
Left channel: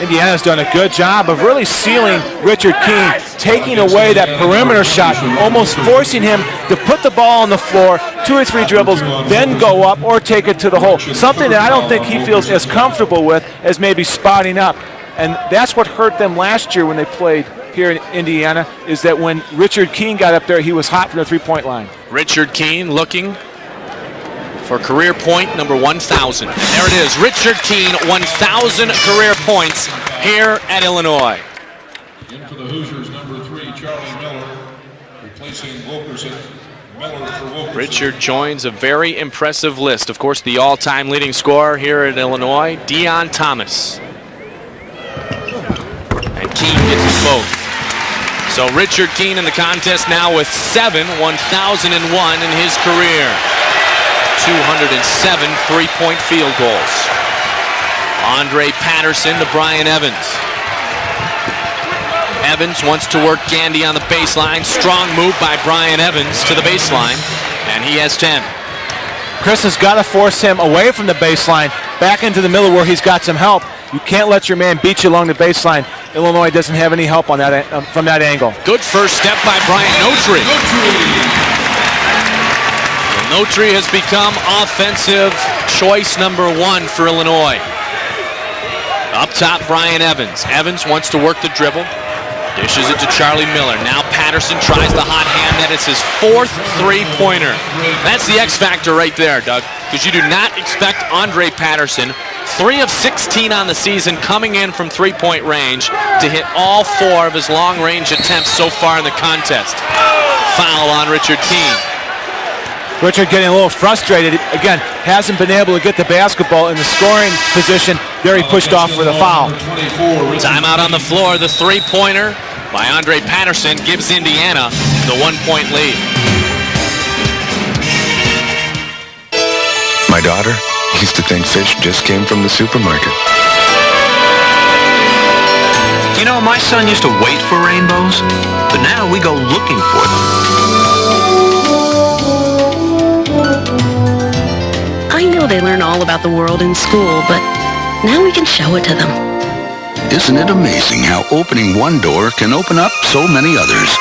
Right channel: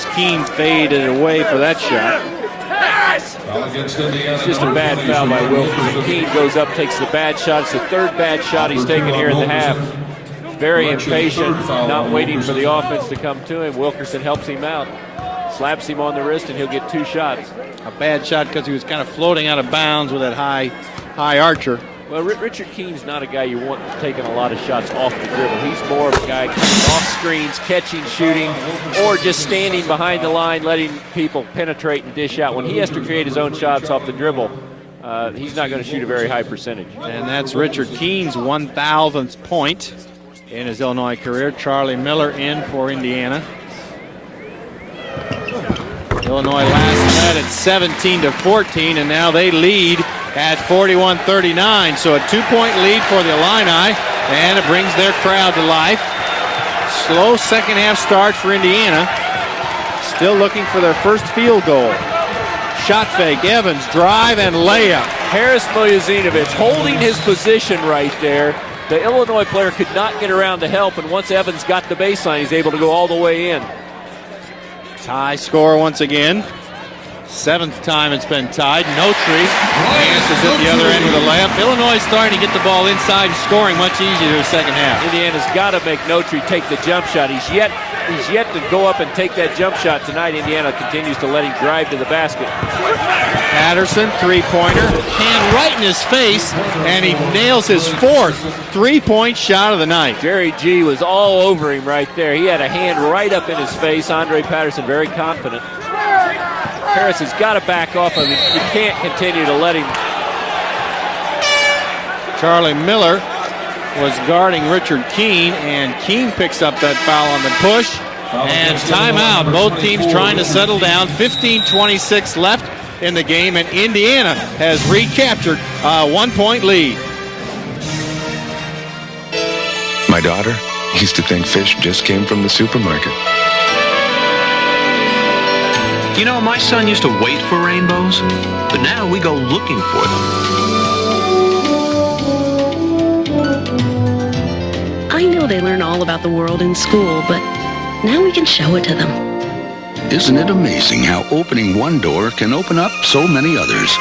Indiana's done a good job of really sealing Richard Keene, taking away that perimeter shot, almost forcing him to put the ball on the floor, 2 or 3 dribbles, then go up or take it to the hole. Something that I don't think he feels as comfortable with as maybe spotting up. And that's what hurt them last year when they played here in Indiana, is that when Richard Keene got up there, he was hot from the 3-point line. Richard Keene looking for career point number 1,000. There it is, Richard Keene, 1,000 career points here at Illinois. Penetrate and dish out. When he has to create his own shots off the dribble, he's not going to shoot a very high percentage. And that's Richard joins a very impressive list. Of course, the all-time leading scorer here at Illinois, Deon Thomas. 17-14. So Richard Keene in the contest now with 7, 1,001 in his career. 207 3-point field goals. Slow second half start for Andre Indiana. Patterson to Brian Evans. Still looking for their first field goal. Evans wants to work Gandy on the baseline. Strong move by Brian Evans to the baseline. And he has 10. Chris has got to force him away from the baseline, back into the middle where he's got some help. You can't let your man beat you along the baseline. Illinois doesn't have any help on that from that angle. Good first step by Brian Notary. Illinois starting to get the ball inside. Notary has become offensive choice number 1 for Illinois. Up top, Brian Evans. Evans wants to work the dribble. Dishes it to Charlie Miller. Now Patterson tries to high. It's his 4th 3-pointer. That's the X factor right there, Doug. Because you do not expect Andre Patterson, 3 of 16 on the season, coming in from 3-point range to hit all 4 of his long-range attempts so far in the contest. Foul on Richard Keene. Charlie Miller. Richard getting a little frustrated. Again, hasn't been able to get the basketball in the scoring position. There he pushed off for the foul. Out on the floor, the 3-pointer by Andre Patterson gives Indiana the 1-point lead. 1-point lead. My daughter used to think fish just came from the supermarket. You know, my son used to wait for rainbows, but now we go looking for them. I know they learn all about the world in school, but now we can show it to them. Isn't it amazing how opening one door can open up so many others?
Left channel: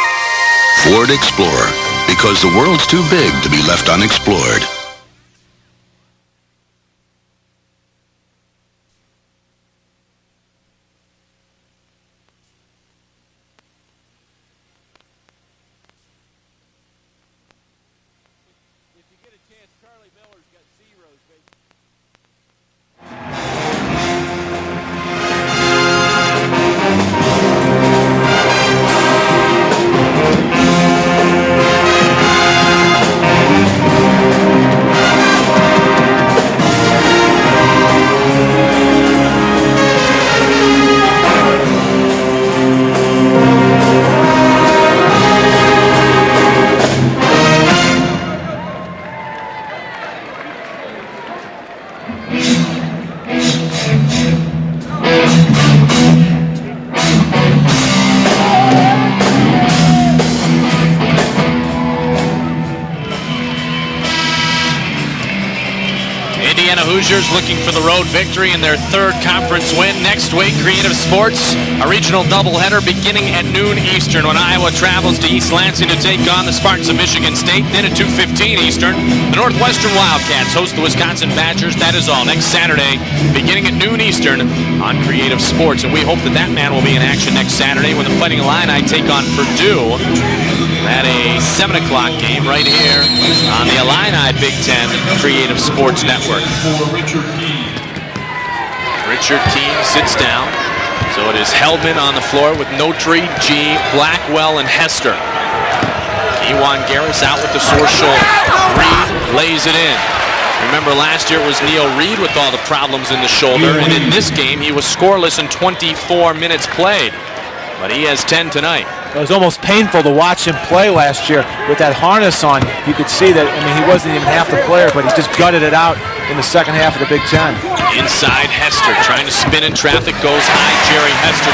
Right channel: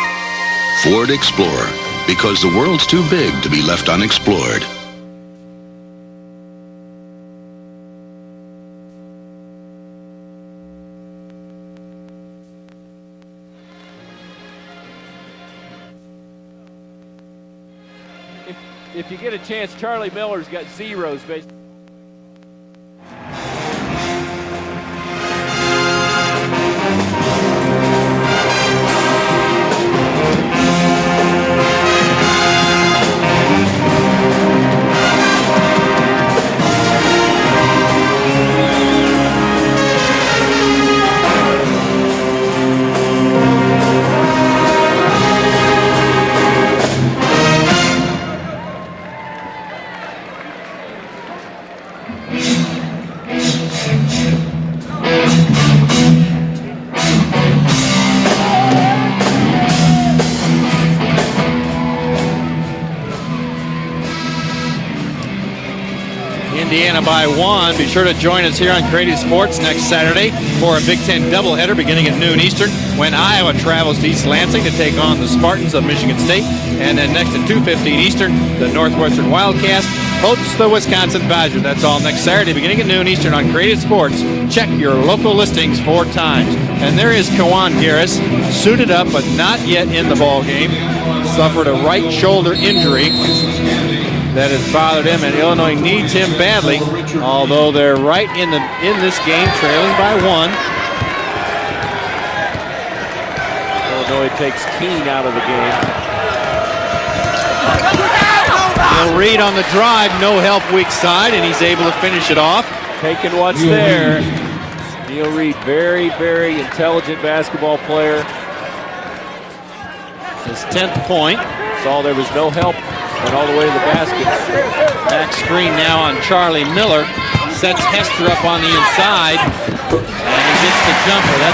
Ford Explorer, because the world's too big to be left unexplored. If you get a chance, Charlie Miller's got zeros based. Their 3rd conference win next week. Creative Sports, a regional doubleheader beginning at noon Eastern when Iowa travels to East Lansing to take on the Spartans of Michigan State. Then at 2:15 Eastern, Northwestern Wildcats host the Wisconsin Badgers. That is all next Saturday, beginning at noon Eastern on Creative Sports. And we hope that match will be in action next Saturday with Fighting Illini take on Purdue at a 7 o'clock game right here on the Illini Big Ten Creative Sports Network. Although they're right in this game, sits down. So it is Helbin on the floor with Notary, G, Blackwell, and Hester. Ewan Garris out with the short shoulder. Reed on the drive, no help. Remember last year was A.O. Reed with all the problems in the shoulder. And in this game, he was scoreless in 24 minutes played. But he has 10 tonight. It was almost painful to watch him play last year with that harness on. You could see that he wasn't even half the player, but he just gutted it out in the second half of the Big Ten. Inside, Hester trying to spin in traffic, goes against Jerry Hester.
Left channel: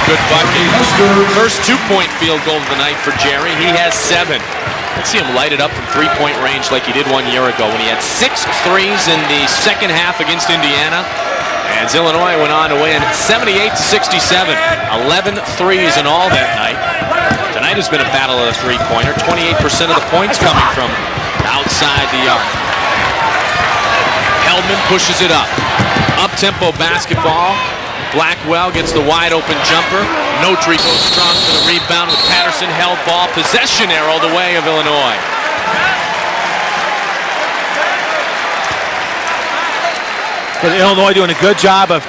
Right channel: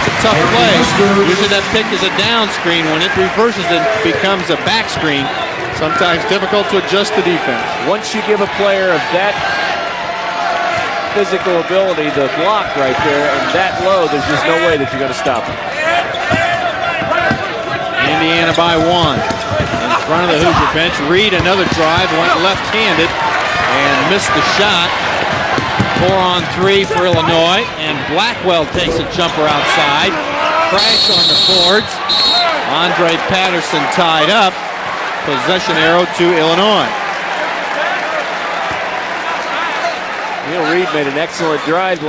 First 2-point field goal for Jerry. He has 7. See him lighted up from 3-point range like he did 1 year ago. He had 6 threes in the second half against Indiana. As Illinois went on to win 78-67. 11 threes in all that night. Tonight has been a battle by 1. 28% of the points from defense. Reed another side, left-handed. Helman pushes it up. Up-tempo basketball. Blackwell gets the wide open jump. Notary goes strong for the rebound. Patterson held ball. Possession arrow the way of Illinois. Possession arrow to Illinois. Illinois doing a good job of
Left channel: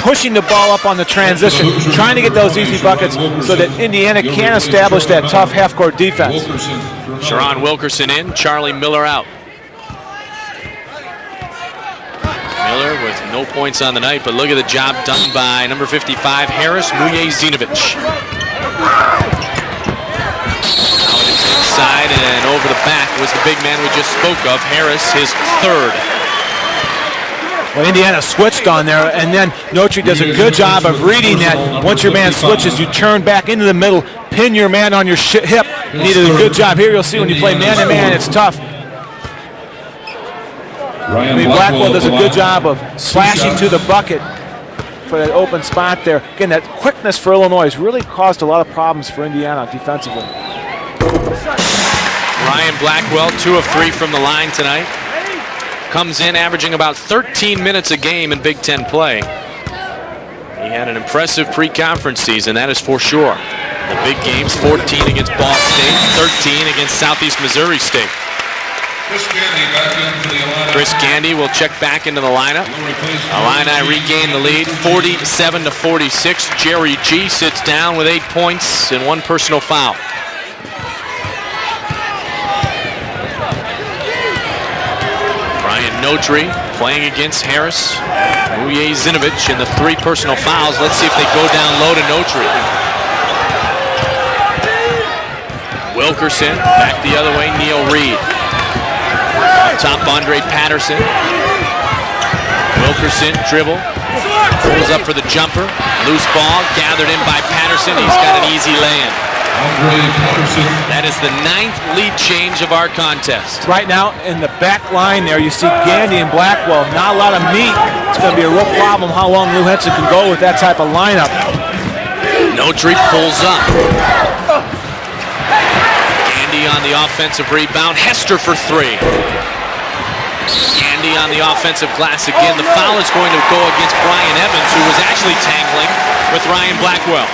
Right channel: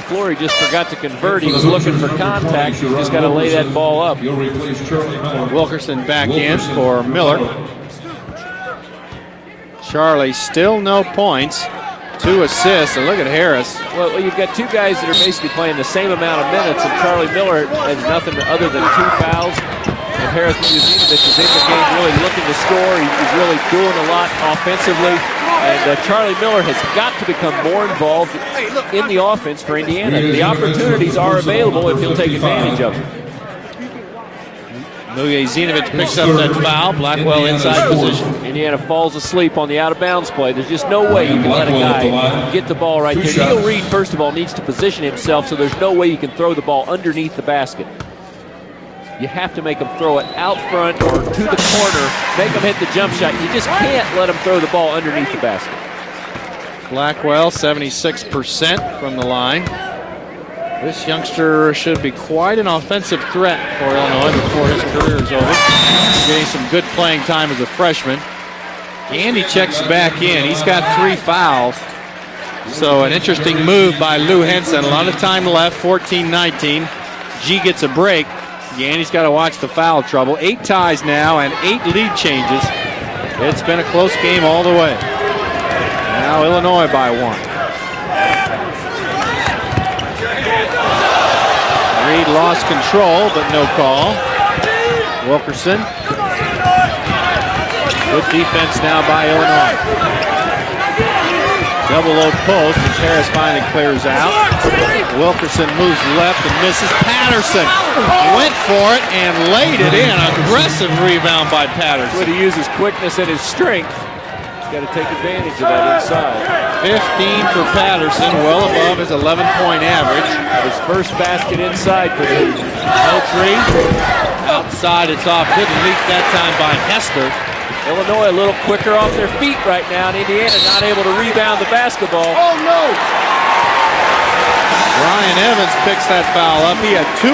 pushing the ball up on the transition, trying to get those easy buckets so that Indiana can establish that tough half-court defense. Sherron Wilkerson in, Charlie Miller out. Charlie still no points. 2 assists. Look at Harris. Points on the night, but look at the job done by number 55, Harris Zinovich. Side and over the back was the big man we just spoke of. Harris, his third. Indiana switched on there, and then Notre does a good job of reading that. Once your man switches, you turn back into the middle, pin your man on your hip. He did a good job. Here you'll see when you play man-to-man, it's tough. Indiana falls asleep on the out-of-bounds play. There's just no way. Blackwell does a good job of slashing to the bucket. Needs to position For an itself. open spot there. Again, that quickness for Illinois has really caused a lot of problems for Indiana. Have to make them throw it out front. Ryan Blackwell, 2 of 3 from the line tonight. Comes in averaging about 13 minutes a game in Big Ten play. He had an impressive pre-conference season, that is for sure. Big games, 14 against Boston State, 13 against Southeast Missouri State. Candy checks back in. Chris Candy will check back into the lineup. So an interesting Illini move by regain the lead, Lou Hanson. 47 to 46. Jerry G sits down with 8 points and 1 personal foul. Trouble. 8 ties now and 8 lead changes. It's been a close game all the way. Ryan Notary playing against Harris. Zinovich and the 3 personal fouls. Let's see if they go down low to Notary. Lost control, but no call. Wilkerson back the other way. Neil Reed. Defense now by top Andre Patterson. Double low post. Wilkerson dribble. Goes up for the jumper. Loose ball. Down in by Patterson. He's got an easy lane. That is the 9th lead change of our contest. Right now, in the back line there, you see Candy and Blackwell. Not a lot of meat. It's going to be a little problem how long we went to go with that type of lineup. Notary pulls in. Side, it's off. Candy on the offensive rebound. Hester for 3. Candy on the offensive glass again. The foul is going to go against Brian Evans, who was actually Ryan Blackwell.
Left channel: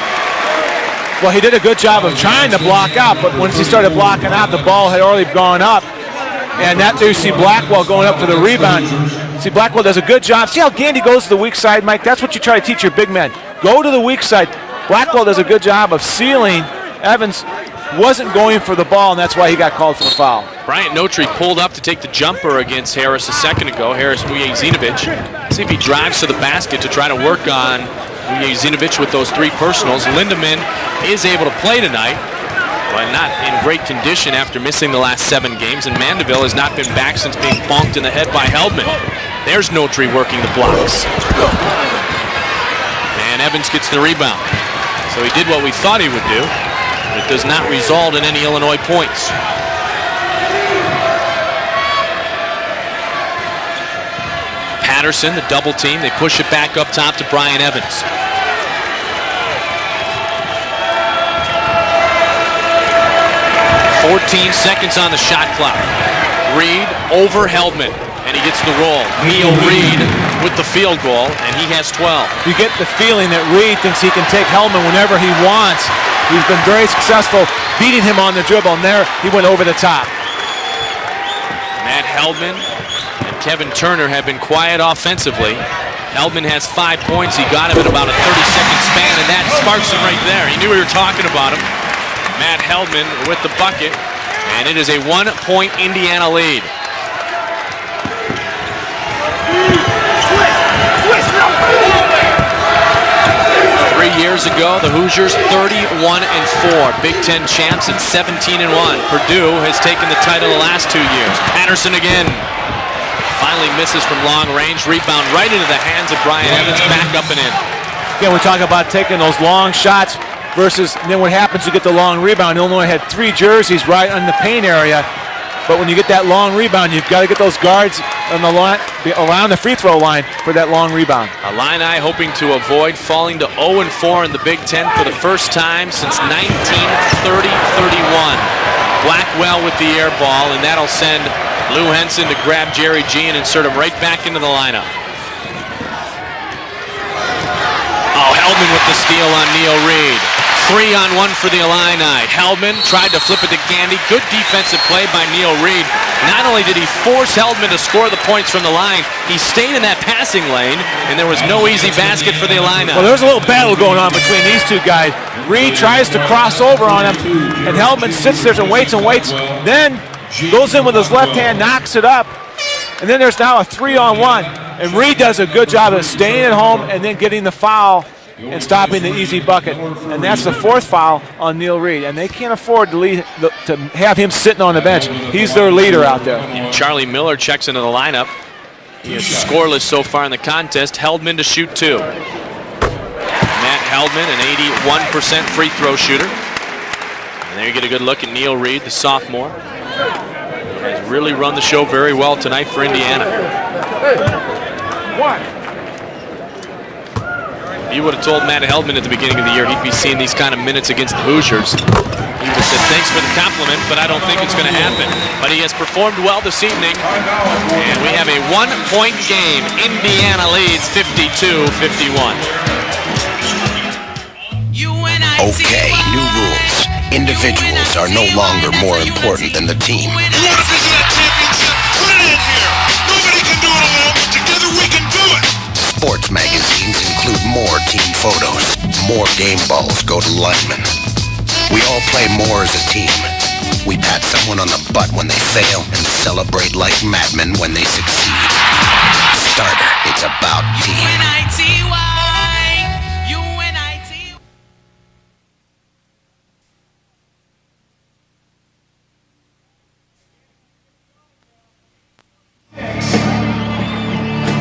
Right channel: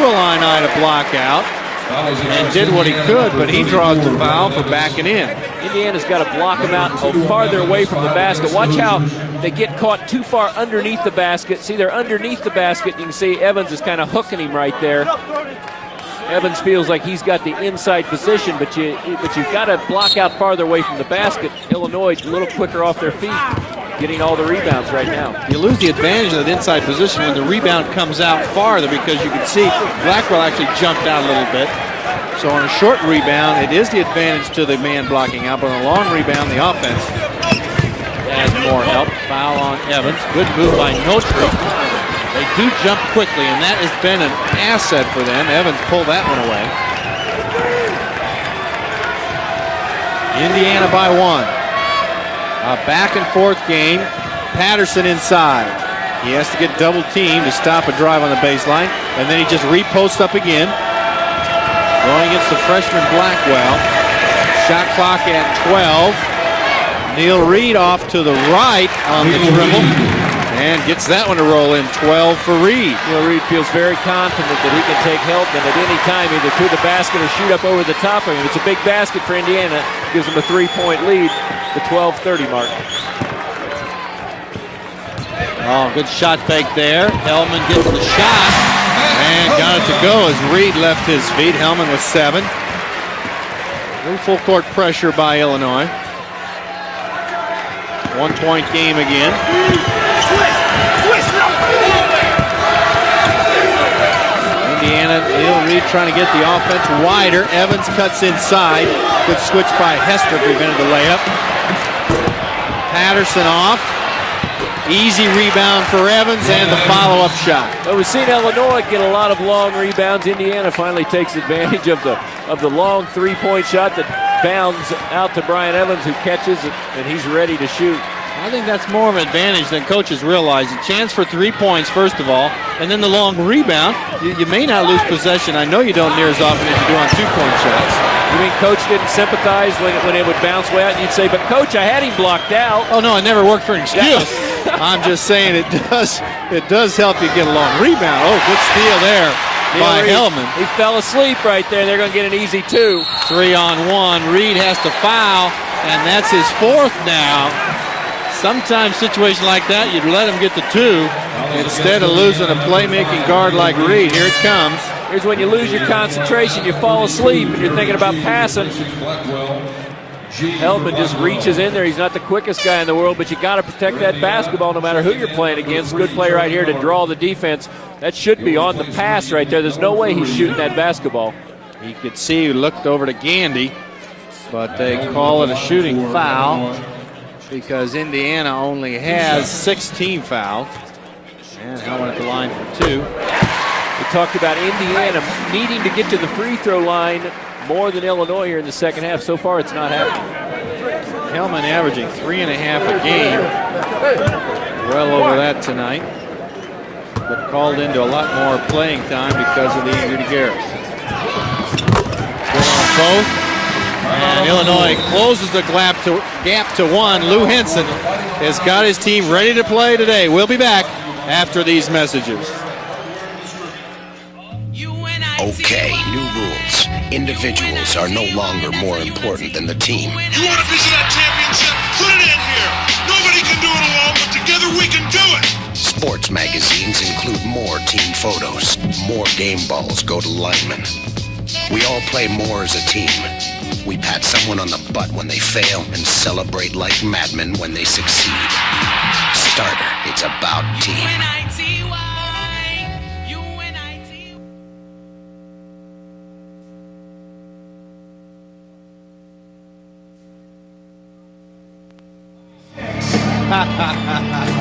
Well, he did a good job of trying to block out, but when he started blocking out, the ball had already gone up. And that you see Blackwell going up for the rebound. See, Blackwell does a good job. See how Candy goes to the weak side, Mike? That's what you try to teach your big men. Go to the weak side. Blackwell does a good job of sealing. Evans wasn't going for the ball, and that's why he got called for the foul. Ryan Notary pulled up to take the jumper against Harris a second ago. Harris Zinovich. See if he drives to the basket to try to work on Zinovich with those 3 personals. Lindemann is able to play tonight. So on a short rebound, great condition after missing the last 7 games. And Mandeville has not been back since being bonked in the head by Heldman. There's Notary working the blocks. And Evans gets the rebound. So he did what we thought he would do. It does not result in any Illinois points. Indiana by 1. A back and forth game. Patterson inside. Double team. They push it back up top to Brian Evans. Stop a drive on the baseline, and then he just reposts up again. Well, he gets the freshman block down. 14 seconds on the shot clock. Reed over Reed off to the right. Neil Reed with the field goal. That one to roll in 12. You get the feeling that Reed thinks he can take Heldman whenever he wants. He's been very successful beating him on the dribble. And there, he went over the top. Gives him a 3-point lead. The 12-30 mark. Kevin Turner had been quiet offensively. Good shot. Heldman has 5 points. He got him in about 40 seconds. We were talking about Heldman is 7. Matt Heldman with the bucket. And it is a 1-point Indiana lead. 1-point game again. 3 years ago, the Hoosiers 31-4. Big Ten champs and 17-1. Purdue has taken this into the last 2 years. Patterson again. Misses from long range. Easy rebound for Evans. Follow-up shot. Again, we're talking about taking those long shots versus, and then what happens, you get the long rebound. Illinois had 3 jerseys right in the paint area. But when you get that long rebound, you've got to get those guards on the line, around the free throw line for that long rebound. Illini hoping to avoid falling to 0-4 in the Big Ten for the first time since 1930-31. Blackwell with the air ball, and that'll send Lou Henson to grab Jerry Jean and sort of right back into the lineup. I'm just saying it does help you get a long rebound. Oh, Hellman with the steal on Neil Reed. 3-on-1 for the Illini. Hellman tried to flip it to Gandy. Good defensive play by Neil Reed. Not only did he force Hellman to score the points from the line, he stayed in that passing lane, and there was no easy basket for the Illini. Well, there's a little battle going on between these two guys. Reed tries to cross over on him, and Hellman sits there and waits and waits. Then goes in with his left hand, knocks it up. And then there's now a 3-on-1. And Reed does a good job of staying at home and then getting the foul and stopping the easy bucket. And that's the fourth foul on Neil Reed. And they can't afford to have him sitting on the bench. He's their leader out there. Charlie Miller checks into the lineup. Scoreless so far in the contest. Heldman to shoot 2. Matt Heldman, an 81% free throw shooter. There you get a good look at Neil Reed, the sophomore. Really run the show very well tonight for Indiana. You would have told Matt Hellman at the beginning of the year he'd be seeing these kind of minutes against the Hoosiers. Compliment, but I don't think it's going to happen. But he has performed well this evening. Lou Henson. We have a 1-point game. Indiana leads 52-51. Okay, new rules. Individuals are no longer more important than the team. Sports magazines include more team photos. More game balls go to linemen. We all play more as a team. We pat someone on the butt when they fail and celebrate like madmen when they succeed. Starter, it's about me.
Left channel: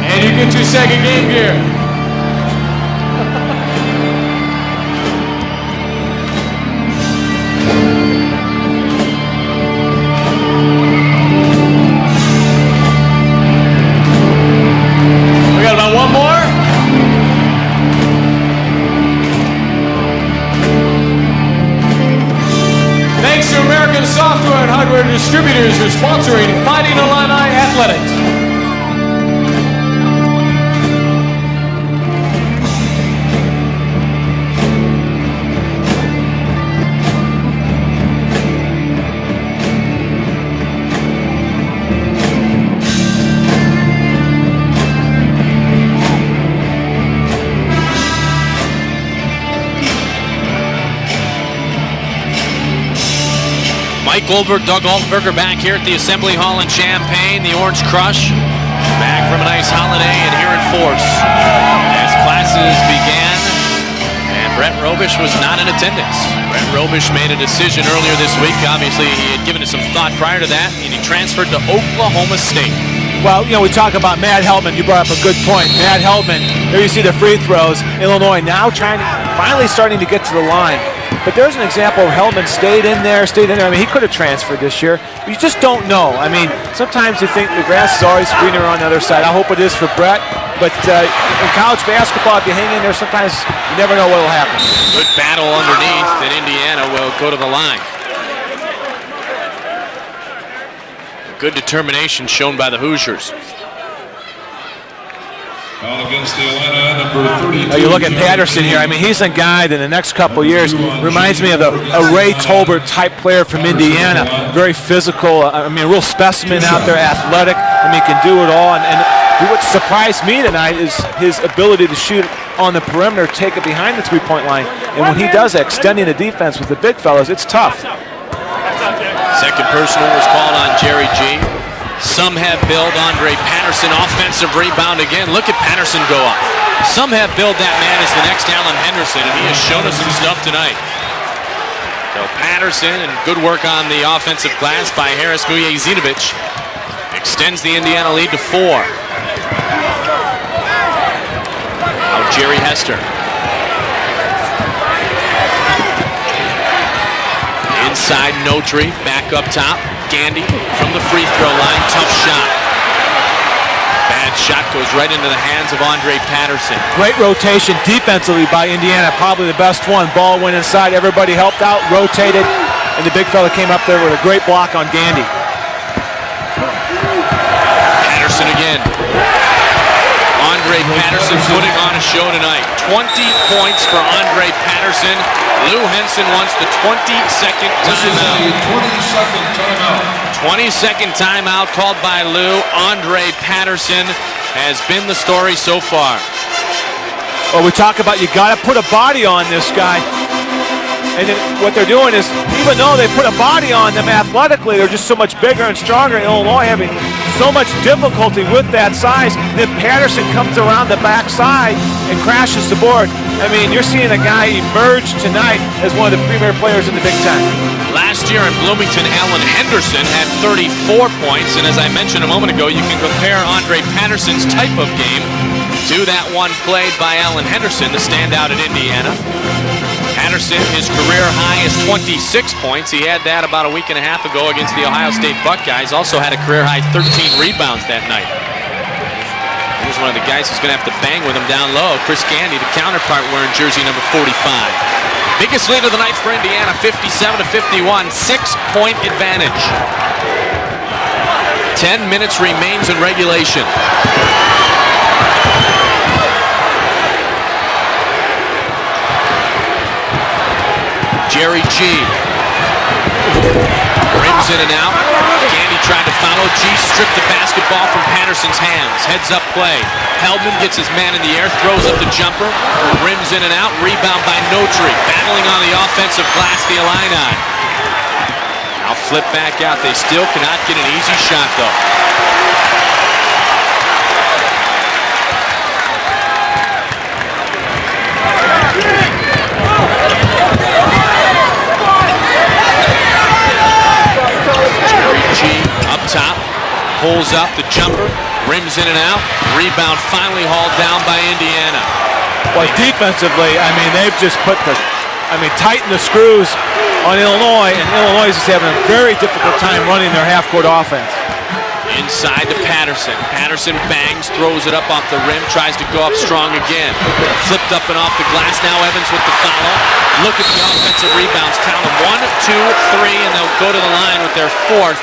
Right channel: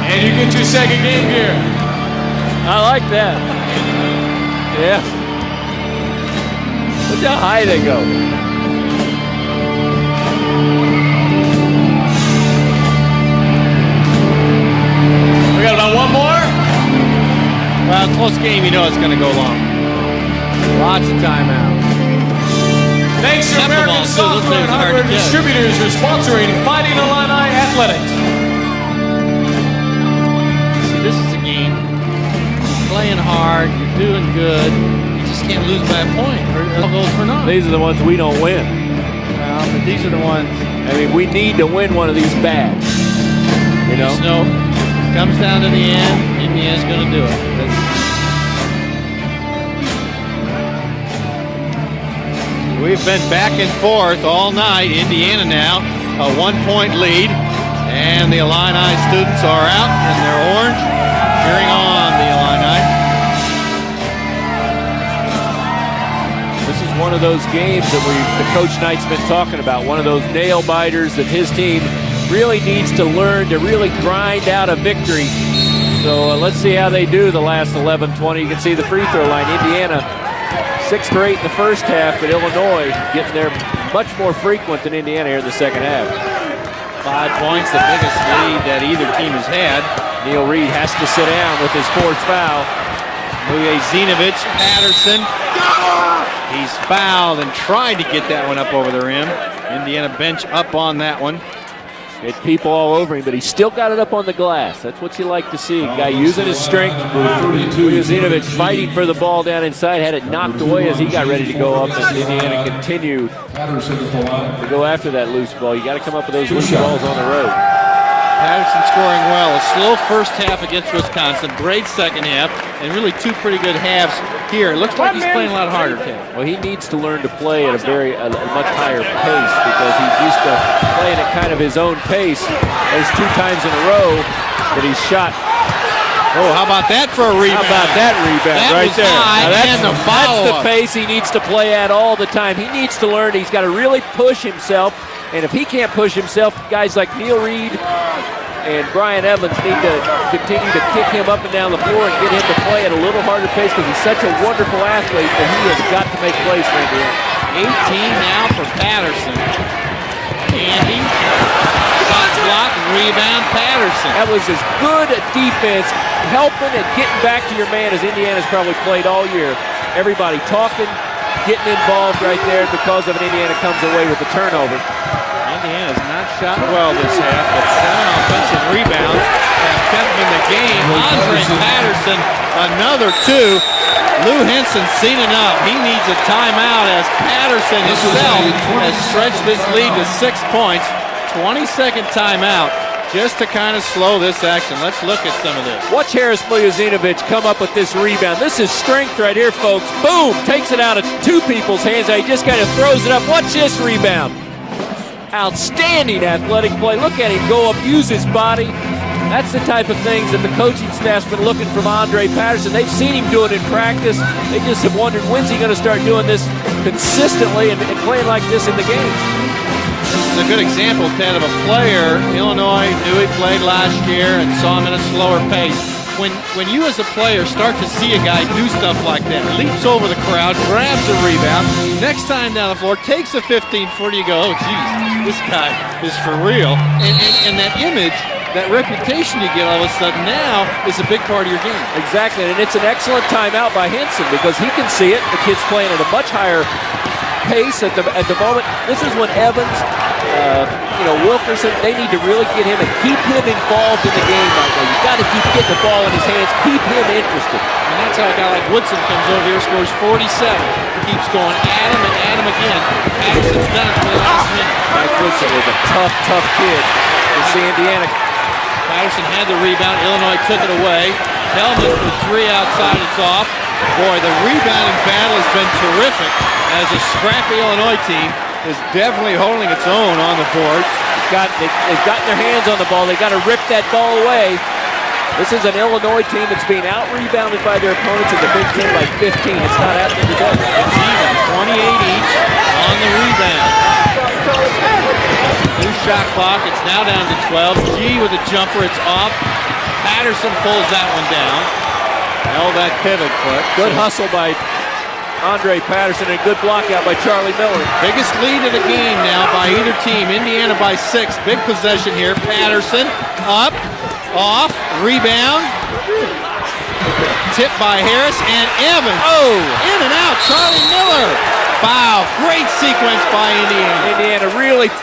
And you get your second game gear. I like that. Yeah. Look how high they go. We got about one more. Close game, you know it's going to go long. Lots of time. Thanks to American Software and Hardware Distributors for sponsoring Fighting Illini Athletics. These are the ones we don't win. These are the ones, I mean, we need to win one of these bad. You know? So, comes down to the end, Indiana's going to do it. We've been back and forth. Mike Goldberg, Doug Goldberger back here at the Assembly Hall in Champaign. The Orange Crush. And the Illini students Bryce Holiday and Eric Force. As classes began, and Brett Robish was not in attendance. Brett Robish made a decision earlier this week. Obviously, he had given it some thought prior to that. He transferred to Oklahoma State. Well, you know, we talk about Matt Hellman. You brought up a good point. Matt Hellman, here you see the free throws. Illinois now finally starting to get to the line. But there's an example of Hellman stayed in there. I mean, he could have transferred this year. You just don't know. I mean, sometimes you think the grass is always greener on the other side. I hope it is for Brett. But in college basketball, if you hang in there, sometimes you never know what will happen. Good battle underneath, and Indiana will go to the line. Trying to get that one up over the rim. Indiana bench up on that one. Good determination shown by the Hoosiers. But he still got it up on the glass. That's what you like to see. Guy using his strength. You look at Patterson here. I mean, he's a guy that in the next couple of years reminds me of a Ray Tolbert type player from Indiana. Very physical. I mean, a real specimen out there, athletic. I mean, can do it all. And what surprised me tonight is his ability to shoot on the perimeter, taking behind the three-point line. When he does that, extending the defense with the big fellas, it's tough. Second personal ball on Jerry G. Some have billed Andre Patterson. Offensive rebound again. Look at Patterson go up. Some have billed Pace he needs to play at all the time. Patterson, good work on the offensive glass by Harris Vujacic. Extends the Indiana lead to 4. Brian Evans needs to continue to kick him up and down the floor. Jerry Hester. Outside, no tree, back up top. Gandy on the free throw line. Tough shot. Great rotation defensively by Indiana, probably the best one. Ball went inside, everybody helped out, rotated, and the big fella came up there with a great block on Gandy. Another 2 points for Lou Henson, seen it out. Lou Henson wants the 22nd. This is a 22nd timeout called by Lou. Andre Patterson has been the story so far. Well, we talk about you got to put a body on this guy. Boom, takes it out of And what they're doing is, even though they put a body on them athletically, they're just so much bigger and stronger. Illinois having so much difficulty with that size. If Patterson comes around the backside and crashes the board, I mean, you're seeing a guy emerge tonight as one of the bigger players in the Big Ten. Last year in Bloomington, Alan Henderson had 34 points, and as I mentioned a moment ago, you can compare Andre Patterson's type of game to that one played by Alan Henderson, the standout in Indiana. Patterson, his career high is 26 points. He had that about a week and a half ago against the Ohio State Buckeyes. Also had a career high 13 rebounds that night. That reputation you get, It's one of the guys who's going to have to bang with him down low. Chris Gandy, the counterpart, wearing jersey number 45. Biggest win of the night for Indiana, 57-51, 6-point advantage. 10 minutes remains in regulation. Jerry G. Brings in and out. Gandy trying to follow G. Stripped the pass here out of Patterson's hands. Heads up play. Helton gets his man in the air. Throws up the jumper. Brings in and out. Rebound by Notri. Battling on the offensive glass. The Illini. I'll flip back out. They still got an easy shot though. They've got their hands on the ball. They've got to rip that ball away. This is an Illinois team that's being out-rebounded by their Pulls up the jumper, brings it out. Rebound finally hauled down by Indiana. Well, defensively, I mean, they've just put the, tighten the screws on Illinois. Illinois is having a very difficult time running their half-court offense. Inside to Patterson. Patterson bangs, throws it up off the rim, tries to go up strong again. Flipped up and off the glass now. Look at the offensive rebounds. Wow. 2-3 along go to the line with their fourth.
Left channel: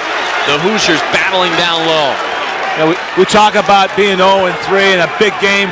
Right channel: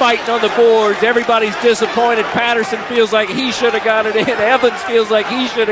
The Hoosiers battling down low. We talk about being 0-3 in a big game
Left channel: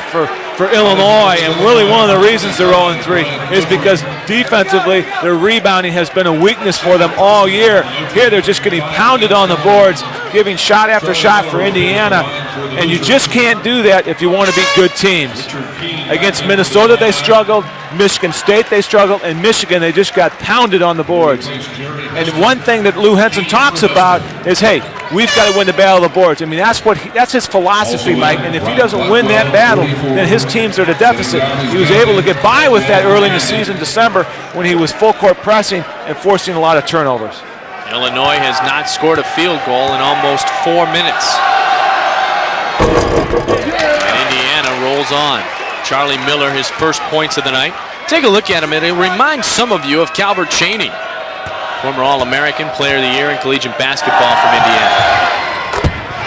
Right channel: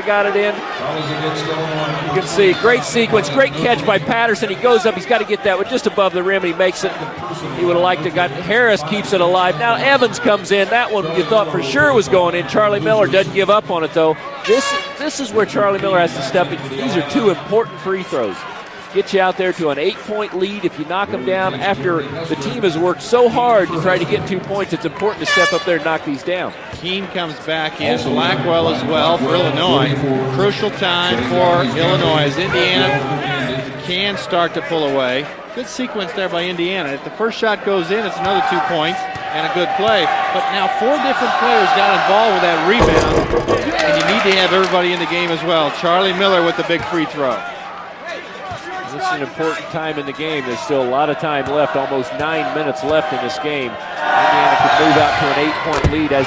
for Illinois, and really one of the reasons they're 0-3 is because defensively their rebounding has been a weakness for them all year. Here they're just getting pounded on the boards, giving shot after shot for Indiana, and you just can't do that if you want to beat good teams. Against Minnesota they struggled, Michigan State they struggled, and Michigan they just got pounded on the boards. And one thing that Lou Henson talks about is, hey, we've got to win the battle of the boards. I mean, that's his philosophy, Mike. And if he doesn't win that battle, then his team's at a deficit. He was able to get by with that early in the season, December, when he was full court pressing and forcing a lot of turnover. Illinois has not scored a field goal in almost 4 minutes. Indiana rolls on. Charlie Miller, his first points of the night. Take a look at him, and it reminds some of you of Calvert Chaney, former All-American Player of the Year in collegiate basketball from Indiana.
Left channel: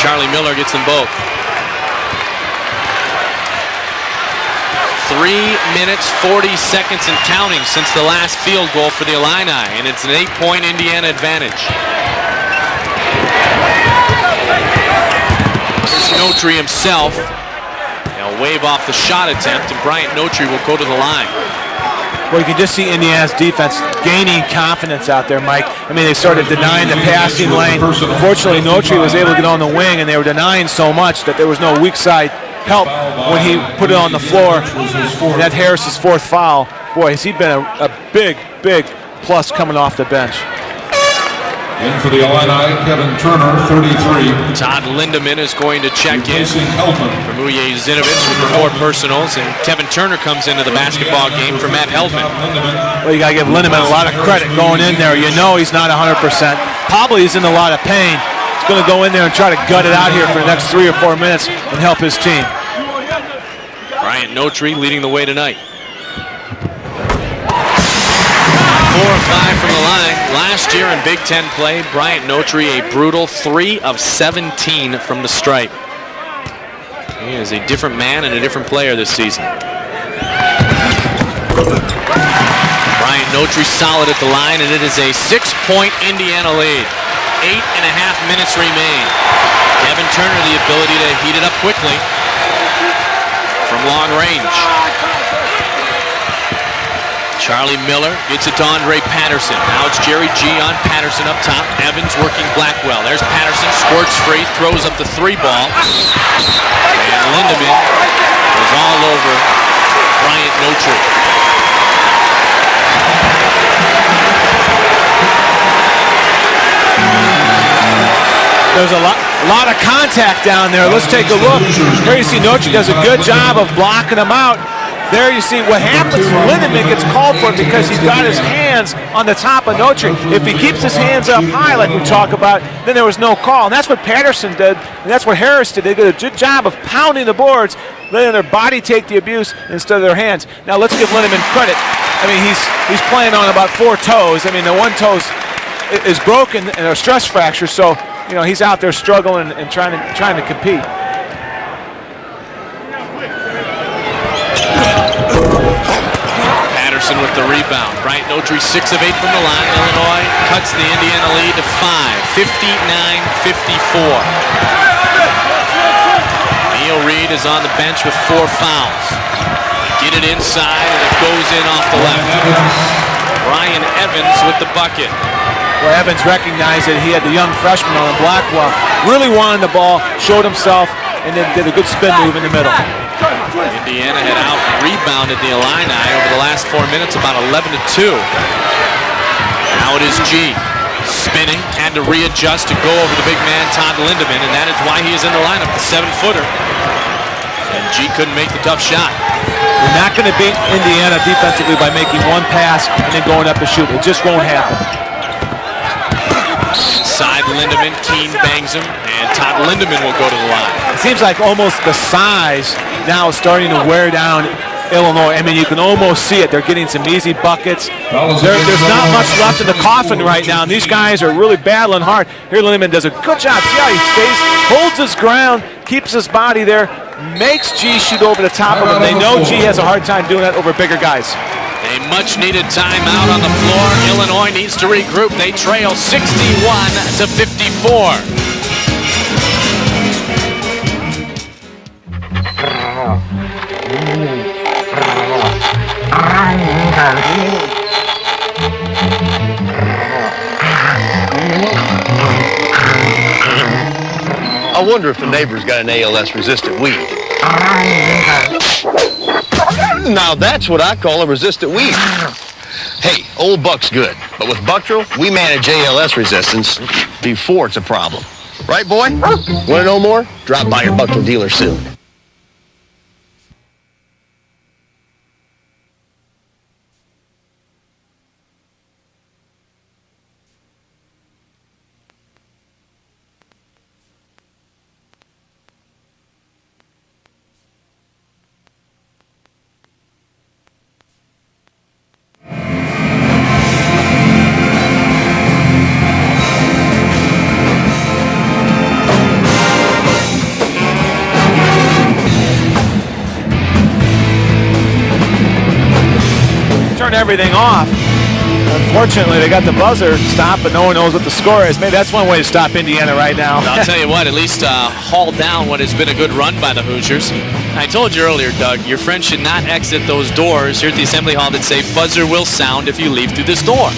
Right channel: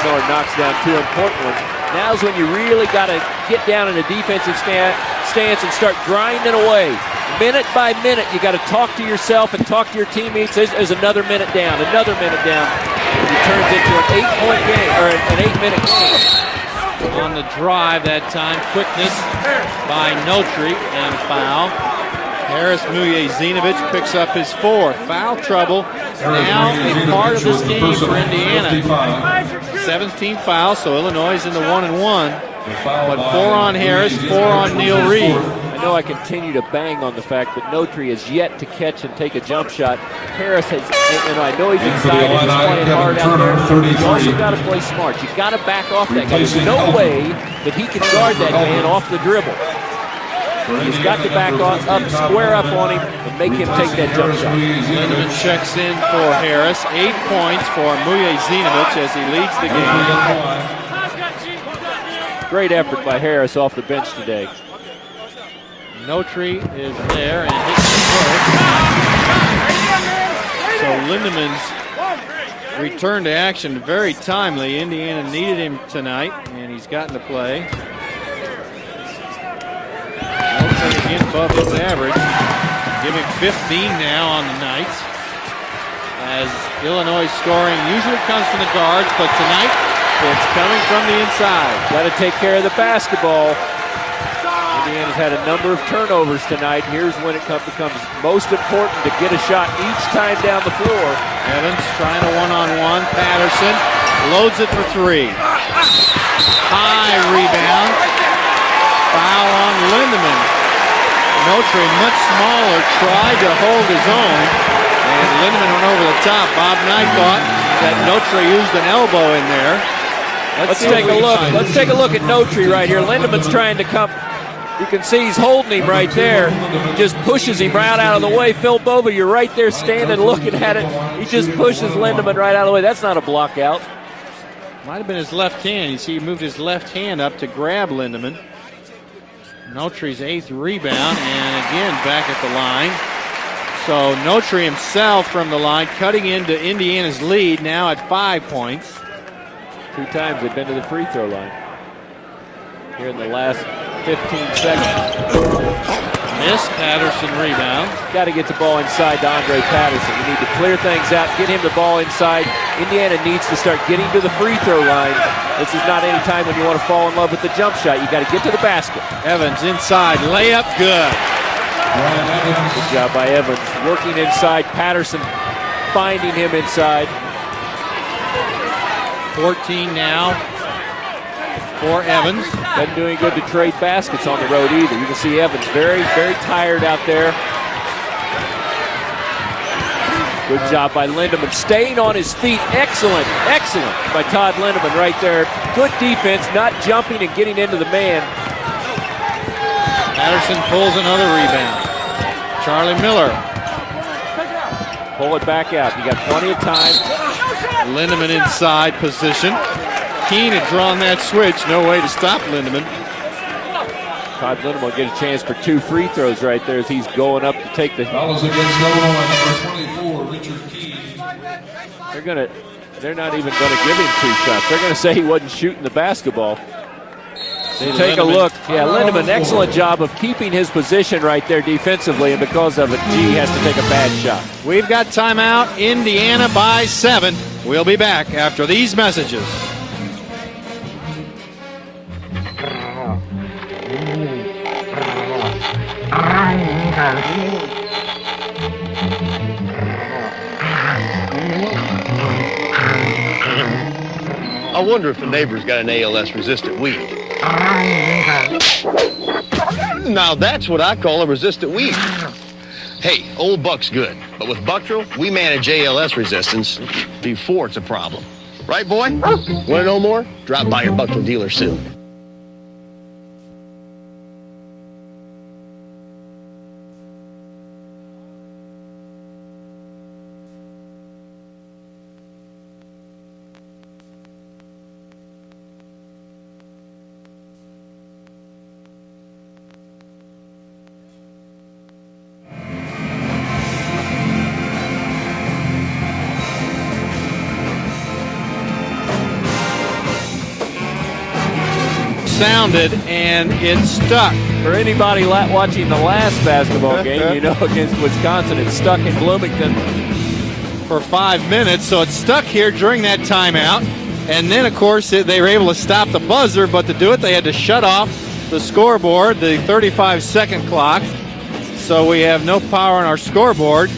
Charlie Miller gets them both. Now's when you really got to get down in the defensive stance. 3 minutes, 40 seconds and counting since the last field goal for the Illini, and it's an 8-point Indiana advantage. Notri himself will wave off the shot attempt, and Brian Notri will go to the line. Well, you can just see Indiana's defense gaining confidence out there, Mike. I mean, they started denying the passing lane. Unfortunately, Notri was able to get on the wing, and they were denying so much that there was no weak side help when he put it on the floor. That Harris's fourth foul. Boy, has he been a big plus coming off the bench. And for the Illini, Kevin Turner, 33. Todd Lindemann is going to check in. Uye Zinovich for more personals, and Kevin Turner comes into the basketball game for Matt Helton. Well, you got to give Lindemann a lot of credit going in there. You know he's not 100%. Probably he's in a lot of pain. He's going to go in there and try to gut it out here for the next 3 or 4 minutes and help his team. Great effort by Harris off the bench. Brian Notri leading the way tonight. Notri is there. 4 or 5 from the line. Last year in Big Ten play, Brian Notri a brutal 3 of 17 from the stripe. is a different man and a different player this season. Ryan Notary solid at the line, and it is a 6-point Indiana lead. 8.5 minutes remain. Haven't turned the ability to heat it up quickly. Take care of the basketball from long range. Charlie Miller hits it to Andre Patterson. Now it's Jerry G on Patterson up top. Evans working Blackwell. There's Patterson, scored straight, throws up the 3 ball. Lindemann is all over Ryan Notary. There's a lot of contact down there. Let's take a look. Tracy Notary does a good job of blocking him out. There you see what happens when Lindemann gets called for because he's got his hands on the top of Notary. If he keeps his hands up high like we talk about, then there was no call. And that's what Patterson did, and that's what Harris did. They did a good job of pounding the boards, letting their body take the abuse instead of their hands. Now let's give Lindemann credit. I mean, he's playing on about 4 toes. I mean, the one toe is broken in a stress fracture, so he's out there struggling and trying to compete. Patterson with the rebound. Ryan Notary 6 of 8 from the line. Illinois cuts the Indiana lead to 5, 59-54. Neil Reed is on the bench with 4 fouls. Heated inside, goes in off the left. Ryan Evans with the bucket. Where Evans recognized that he had the young freshman on Blackwell. Really wanted the ball, showed himself, and then did a good spin move in the middle. Indiana had a rebound in the Illini over the last 4 minutes, about 11-2. Now it is G spinning, had to readjust and go over the big man, Todd Lindemann, and that is why he's in the lineup, the 7-footer. G couldn't make the tough shot. You're not going to beat Indiana defensively by making one pass and going up to shoot. It just won't happen. Pull it back out. Side Lindemann, Keene bangs it, and Todd Lindemann will go to the line. It seems like almost the size now is starting to wear down Illinois. I mean, you can almost see it. They're getting some easy buckets. There's not much left in the coffin right now. These guys are really battling hard. Here Lindemann does a good job. He stays, holds his ground, keeps his body there, makes G shoot over the top of him. They know G has a hard time doing that over bigger guys. Much needed timeout on the floor. Illinois needs to regroup. They trail 61-54. After these messages. I wonder if the neighbor's got an ALS-resistant weed. Now that's what I call a resistant weed. Hey, Old Buck's good, but with Bucktril, we manage ALS resistance before it's a problem. Right, boy? Want to know more? Drop by your Bucktril dealer soon. Fortunately, they got the buzzer stopped, but no one knows what the score is. Maybe that's one way to stop Indiana right now. I'll tell you what, at least hold down what has been a good run by the Hoosiers. I told you earlier, Doug, your friend should not exit those doors here at the Assembly Hall that say buzzer will sound if you leave through this door.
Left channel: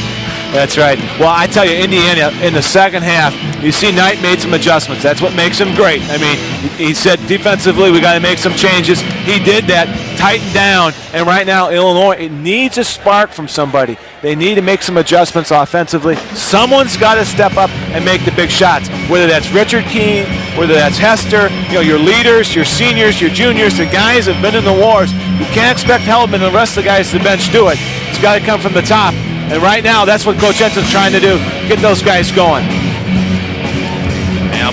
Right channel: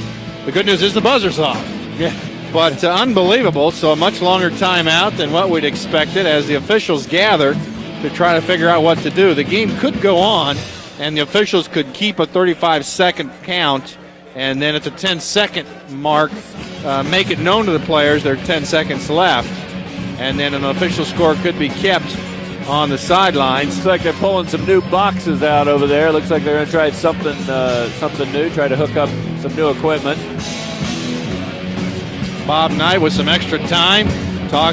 That's right. Well, I tell you, Indiana, in the second half, you see Knight made some adjustments. That's what makes him great. I mean, he said defensively, we got to make some changes. He did that, tightened down, and right now, Illinois needs a spark from somebody. They need to make some adjustments offensively. Someone's got to step up and make the big shots, whether that's Richard Keene, whether that's Hester, your leaders, your seniors, your juniors, the guys that have been in the wars. You can't expect help and the rest of the guys to the bench do it. It's got to come from the top. And right now, that's what Coach Enson's trying to do, get those guys going. Bob Knight with some extra time.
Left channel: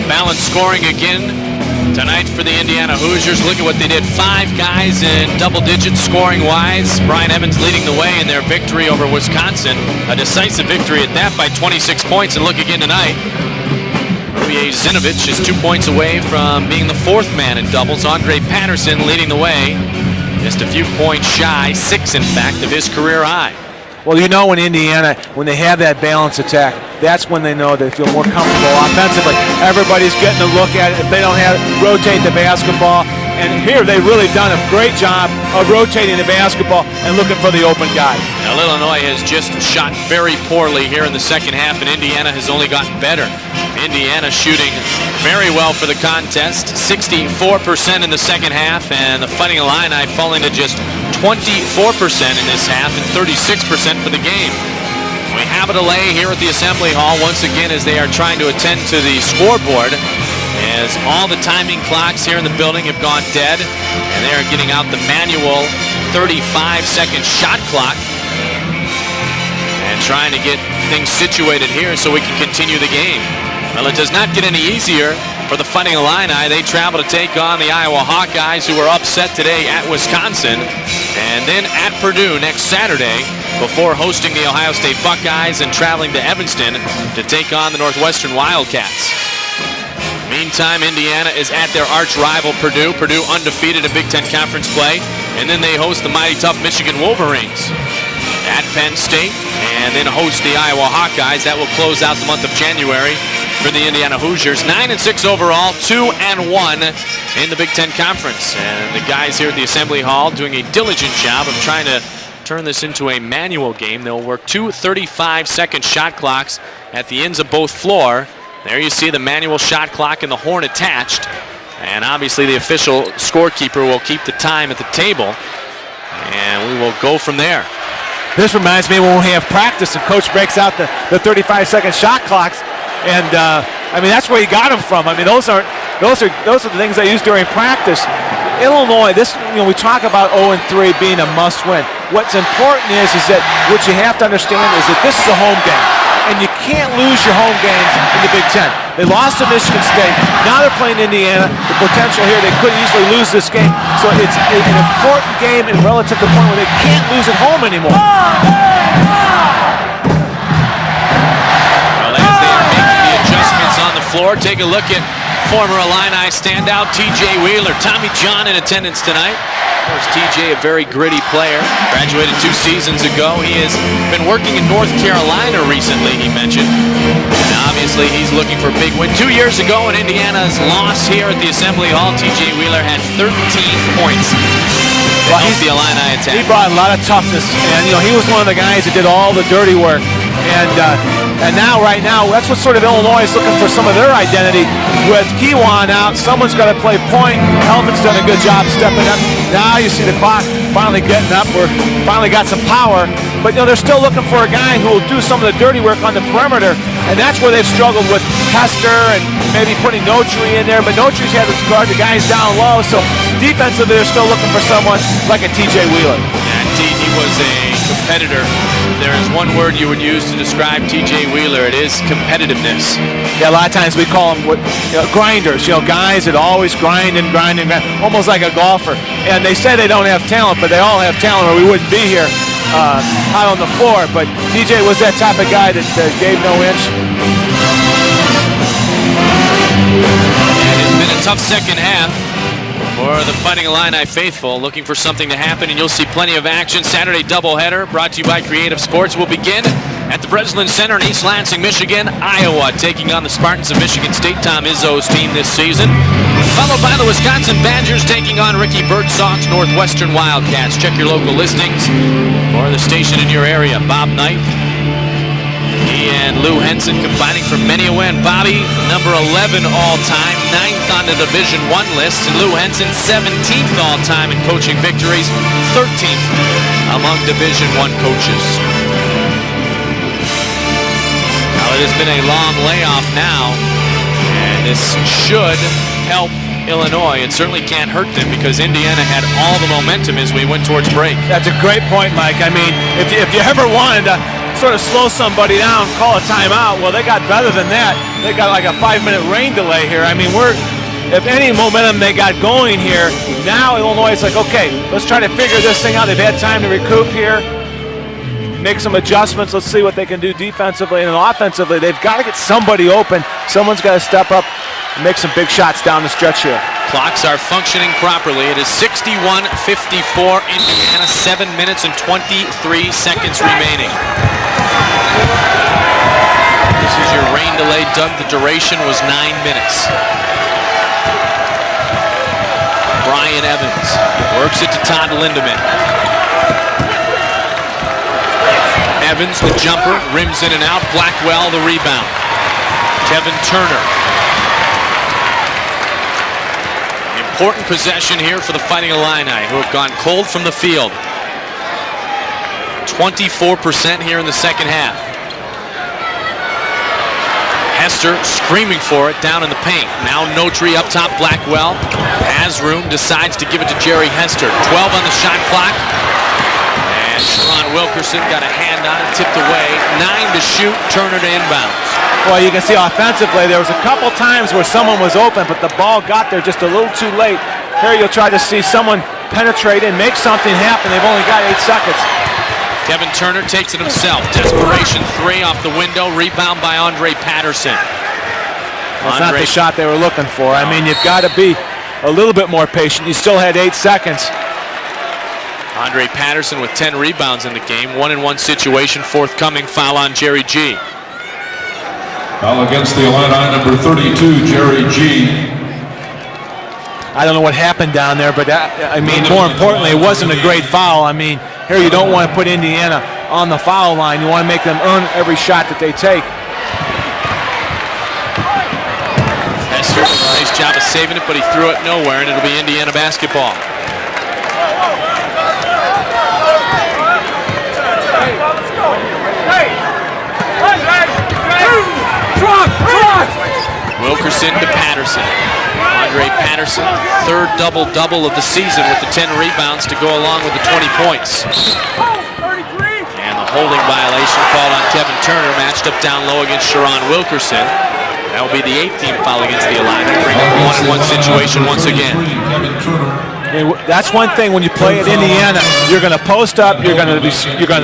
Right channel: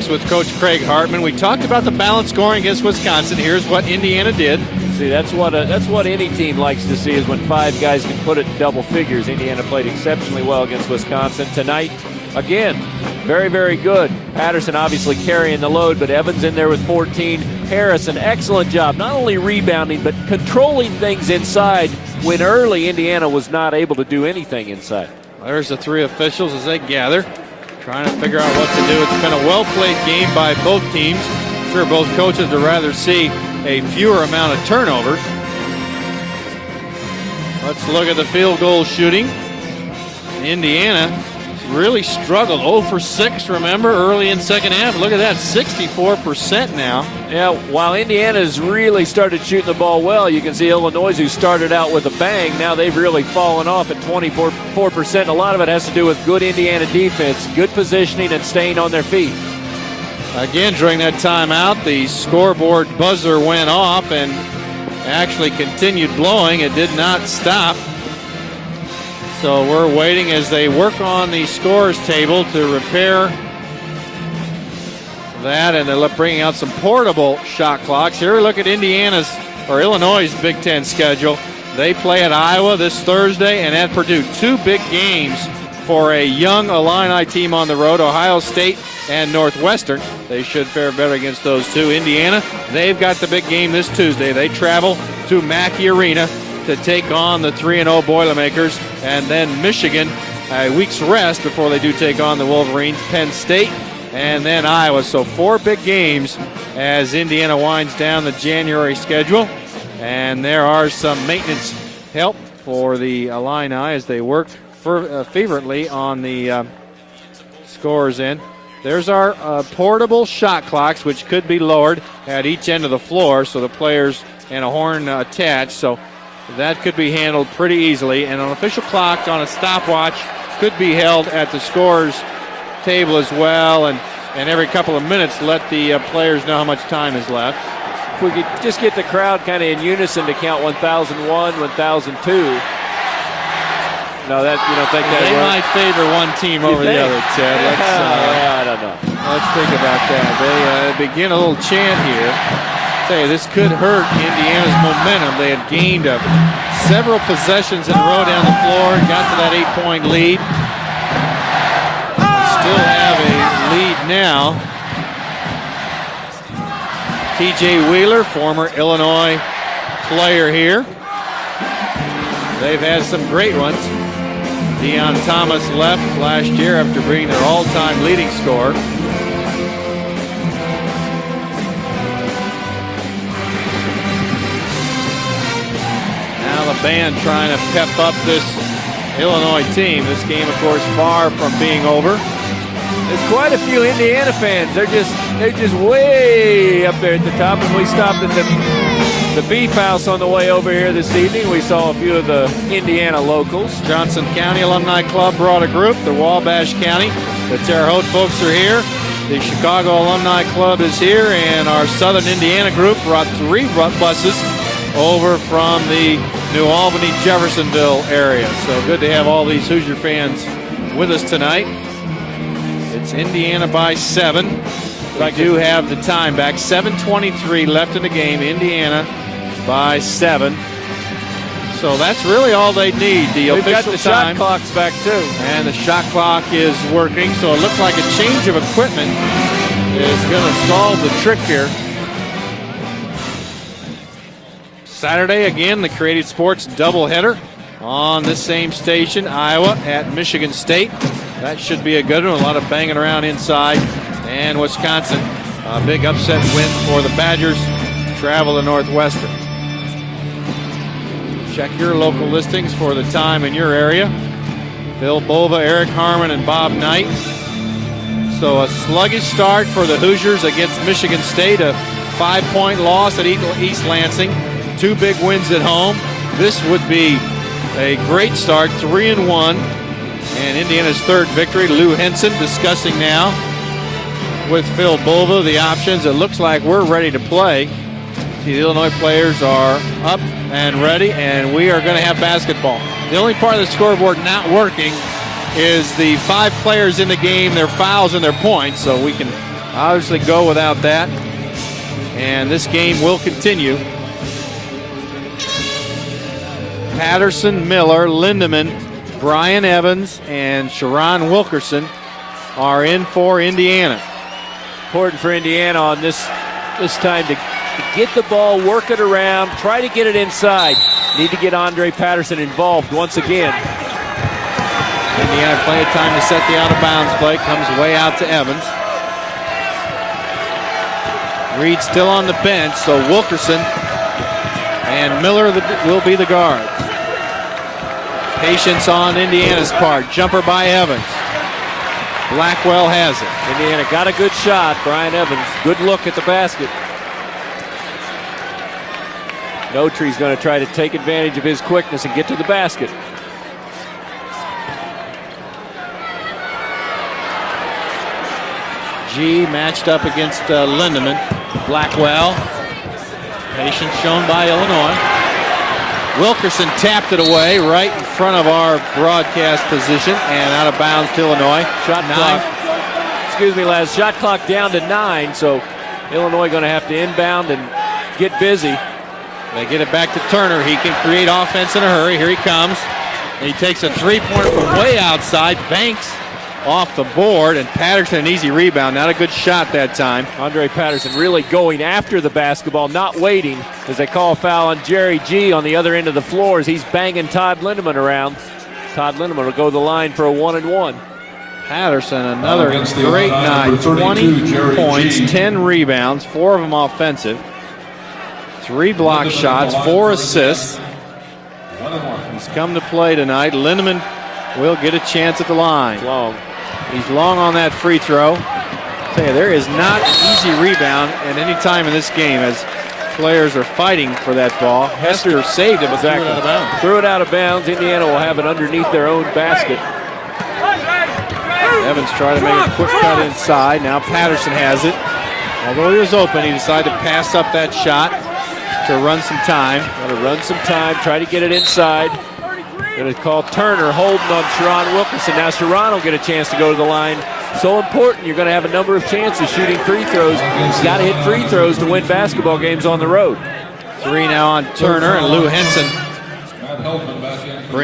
Balanced scoring again. We talked about the balanced scoring for the Indiana Hoosiers. Look at what they did. 5 guys in double digits scoring wise. Brian Evans leading the way in their victory over Wisconsin. A decisive victory at that by 26 points. And look again tonight. Very, very good. Zinovich is 2 points away from being the 4th man in doubles. Andre Patterson leading the way. Just a few points shy. 6 in fact of his career high. Well, you know, in Indiana, when they have that balanced attack, that's when they know they feel more comfortable offensively. Everybody's getting a look at it. They don't have to rotate the basketball. And here they've really done a great job of rotating the basketball and looking for the open guy. Illinois has just shot very poorly here in the second half, and Indiana has only gotten better. Indiana shooting very well for the contest, 64% in the second half, and the Fighting Illini fell into just 24% in this half and 36% for the game. We have a delay here at the Assembly Hall once again as they are trying to attend to the scoreboard. Again, during that all the timing clocks here in the building have gone dead, and they are getting out the manual 35-second shot clock. So we're trying to get things situated here so we can continue the game. Well, it does not get any easier for the Fighting Illini. They travel to take on the Iowa Hawkeyes, who were upset today at Wisconsin, and then at Purdue next Saturday before hosting the Ohio State Buckeyes and traveling to Evanston to take on the Northwestern Wildcats. And Northwestern. Meantime, Indiana is at their arch rival Purdue. Purdue undefeated in Big Ten Conference play, and then they host the mighty tough Michigan Wolverines. The 3-0 Boilermakers at Penn State, and then host the Iowa Hawkeyes. That will close out the month of January for the Indiana Hoosiers. 9-6 overall, 2-1 in the Big Ten Conference. The guys here at the Assembly Hall doing a diligent job of trying to turn this into a manual game. They'll work 2 35-second shot clocks at the ends of both floor. There you see the manual shot clock and the horn attached. Could be lowered. And obviously the official scorekeeper will keep the time at the table. And we will go from there. Pretty easily. This reminds me when we have practice and coach breaks out the 35-second shot clocks. And I mean, that's where he got them from. I mean, those are the things they use during practice. Illinois, we talk about 0-3 being a must-win. What's important is that what you have to understand is that this is a home game, and you can't lose your home game in the Big Ten. They lost to Michigan State. Now they're playing Indiana. Potential here, they could easily lose this game. So it's an important game and relative to the point where they can't lose at home anymore. 8-point lead. Take a look at former Illini standout T.J. Wheeler. Tommy John in attendance tonight. TJ, a very gritty player, graduated 2 seasons ago. He has been working in North Carolina recently, he mentioned. Obviously, he's looking for a big win. 2 years ago in Indiana's loss here at the Assembly Hall, T.J. Wheeler had 13 points. The Illini attack. He brought a lot of toughness, and he was one of the guys that did all the dirty work. And now, right now, that's what sort of Illinois is looking for, some of their identity. With Kiwan out, someone's going to play point. Helmut's done a good job stepping up. Now you see the finally getting up, finally got some power. But they're still looking for a guy who will do some of the dirty work on the perimeter, and that's where they've struggled with Hester and maybe putting Notri in there. But Notri's having to guard the guys down low, so defensively they're still looking for someone like a T.J. Wheeler. Competitor. There is one word you would use to describe T.J. Wheeler. It is competitiveness. Yeah, a lot of times we call them grinders. Guys that always grinding, almost like a golfer. And they say they don't have talent, but they all have talent, or we wouldn't be here. Really, all they need. Out on the floor. But T.J. was that type of guy that gave no inch. It's been a tough second half for the Fighting Illini faithful, looking for something to happen. You'll see plenty of action. Saturday doubleheader brought to you by Creative Sports will begin at Breslin Center in East Lansing, Michigan. Iowa taking on the Spartans of Michigan State. Tom Izzo's team this season. Followed by the Wisconsin Badgers taking on Ricky Birdsong's Northwestern Wildcats. Check your local listings for the station in your area. Bob Knight, Bill Bova, Eric and Lou Henson combining for many a win. Bobby, number 11 all-time, 9th on the Division I list. Lou Henson, 17th all-time in coaching victories, 13th among Division I coaches. Great start, 3-1, and Indiana's third victory. It's been a long playoff now. And this should the options. It looks like we're Illinois. ready It to certainly play. can't hurt them because Indiana had all the momentum as we went towards break. That's a great point, Mike. I mean, if you ever wanted to sort of slow somebody down, call a timeout. Well, they got better than that. They got like a 5-minute rain delay here. I mean, if any momentum they got going here, now Illinois is like, okay, let's try to figure this thing out. They've had time to recoup Patterson, Miller, Lindemann, make some adjustments. Let's see what they can do defensively and offensively. They've got to get somebody open. Someone's got to step up, make some big shots down the stretch here. Clocks are functioning properly. It is 61-54. Indiana, 7 minutes and 23 seconds remaining. Rain delay done. The duration was 9 minutes. Reed still on the bench, so Wilkerson works it to time. Miller will be the guard. Patience on Indiana. Jumper by Evans. Blackwell the rebound. Blackwell has Kevin Turner. Got a good shot. Brian Evans. Good look at the basket. Important possession here for the Fighting Illini, who have gone cold from the field. Take advantage of his quickness and get to the basket. 24% here in the second half. Hester screaming for it down in the paint. Now Notary up top. Blackwell has room, decides to give it to Jerry Hester. 12 on the shot clock. Wilkerson tapped it away right in front of our broadcast position. 9 to shoot. Turner inbound. Well, you can see offensively, there was a couple times where someone was open, but the ball got there just a little too late. Here you'll try to see someone penetrate and make something happen. They've only got 8 seconds. Here he comes. Kevin Turner takes it himself. Desperation three off the window. Rebound by Andre Patterson. Patterson, easy rebound. That's not the shot they were looking for. I mean, you've got to be a little bit more patient. You still had 8 seconds. Call foul on Jerry G on the other end of the Patterson floor. with 10 rebounds in the game. 1-1 situation. Forthcoming foul on Jerry G. Patterson. Against the Illini, number 32, Jerry G. 10 rebounds, 4 of them offensive. I don't know what happened down there, but that, I mean, more importantly, it wasn't a great foul. I mean, here you don't want to put Indiana on the foul line. You want to make them earn every shot that they take. He's long on that free throw. There is saving it, but he threw it nowhere. It'll be Indiana basketball. Players are fighting for that ball. Hester saved it. Threw it out of bounds. Indiana will have it underneath their own basket. Inside now. Wilkerson and Patterson. Third double-double of the season with 10 rebounds to go along with the 20 points. Get it inside. Holding violation call on Kevin Turner, matched up down low against Sherron Wilkerson. That'll be the 18th foul against the Illini. 1-1 situation once again. That's one thing when you play Indiana. You're going to post up. You're going to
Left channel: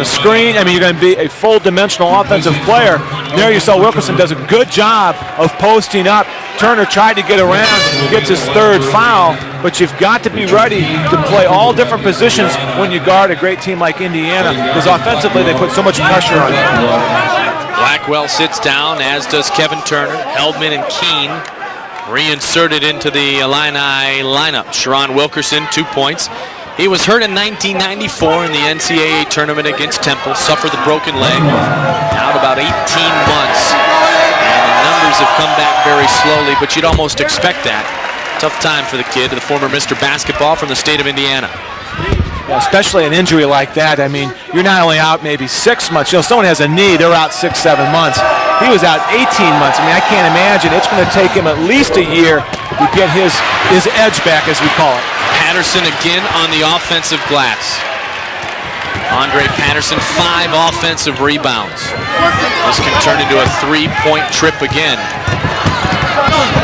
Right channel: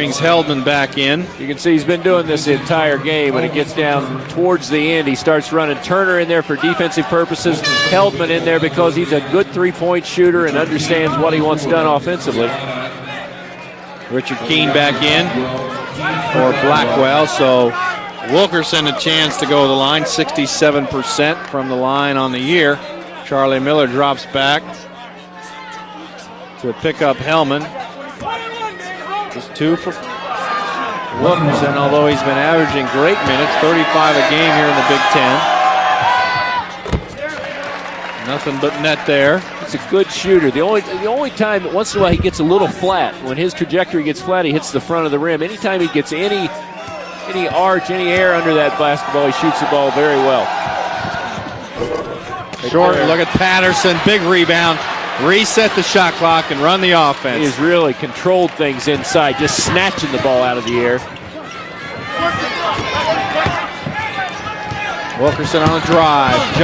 screen. I mean, you're going to be a full-dimensional offensive player. There you saw Wilkerson does a good job of posting up. Turner tried to get around, gets his 3rd foul, but you've got to be ready to play all different positions when you guard a great team like Indiana, because offensively they put so much pressure on you. Blackwell sits down, as does Kevin Turner. 67% from the line. Reinserted into the Illini lineup. Sherron Wilkerson, 2 points. He was hurt in 1994 in the NCAA tournament against Temple, suffered the broken leg. About 18 months. He's come back very slowly, but you'd almost expect that. Tough time for the kid, the former Mr. Basketball for the state of Indiana. Especially an injury like that. I mean, you're not only out maybe 6 months. You know, someone has a knee, they're out 6-7 months. He was out 18 months. I mean, I can't imagine. It's going to take him at least a year to get his edge back, as we call it. Patterson again on the offensive glass. Really controlled things inside. Andre Patterson, 5 offensive rebounds. This can turn into a 3-point trip again.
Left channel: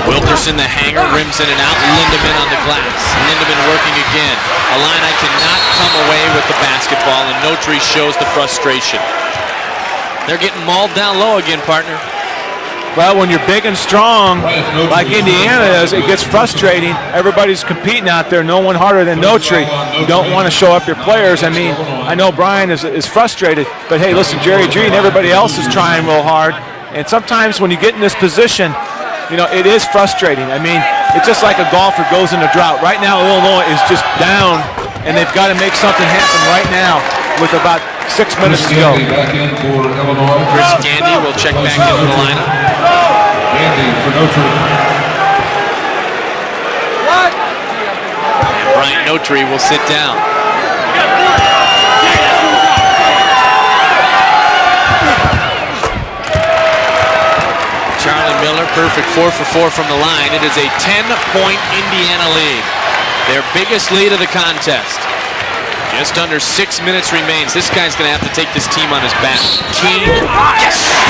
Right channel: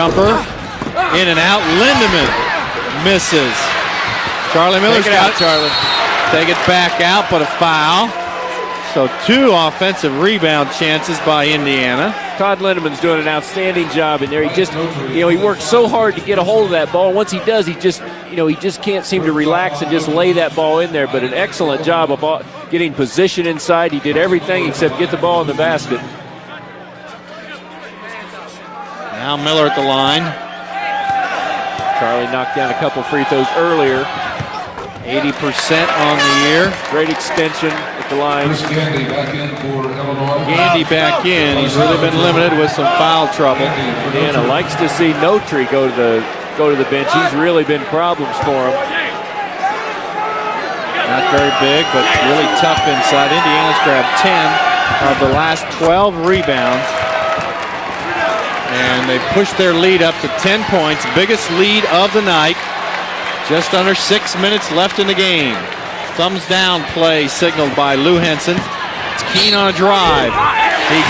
Wilkerson, the hanger, brings it out. Missing. Working again. Will come away with the basketball, and Notary shows the frustration. So 2 offensive rebound chances by Indiana. Well, when you're big and strong, like Indiana is, it gets frustrating. Everybody's competing out there, no one harder than Notary. You don't want to show up your players. I mean, I know Brian is frustrated, but hey, listen, Jerry G and everybody else is trying real hard. And sometimes when you get in this position, you know, it is frustrating. I mean, it's just like a golfer goes in a drop. Right now, Illinois is just down, and they've got to make something happen right now with about 6 minutes to go. Back in for Illinois. Andy for Notre Dame. Nice to see Notary go to the bench. He's really been problems for him. Ryan Notary will sit down. Really tough inside. Indiana's got 10 of the last 12 rebounds. Charlie Miller, perfect 4 for 4 from the line. It is a 10-point lead of the night. Their biggest lead of the contest. Less in the game. Just under 6 minutes remains. This guy's going to have to take this team on his back. Keene on a drive.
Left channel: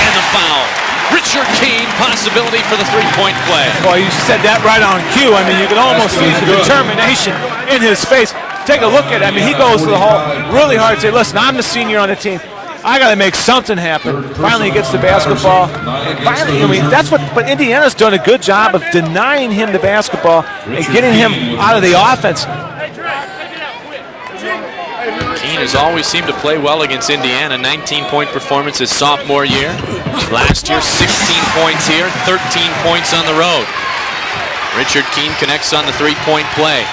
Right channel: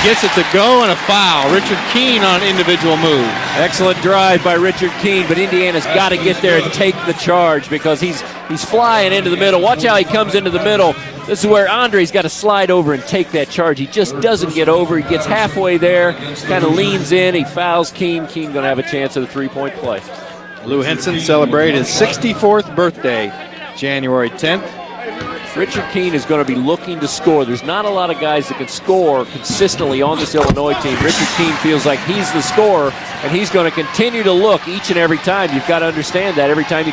Just at the go and a foul. Richard Keene on individual point play. Well, you said that right on cue. I mean, you can almost see the determination in his face. Take a look at it. I mean, he goes really hard to say, listen, I'm the senior on the team. I got to make something happen. Finally gets the basketball. Finally, I mean, that's what Indiana's done a good job of denying him the basketball and getting him out of the offense. 64th birthday, January 10th. Keene has always seemed to play well against Indiana. 19-point performance his sophomore year. Last year, 16 points here, 13 points on the road. Richard Keene connects on the three-point play.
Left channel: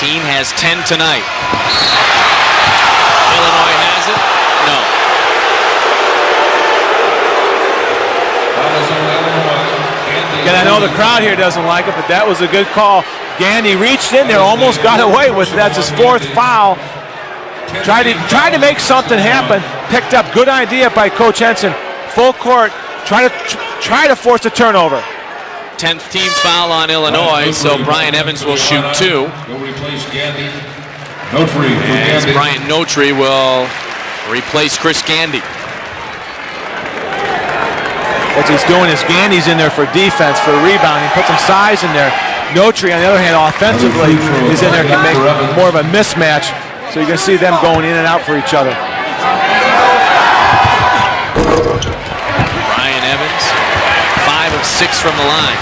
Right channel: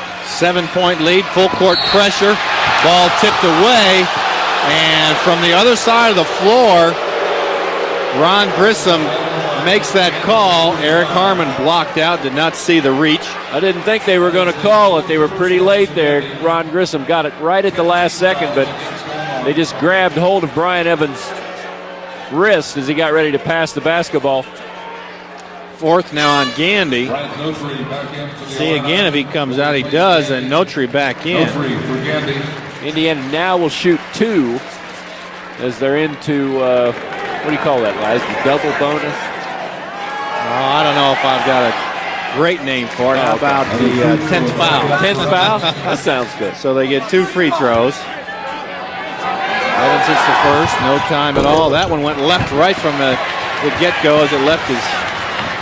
Keene has 10 tonight. Full court pressure. Ball tipped away. And from the other side of the floor, Ron Grissom makes that call. Yeah, I know the crowd here doesn't like it, but that was a good call. Gandy reached in there, almost got away with it. That's his 4th foul. Grissom got it right at the Tried to make something happen. Picked up. Good idea by Coach Henson. Full court. Try to force a turnover. 10th team foul on Illinois, so Brian Evans will shoot 2. He comes out, he does, and Notary back in. As Brian Notary will replace Chris Gandy. As they're into, what do you call that? What he's doing is Gandy's in there for defense, for rebounding, put some size in there. Notary, on the other hand, offensively, is in there to make more of a mismatch. So you can see them going in and out for each other. That one went left, right from Evans. The get-go is a left 6 from the line.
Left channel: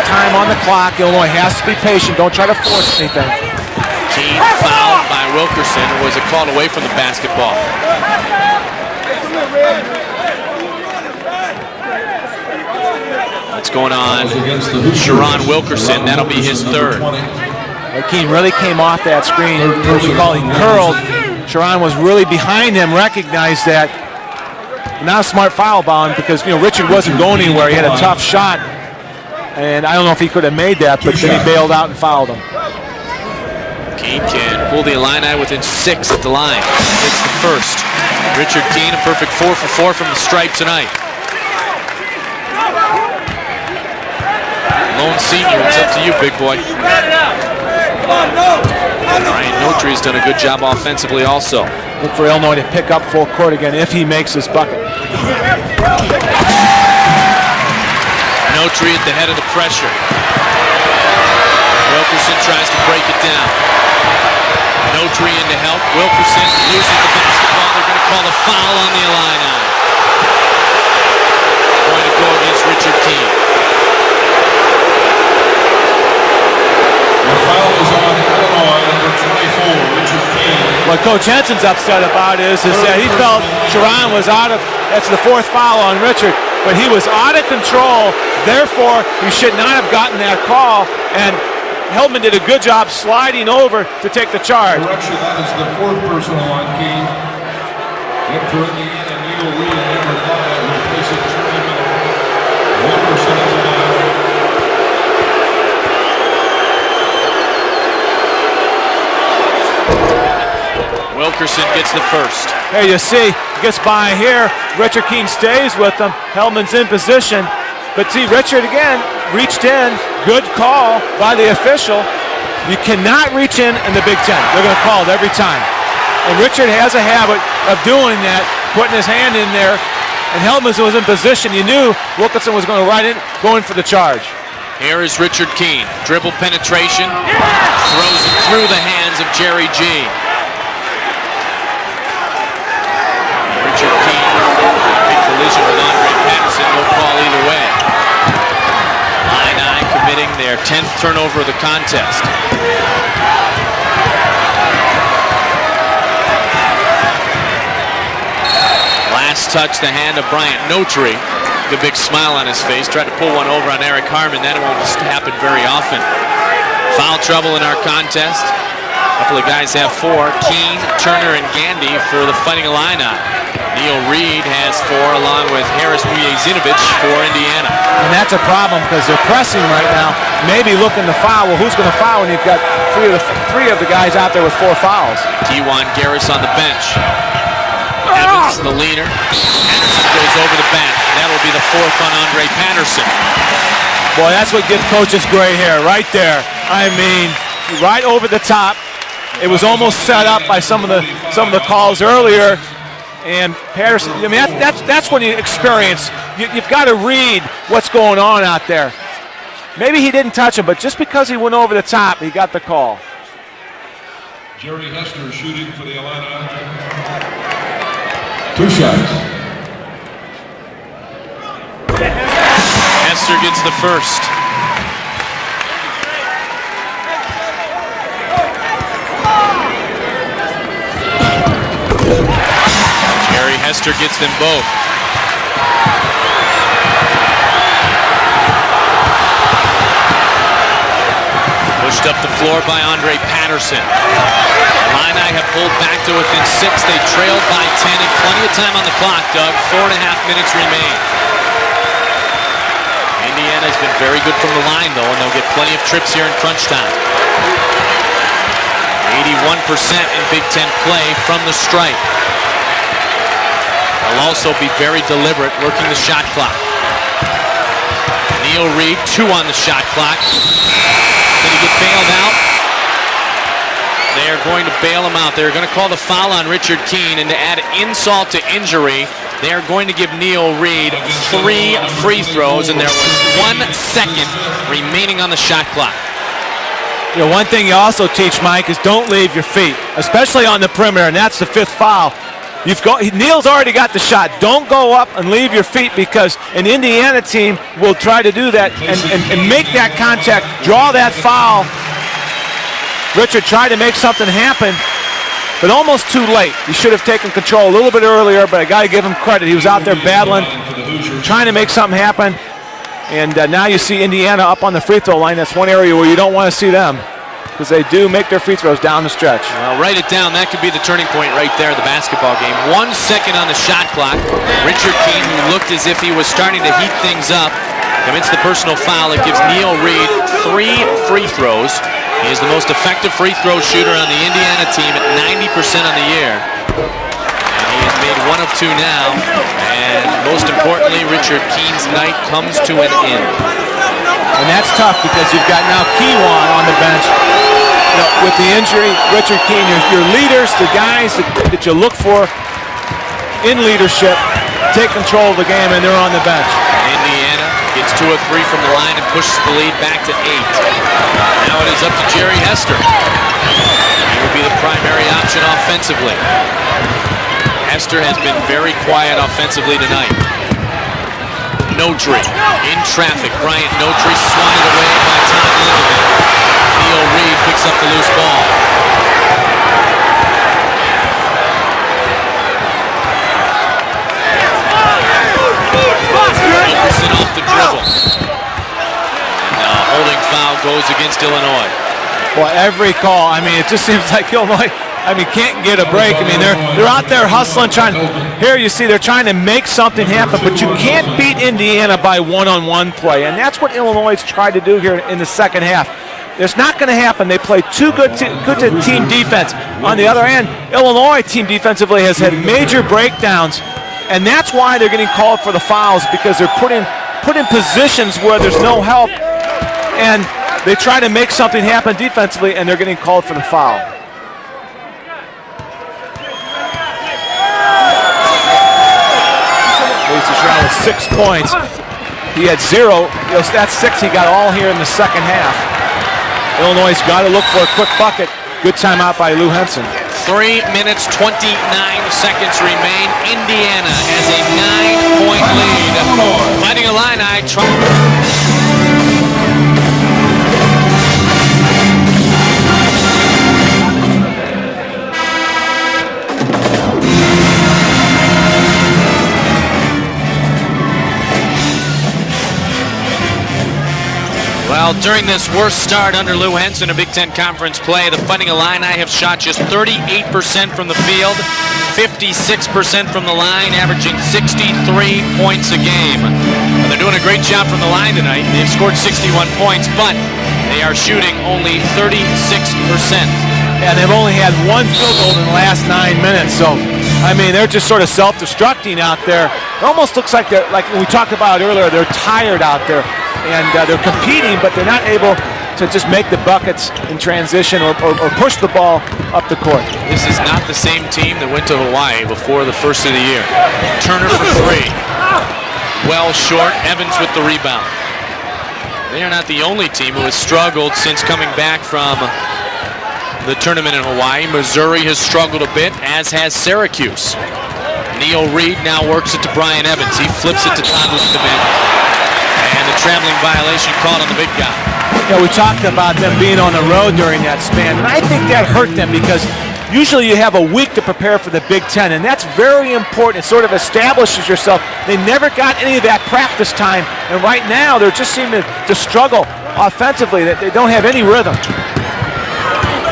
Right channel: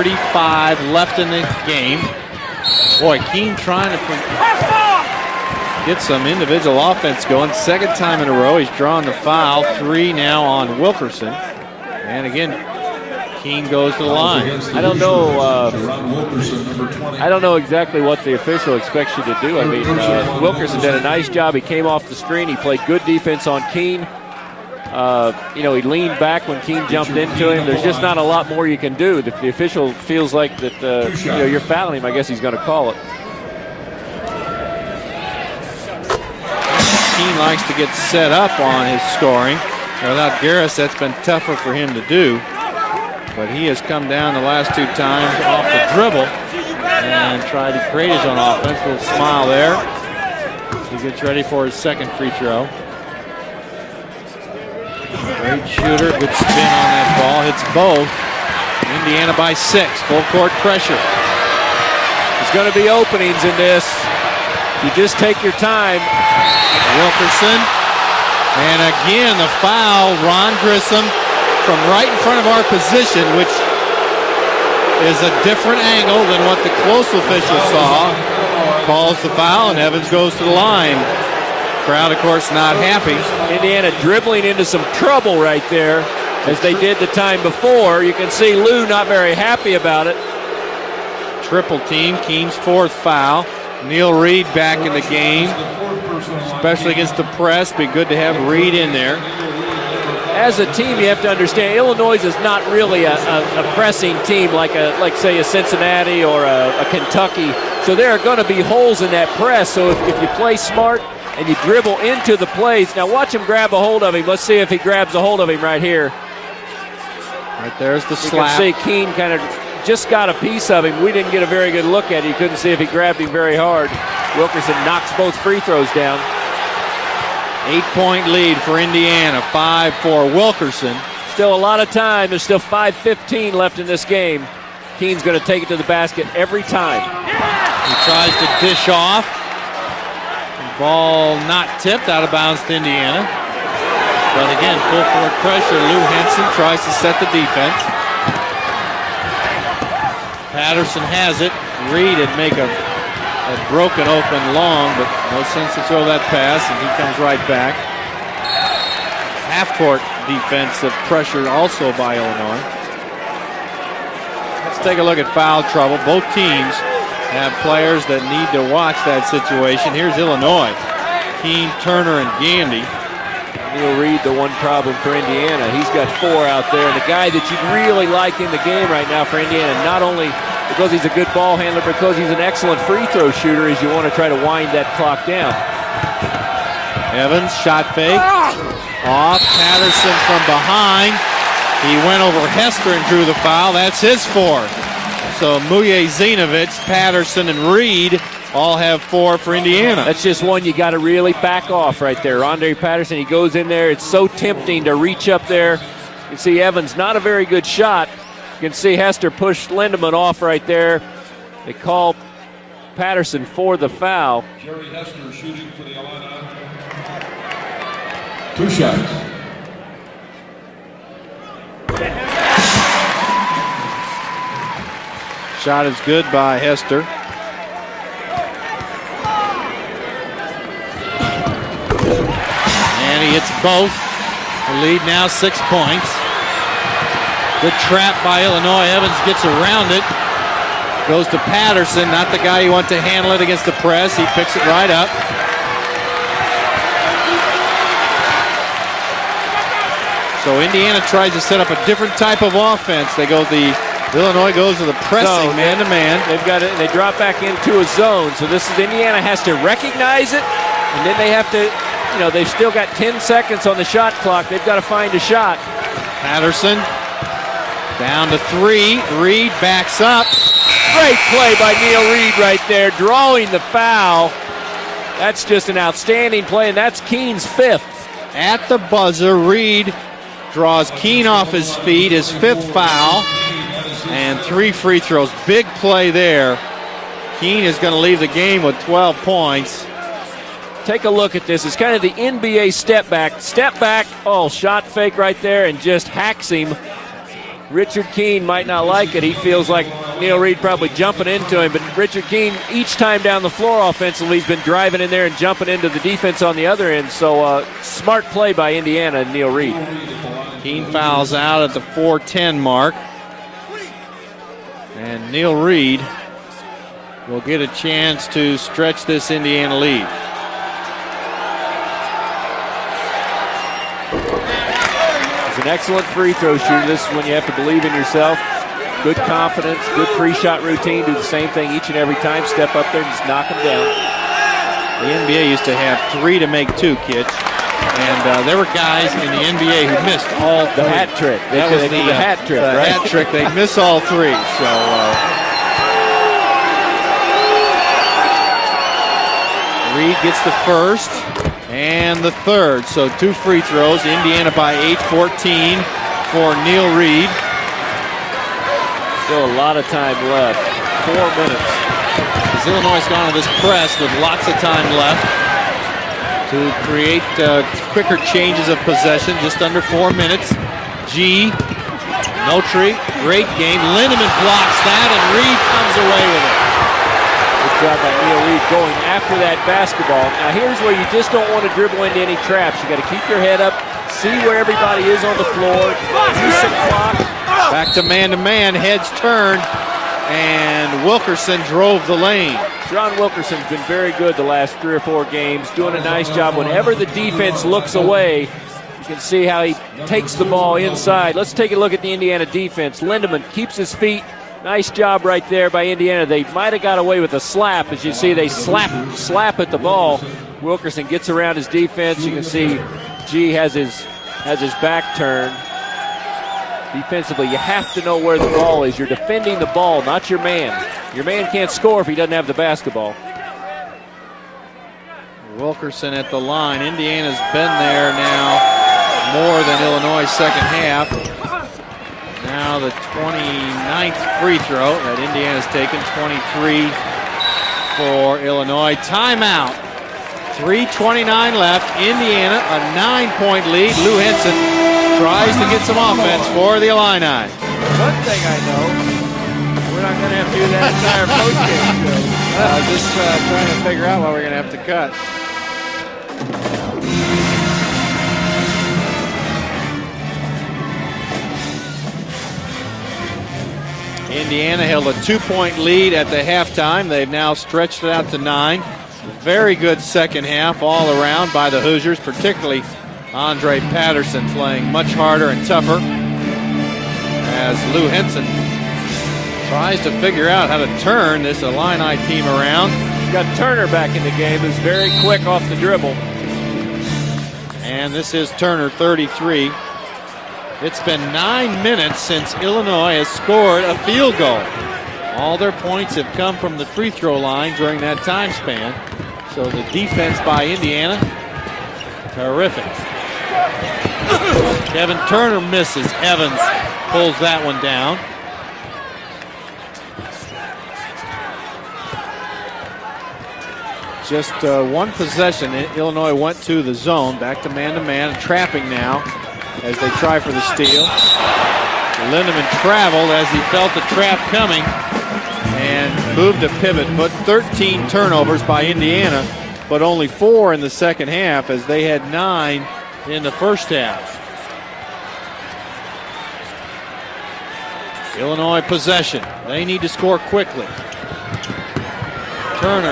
Time on the clock. Illinois has to be patient. Don't try to force it. Keene fouled by Wilkerson. It was a call away from the basketball. Second time in a row, he's drawn the foul. 3 now on Wilkerson. And again, Keene's going on. Sherron Wilkerson, that'll be his 3rd. I don't know exactly what Keene really came off that screen. Curl. Sherron was really behind him, recognized that. Not a smart foul by him because, you know, Richard wasn't going anywhere. He had a tough shot. And I don't know if he could have made that, but he bailed out and fouled him. Keene can pull the Illini within 6 at the line. First. Richard Keene, a perfect 4 for 4 from the stripe tonight. It's been tougher for him to do. But he has come down the last 2 times. It's up to you, big boy. Notary's done a good job offensively also. And for Illinois to pick up full court again if he makes his bucket. Notary at the head of the pressure. 6. Full court pressure. Wilkerson tries to break it down. You just take your time. Wilkerson. And again, the foul. Ron Grissom from right in front of our position, which is a different angle than what the closer The foul is on Illinois. What Coach Henson's upset about is that he felt Sherron was out of that's the 4th foul on Richard, but he was out of control. Therefore, he should not have gotten that call. And Hellman did a good job sliding over to take the charge. Especially against the press, be good to have a Reed in there. As a team, you have to understand, Illinois is not really a pressing team like, let's say, a Cincinnati or a Kentucky. So there are going to be holes in that press. So if you play smart, Wilkerson gets the first. Hey, you see, gets by here. Richard Keene stays with him. Hellman's in position. But see, Richard again reached in. Good call by the official. You cannot reach in the Big Ten. They're going to call it every time. And Richard has a habit of doing that, putting his hand in there. Hellman was in position. You knew Wilkerson was going to ride it, going for the charge. Here is Richard Keene. Dribble penetration. Throws it through the hands of Jerry G. Ball not tipped out of bounds to Indiana. Richard Keene committing their 10th turnover of the contest. Broken open long, but seems to throw that pass and it comes right back. Last touch the hand of Brian Notary. The big smile on his face. Tried to pull one over on Eric Harmon. That wasn't happen very often. Both teams. Foul trouble in our contest. So the guys have 4. Keene, Turner, and Gandy for the fighting lineup. Neil Reed has 4 along with Harris Zinovich for Indiana. And that's a problem because because they're pressing right now. Maybe looking to foul. Well, who's going to foul? You've got three of the guys out there with 4 fouls. T1 Garris on the bench. Evans, shot fake. The leader. Patterson is over the line. That will be the 4th. He went over Patterson through the foul. That's his Boy, that's what gives coaches gray hair right there. I mean, right over the top. Have 4. It was almost set up by some of the calls earlier. Patterson, he and goes in there. I mean, that's when you experience. You've got to read what's going on out there. See Hester push. Maybe he didn't touch it, but just because he went over the top, he got the call. Patterson for the foul. Jerry Hester shooting for the Illini. 2 shots. Hester gets the first. Shot is good by Hester. Hester gets them both. The lead now 6 points. Good trap by Illinois. Evans gets around it. Goes to Patterson. Not the guy who went to handle it against the press. He picks it right up. Illini have pulled back to within 6. They trailed by 10. And plenty of time on the clock, Doug. 4.5 minutes So remaining. Indiana tries to set up a different type of offense. They go the very good from the line, though. They drop back to the 2 showing. So this is Indiana. 81% Big Ten play from the stripe. You know, they still got 10 seconds on the shot clock. Will also be very deliberate working the shot clock. Down to Neil Reed, 2 on the shot clock. Great play by Neil Reed right there, drawing the foul. They are going to bail him out. They're going to call the foul on Richard Keene, and to add insult to injury, they're going to give Neil Reed 3 free throws, and there's 1 second remaining on the shot clock. Play there. You know, one thing you also teach, Mike, is don't leave your feet, especially on the perimeter, and that's the 5th foul. Neil's already got the shot. Don't go up and leave your feet, because an Indiana team will try to do that and make that contact, draw that foul. Richard trying to make something happen, but almost too late. He should have taken control a little bit earlier, but I got to give him credit. He was out there battling, trying to make something happen. And now you see Indiana up on the free throw line. That's one area where you don't want to see them, because they do make their free throws down the stretch. Write it down. That could be the turning point right there, the basketball game. 1 second on the shot clock. Richard Keene looked as if he was starting to heat things up. Commits the personal foul. It gives Neil Reed 3 free throws. He is the most effective free throw shooter on the Indiana team at 90% of the year. 3 to make 2, kid. 1 of 2 now. Most importantly, Richard Keene's night comes to an end. And that's tough, because you've got now Keewan on the bench. With the injury, Richard Keene, your leaders, the guys that you look for in leadership, take control of the game, and they're on the bench. Neil Reed gets 2 of 3 from the line and pushes the lead back to 8. Now it is up to Jerry Hester. Will be the primary option offensively. Hester has been very quiet offensively tonight. No trip. In traffic, Ryan. No trip. Neil Reed picks up the loose ball. Here's where you just don't want to dribble into any traps. You got to keep your head up, see where everybody is. Back to man-to-man, heads turn. Holding foul goes against Illinois. Rolls the lane. Well, every call, I mean, it just seems like Illinois, can't get a break. I mean, they're out there hustling, trying to, here you see they're trying to make something happen, but you can't beat Indiana by one-on-one play, and that's what Illinois tried to do here in the second half. It's not going to happen. They play too good team defense. On the other hand, Illinois team defensively has had major breakdowns, and that's why they're getting called for the fouls, because they're put in positions where there's no help, and they try to make something happen defensively, and they're getting called for the foul. Wilkerson at the line. Indiana's been there. 6 points. He had 0. That's 6 he got all here in the second half. Illinois has got to look for a quick bucket. Good timeout by Lou Henson. 3 minutes, 29 seconds remain. Indiana is a 9-point lead. Illini during this worst start under Lou Henson in Big Ten Conference play, the Fighting Illini have shot just 38% from the field, 56% from the line, averaging 63 points a game. They're doing doing a great job from the line tonight. They've scored 61 points, but they are shooting only 36%. Yeah, they've only had one field goal in the last 9 minutes, so I mean they're just sort of self-destructing out there. It almost looks like they're like we talked about earlier. They're tired out there, and they're competing, but they're not able to just make the buckets in transition or push the ball up the court. This is not the same team that went to Hawaii before the first of the year. Turner for 3. Turner misses. Well short. Evans with the rebound. They are not the only team who has struggled since coming back from the tournament in Hawaii. Missouri has struggled a bit, as has Syracuse. Neil Reed now works it to Brian Evans. He flips it to Thomas. The traveling violation caused a big penalty. Yeah, we talked about them being on the road during that span. I think that hurt them because usually you have a week to prepare for the Big Ten, and that's very important. It sort of establishes yourself. They never got any of that practice time, and right now they're just seeming to struggle offensively. They don't have any rhythm.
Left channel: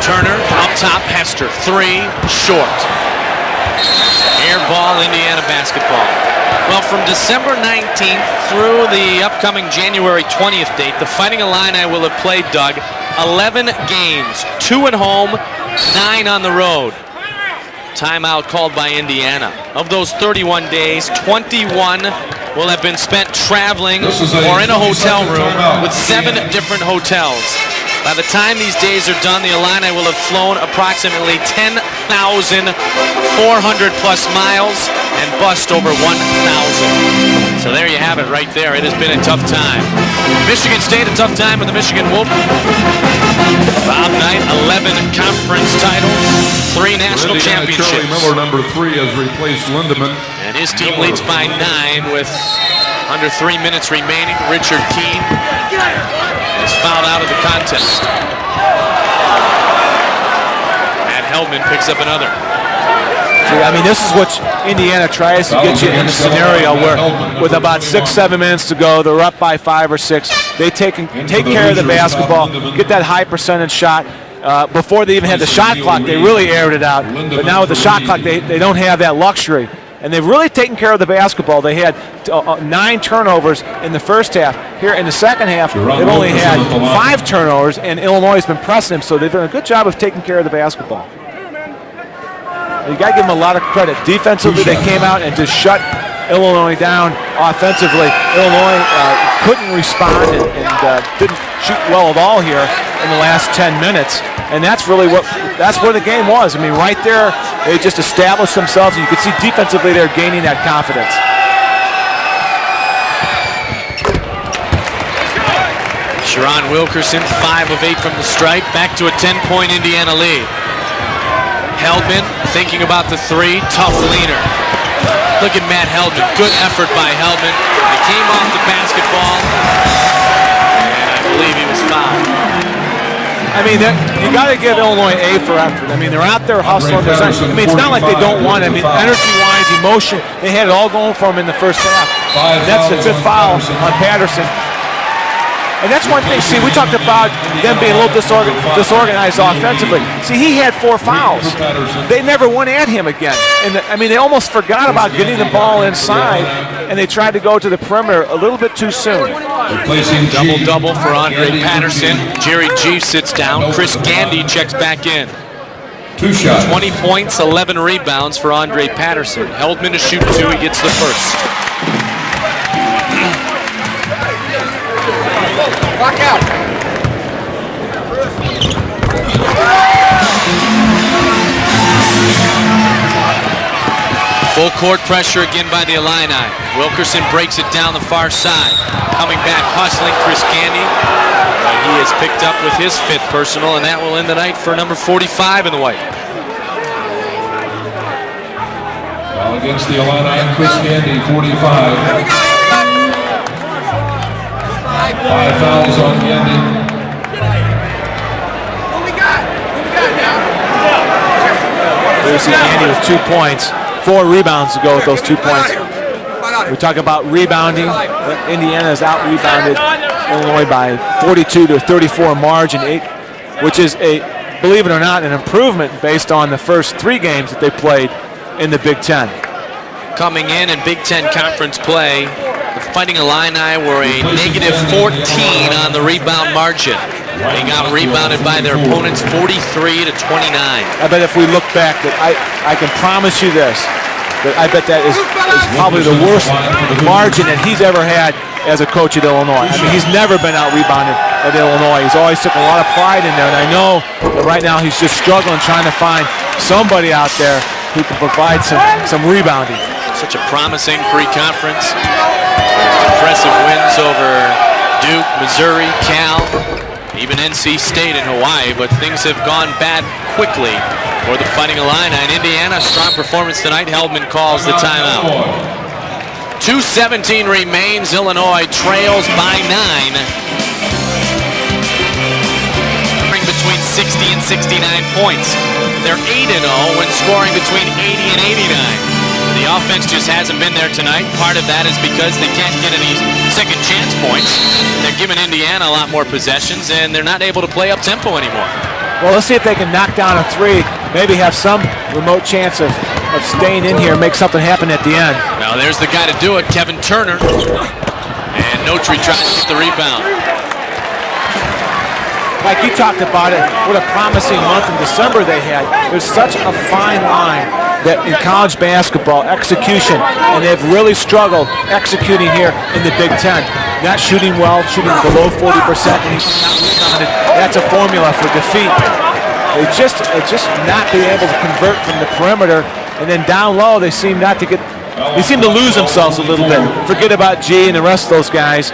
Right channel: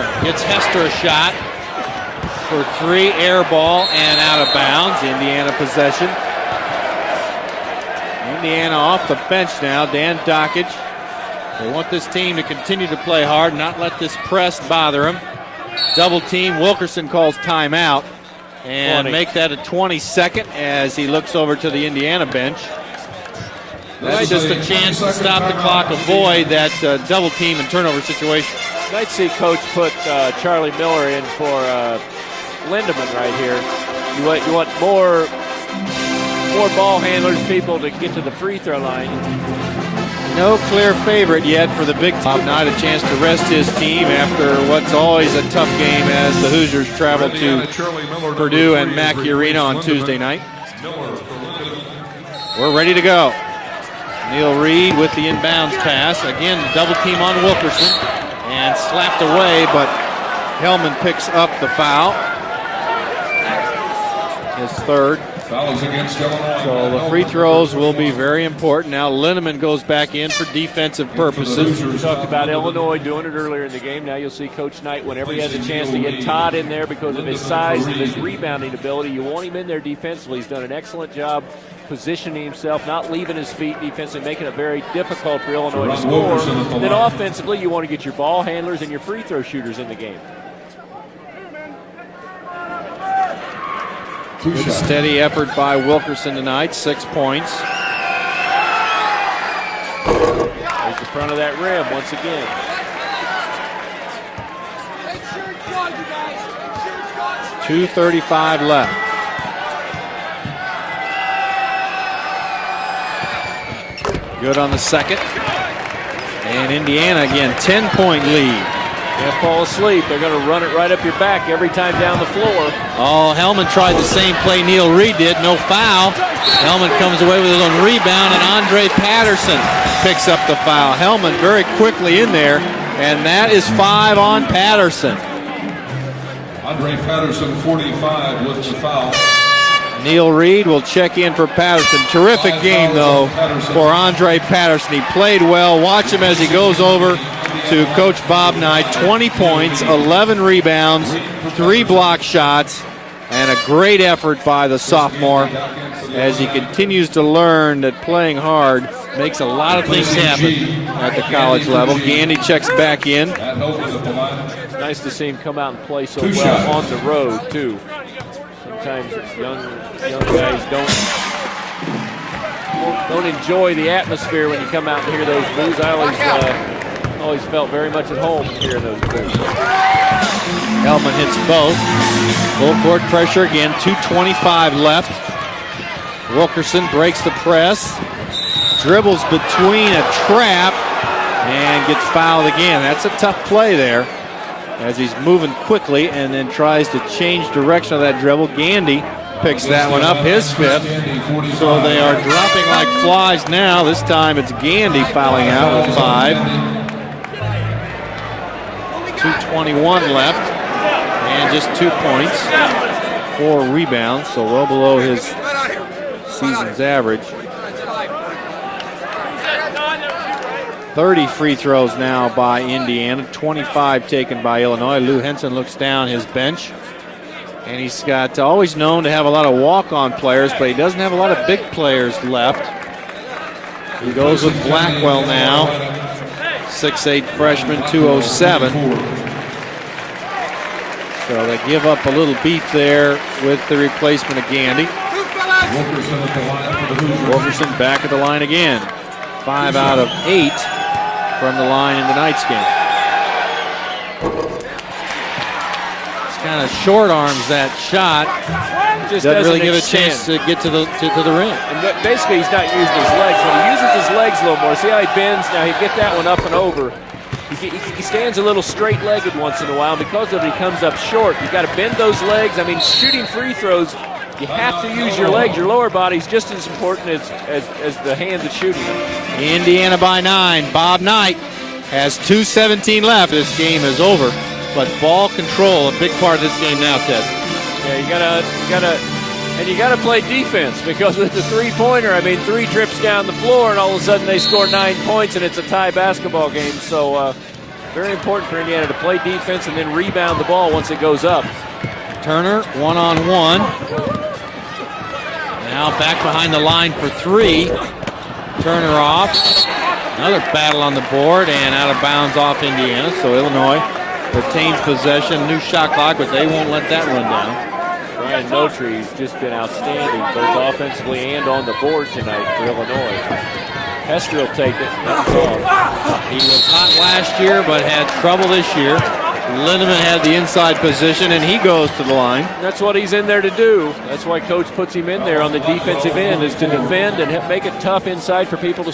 Turner off top, Pastor. 3 short. 3 air ball. Air ball, Indiana basketball. Well, from December 19th through the upcoming January 20th date, the Fighting Illini will have played, Doug, 11 games, 2 at home, 9 on the road. Wilkerson calls timeout. Timeout called by Indiana. Of those 31 days, 21 will have been spent traveling or in a hotel room with 7 different hotels. By the time these days are done, the Illini will have flown approximately 10,400 plus miles and bussed over 1,000. So there you have it right there. It has been a tough time. Michigan State a tough time, but the Michigan Wolverines about 9-11 conference titles, 3 national championships. Charlie Miller, number 3, has replaced Lindemann. And his team leads by 9 with we're ready to go. Under 3 minutes remaining. Richard with the inbounds pass. Again, it's fouled out of the contest. And slapped away, but Hellman picks up another. I mean, this is what Indiana tries to get you in a scenario where with about 6-7 minutes to go, they're up by 5 or 6. They take care of the basketball, get that high percentage shot. Before they even had the shot clock, they really aired it out. But now with the shot clock, they don't have that luxury. And they've really taken care of the basketball. They had 9 turnovers in the first half. Here in the second half, they've only had 5 turnovers, and Illinois has been pressing them. So they've done a good job of taking care of the basketball. You got to give them a lot of credit. Defensively, they came out and just shut Illinois down. Offensively, Illinois couldn't respond and didn't shoot well at all here in the last 10 minutes. And that's really that's where the game was. I mean, right there, they just established themselves. You could see defensively they're gaining that confidence. Good on the second. Sherron Wilkerson, 5 of 8 strike, back to a 10-point Indiana lead. Run it right up your back every time. Hellman thinking about the 3, tough lead. Play Neil Reed did. Look at Matt Hellman, good effort by Hellman. Rebound, and Andre Patterson picks up the foul. Hellman very quickly in there, and that is 5 on you got to get Illinois A for effort. I mean, they're out there hustling. I mean, it's not like they don't want it. I mean, energy-wise, emotion, they had it all going for them in the first half. Terrific. Yes, it's a foul for Andre Patterson. He played well. That's one thing. See, we talked about them being a little disorganized offensively. See, he had 4 fouls. 3 block they never shots, went at him again. And a great they almost forgot about getting the ball inside, and they tried to go to the perimeter a little bit too soon. Double for Andre Patterson. Jerry G sits down. Chris Gandy checks back in. 2 shots. 20 points, 11 rebounds for Andre Patterson. Heldman to shoot 2. He gets the first. Enjoy the atmosphere as they come out here. Lock out. Full court pressure again, 2:25 Full court left. pressure again by the Illini. Wilkerson breaks it down the far side. Dribbles Coming back, between Chris Gandy. He gets picked up again. with his That's a 5th tough personal, play and that there. will end the night for number 45 in the white. And then tries to change direction of that dribble. Gandy picks Against that the one up. Illini, Chris Gandy, 45. Like flies now. This time it's Gandy 5 fouls on Gandy. 21 left. There's 2 points. 4 rebounds to go with those 2 points. We talk about rebounding. Indiana has out-rebounded Illinois by 42 to 34 margin. which is, believe it or not, an improvement based on the first 3 games that they played in the Big Ten. Coming in Big Ten Conference play, the Fighting Illini were a negative 14 on the rebound margin. They got rebounded by their opponents 43 to 29. I bet if we look back, I can promise you this, I bet that is probably the worst margin that he's ever had as a coach at Illinois. He's never been out-rebounded at Illinois. He's always took a lot of pride in that. And I know right now he's just struggling trying to find somebody out there who can provide some rebounding. Such a promising pre-conference. Impressive wins over Duke, Missouri, Cal, even NC State and Hawaii, but things have gone bad quickly for the Fighting Illini. In Indiana, strong performance tonight. Heldman calls the timeout. 2:17 remains. Illinois trails by 9. Bob Knight has 2:17 left. Between 60 and 69 points. They're 8-0 when scoring between 80 and 89. The offense just hasn't been there tonight. Part of that is because they can't get any second chance points. They're giving Indiana a lot more possessions, and they're not able to play up tempo anymore. Well, let's see if they can knock down a 3, maybe have some remote chance of staying in here and make something happen at the end. Now there's the guy to do it, Kevin Turner. And Notre tries the rebound. Battle on the board and out of bounds off. Like you talked about it, what a promising month of December they had. There's such a fine line that in college basketball, execution, and they've really struggled executing here in the Big Ten. Not shooting well, shooting below 40%. That's a formula for defeat. It's just not being able to convert from the perimeter, and then down low they seem not to get. They seem to lose themselves a little bit. Forget about G and the rest of those guys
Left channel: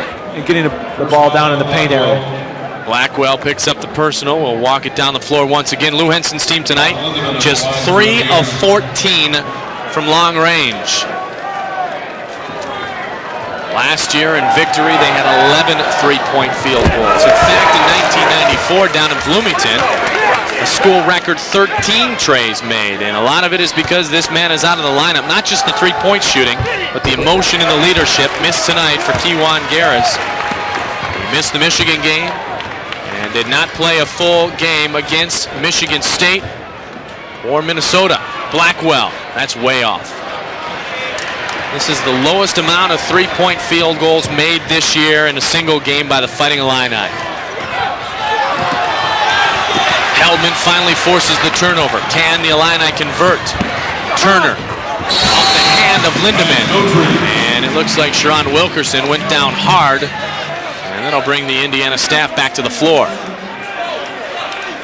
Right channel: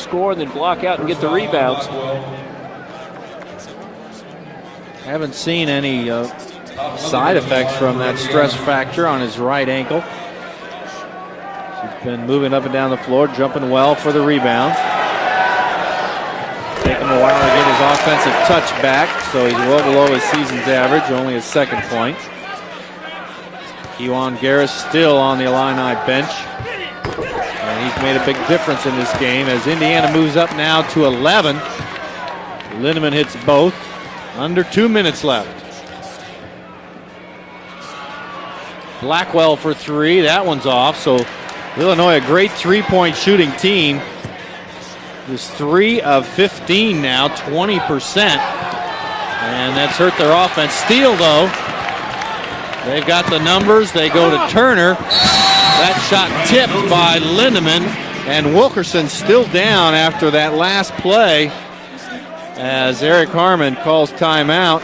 getting the ball down in the paint area. Blackwell picks up the personal. We'll walk it down the floor once again. Lou Henson's team tonight, just 3 of 14 from long range. Been moving up and down the floor, jumping well. Last year in victory, they had 11 three-point field goals. In fact, in 1994 down in Bloomington, school record 13 trays made. And a lot of it is because this man is out of the lineup, not just the three-point shooting, but the emotion and the leadership. Missed tonight for Kewan Garris. Moves up now to 11. Missed the Michigan game. Lindemann hits did not play a full game against Michigan State or Minnesota. Blackwell that's way off. 3. That one's off. So this is the lowest amount of three-point field goals made this year in a single game by the Fighting Illini. Now 20%. Heldman finally forces the turnover. Can the Illini convert? The numbers, they go to Turner. Hand of Lindemann. It looks like Sherron Wilkerson went down hard after that last play. They'll bring the Indiana staff back to the floor. Eric Harmon calls timeout,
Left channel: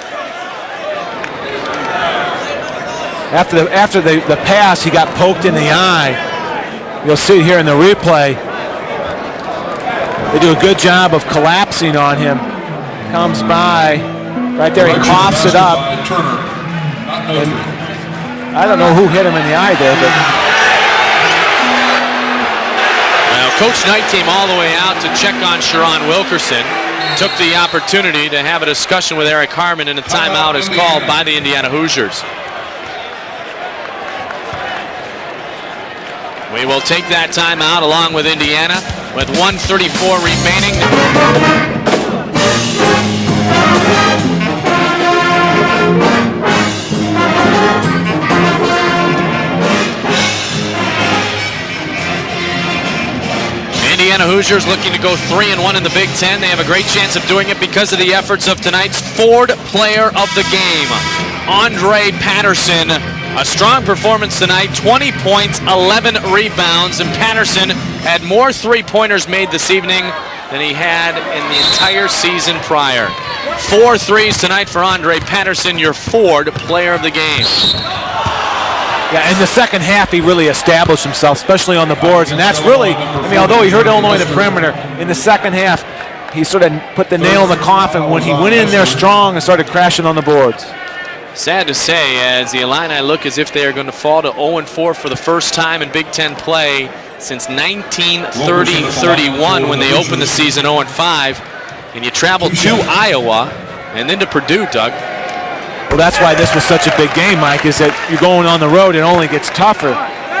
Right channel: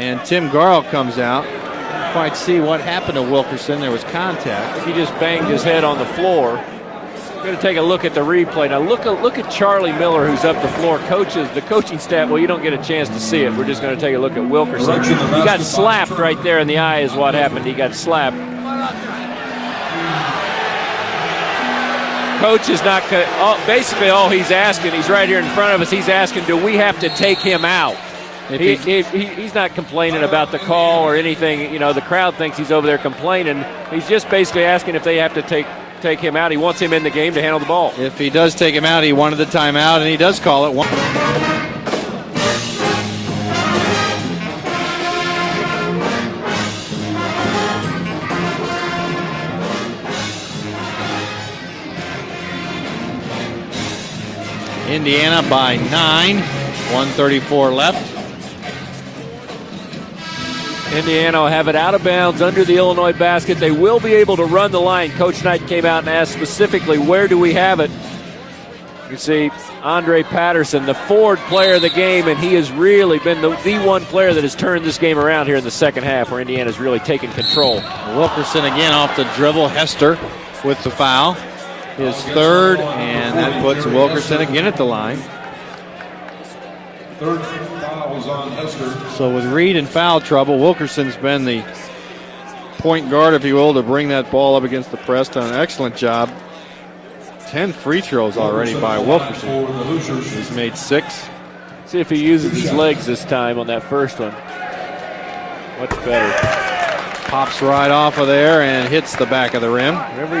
and Tim Garl comes out. Let's see what happened. After the pass, he got poked in the eye. You'll see here in the replay. Look at Charlie Miller. They do a good job of collapsing on him. You don't get a chance Comes to see by. Right there, he coughs it up. Slapped right there in the eye is what happened. He got slapped. I don't know who hit him in the eye there, but Coach is not Coach Knight came all the way out to check on Sherron Wilkerson. Took the opportunity to have a discussion with Eric Harmon, and a timeout is called by the Indiana Hoosiers. The crowd thinks he's over there complaining. He's just basically asking if they have to take him out. We will take that timeout along with Indiana with 1:34 remaining. Indiana Hoosiers looking to go 3-1 in the Big Ten. They have a great chance of doing it because of the efforts of tonight's Ford Player of the Game, Andre Patterson. A strong performance tonight, 20 points, 11 rebounds, and Patterson had more three-pointers made this evening than he had in the entire season prior. 4 threes tonight for Andre Patterson, your Ford Player of the Game. in the second half, he really established himself, especially on the boards, and that's really, although he hurt Illinois in the perimeter, in the second half, he sort of put the nail in the coffin when he went in there strong and started crashing on the boards. Sad to say, as the Illini look as if they're going to fall to 0-4 for the first time in Big Ten play since 1930-31 when they opened the season 0-5. And you travel to Iowa and then to Purdue, Doug. Well, that's why this was such a big game, Mike, is that you're going on the road, it only gets tougher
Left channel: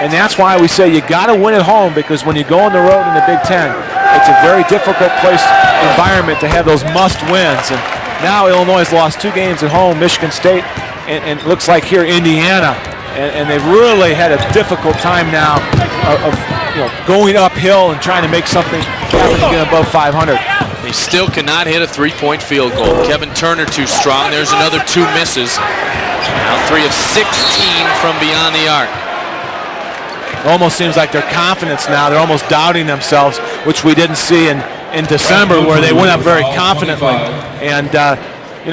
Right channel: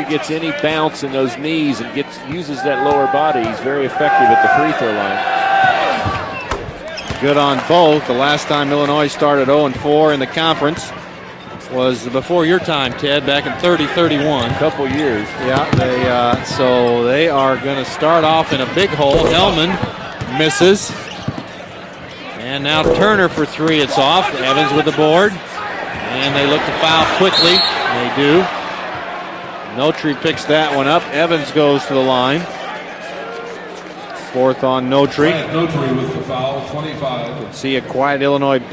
And that's why we say you got to win at home, because when you go on the road in the Big Ten, it's a very difficult environment to have those must wins. Now Illinois has lost 2 games at home, Michigan State, and it looks like here Indiana, and they've really had a difficult time now of going uphill and trying to make something above 500. Misses. He still cannot hit a 3-point field goal. Kevin Turner too strong. There's another 2 misses. 3 of 16 from beyond the arc. Almost seems like their confidence now. They're almost doubting themselves, which we didn't see in December, where they went up very confidently. And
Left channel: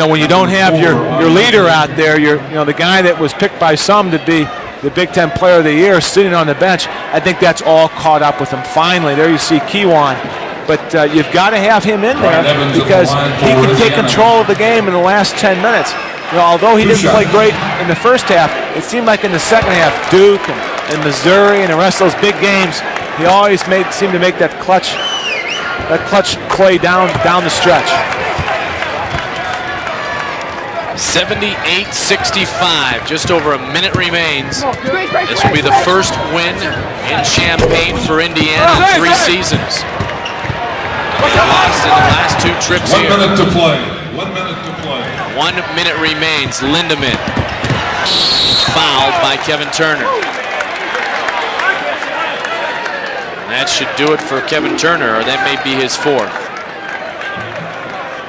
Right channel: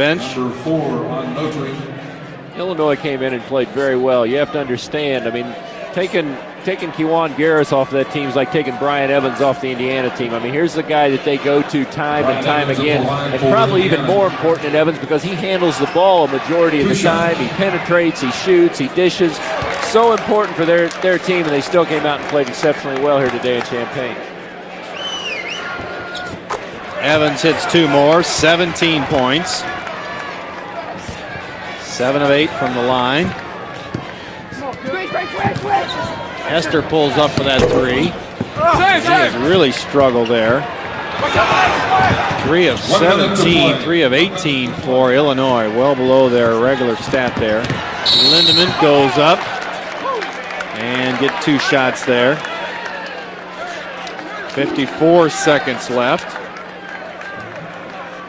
when you don't have your leader out there, the guy that was picked by some to be the Big Ten Player of the Year sitting on the bench, I think that's all caught up with him. Finally, there you see Kiwan. But you've got to have him in there because he can take control of the game in the last 10 minutes. Although he didn't play great in the first half, it seemed like in the second half, Duke and Missouri and the rest of those big games, he always seemed to make that clutch play down the stretch. 17 points. 78-65. Just over a minute remains. This will be the first win in Champaign for Indiana in 3 seasons. Really struggle there. Last 2 trips 1 minute to play. 3 of 18 for Illinois. 1 minute remains. Lindemann. Fouled by Kevin Turner. And get 2 shots there. That should do it for Kevin Turner, and that may be his 4th.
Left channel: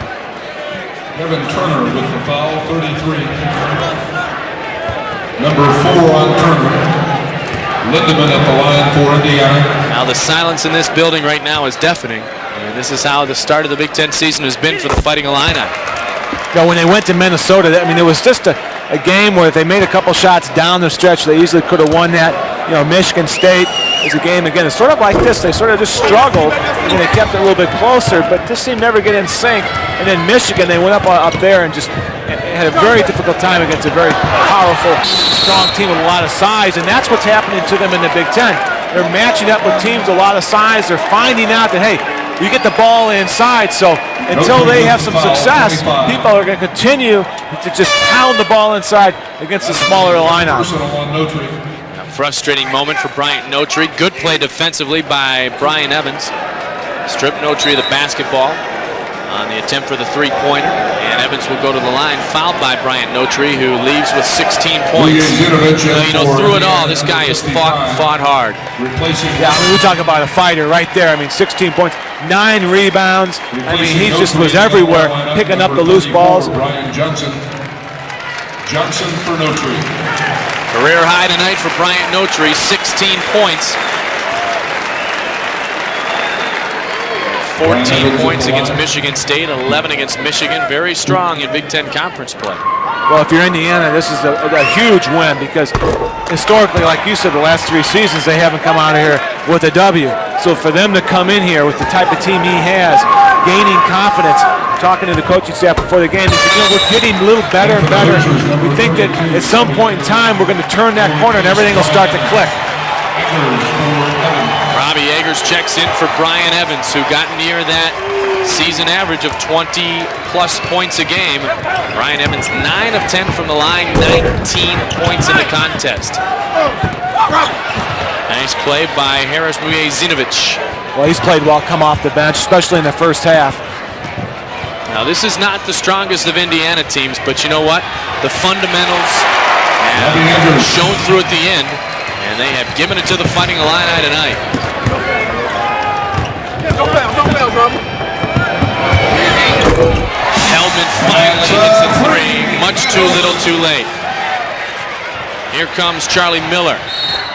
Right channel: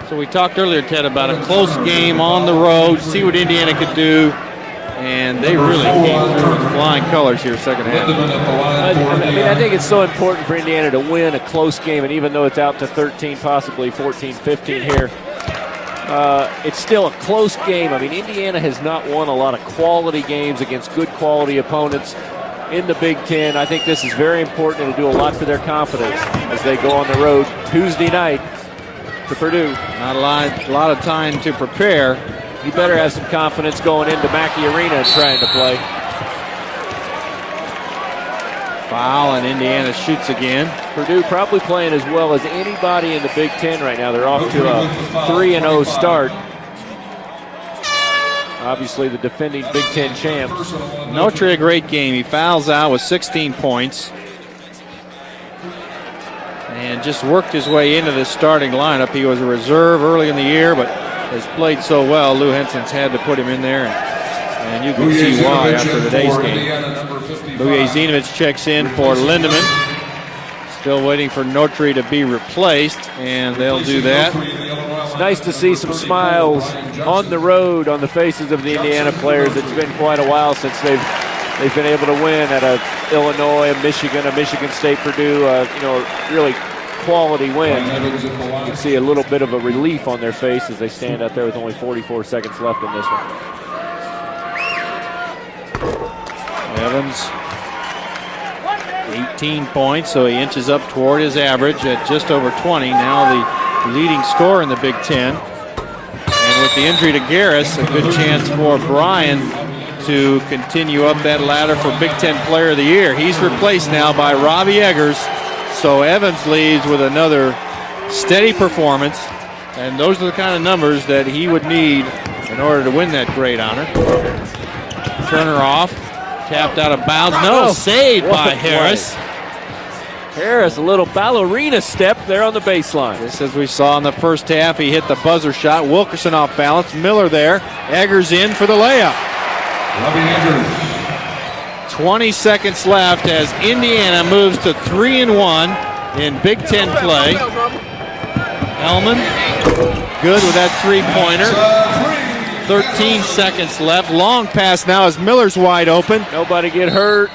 So we talked earlier, Ted, about a close game on the road, see what Indiana can do. And Number 4 on Turner. Lindemann at the line for Indiana. The silence in this building right now is deafening. This is how the start of the Big Ten season has been for the Fighting Illini. When they went to Minnesota, it was just a game where they made a couple shots down the stretch. They easily could have won that. Michigan State is a game again. It's sort of like this. They sort of just struggled, and they kept it a little bit closer, but just seemed never get in sync. And then Michigan, they went up there and just had a very difficult time against a very powerful, strong team with a lot of size, and that's what's happening to them in the Big Ten. They're matching up with teams with a lot of size. They're finding out that, hey, you get the ball inside, so until they have some success, people are going to continue to just pound the ball inside against the smaller lineup. Notre, a great game. Frustrating moment for Brian Notre. Points. Good play defensively by Brian Evans. And just stripped worked his Notre way the into the basketball. starting lineup. He was a The attempt for reserve the early in the 3-point, year, but and Evans will go to the line. Fouled by Brian Notre, who leaves with 16 points. Through it all, this guy has fought hard. We talk about a fighter right there. I mean, 16 points, 9 rebounds. He just was everywhere, picking up the loose balls. On the road, on the faces of the Indiana players, it's been quite a while since Career high tonight for Brian Notre, 16 points. Michigan State, Purdue, really quality 14 points against Michigan State, 11 against Michigan. Very strong in Big Ten Conference play. Well, if you're Indiana, this is a huge win because historically, like you said, the last 3 seasons, they haven't come out of here with a W. So for them to come in here with the type of team he has, gaining confidence, talking to the coaching staff before the game, we're getting a little better and better. We think that at some point in time, we're going to turn that corner and everything will start to click. Player of the year. He's replaced now by Robbie Eggers. Eggers checks in for Brian Evans, who got near that steady season average of 20-plus points a game. Brian Evans, 9 of 10 from the line, 19 points in the contest. Out of bounds. No, saved by Harris Mujezinovic. He's played well come off the bench, especially in the first half. We saw in the first half, he hit the this is not the strongest of Indiana teams, but you know what? Eggers the in for the layup. Shown through at the end. 20 seconds left to the as Indiana moves to 3-1 in Big Ten play. Much too little, too late. Left, long pass now as Miller's Here wide comes open. Charlie Miller. Get hurt.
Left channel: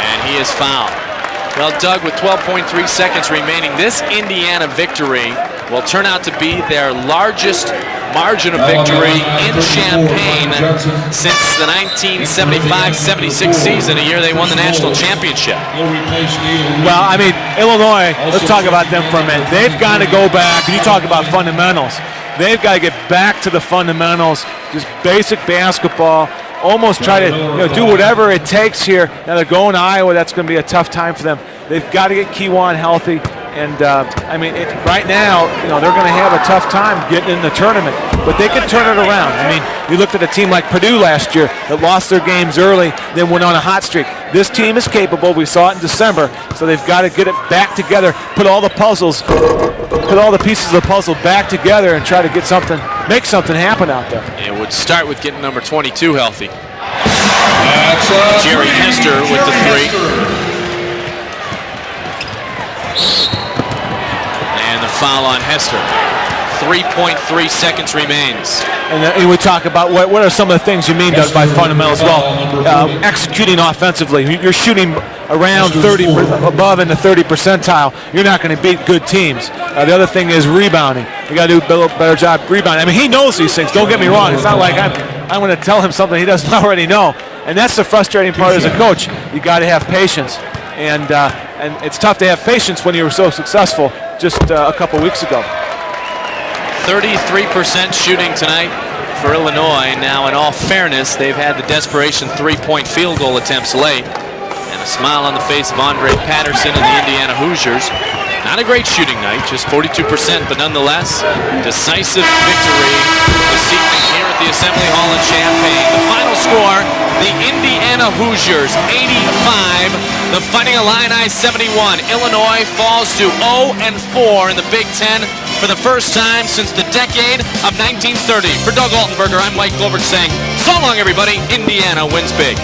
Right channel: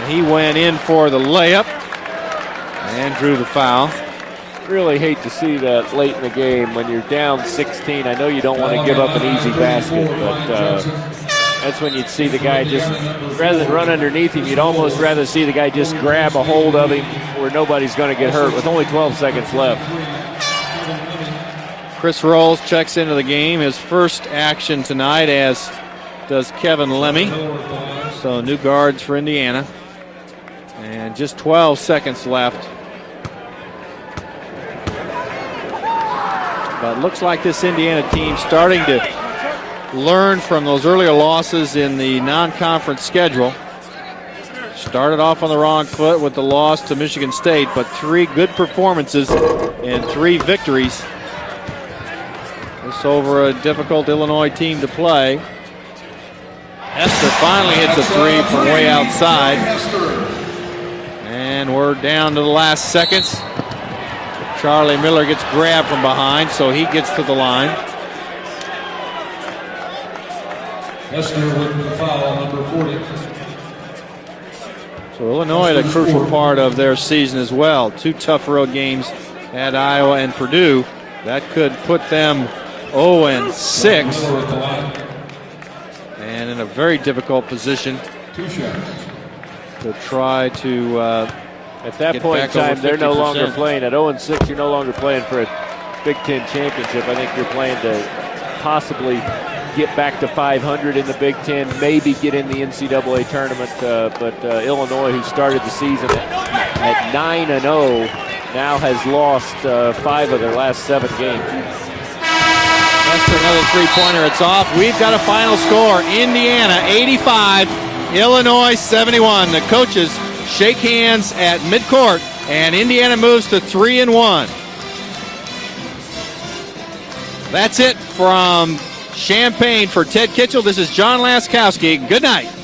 And he went is in for the layup. Well, Doug, with 12.3 seconds remaining, this Indiana victory will turn out to be their largest margin of victory in Champaign since the 1975-76 season, a year they won the national championship. Well, I mean, Illinois, let's talk about them for a minute. They've got to go back. You talk about fundamentals. They've got to get back to the fundamentals. Basic basketball. Almost try to do whatever it takes here. They're going to Iowa. That's going to be a tough time for them. They've got to get Kiwan healthy And I mean, right now, they're going to have a tough time getting in the tournament, but they can turn it around. I mean, you look at a team like Purdue last year that lost their games early and went on a hot streak. This team is capable. We saw it in December, so they've got to get it back together, put all the puzzles, put all the pieces of the puzzle back together, and try to get something, make something happen out there. We'll start with getting number 22 healthy. And we're down to the last seconds. Charlie Miller gets grabbed from behind, so 3.3 seconds remains. And we talk about what are some of the things you mean by fundamentals. Well, executing offensively. You're shooting around 30, above in the 30 percentile. You're not going to beat good teams. The other thing is rebounding. You got to do a little better job rebounding. I mean, he knows these things. Don't get me wrong. It's not like I'm going to tell him something he doesn't already know. And that's the frustrating part as a coach. You got to have patience. And it's tough to have patience when you were so successful just a couple weeks ago. 33% shooting tonight for Illinois. Now, in all fairness, they've had the desperation three-point field goal attempts late. A smile on the face of Andre Patterson and the Indiana Hoosiers. Not a great shooting night, just 42%, but nonetheless, decisive victory. We've got a final score. Indiana 85, Indiana Illinois 71. The Fighting Illini 71. Illinois and Indiana falls moves to to 0-4 in the Big Ten for the first time since the decade of 1930. For Doug Altenberger, I'm Mike Glover saying, so long everybody, Indiana wins big.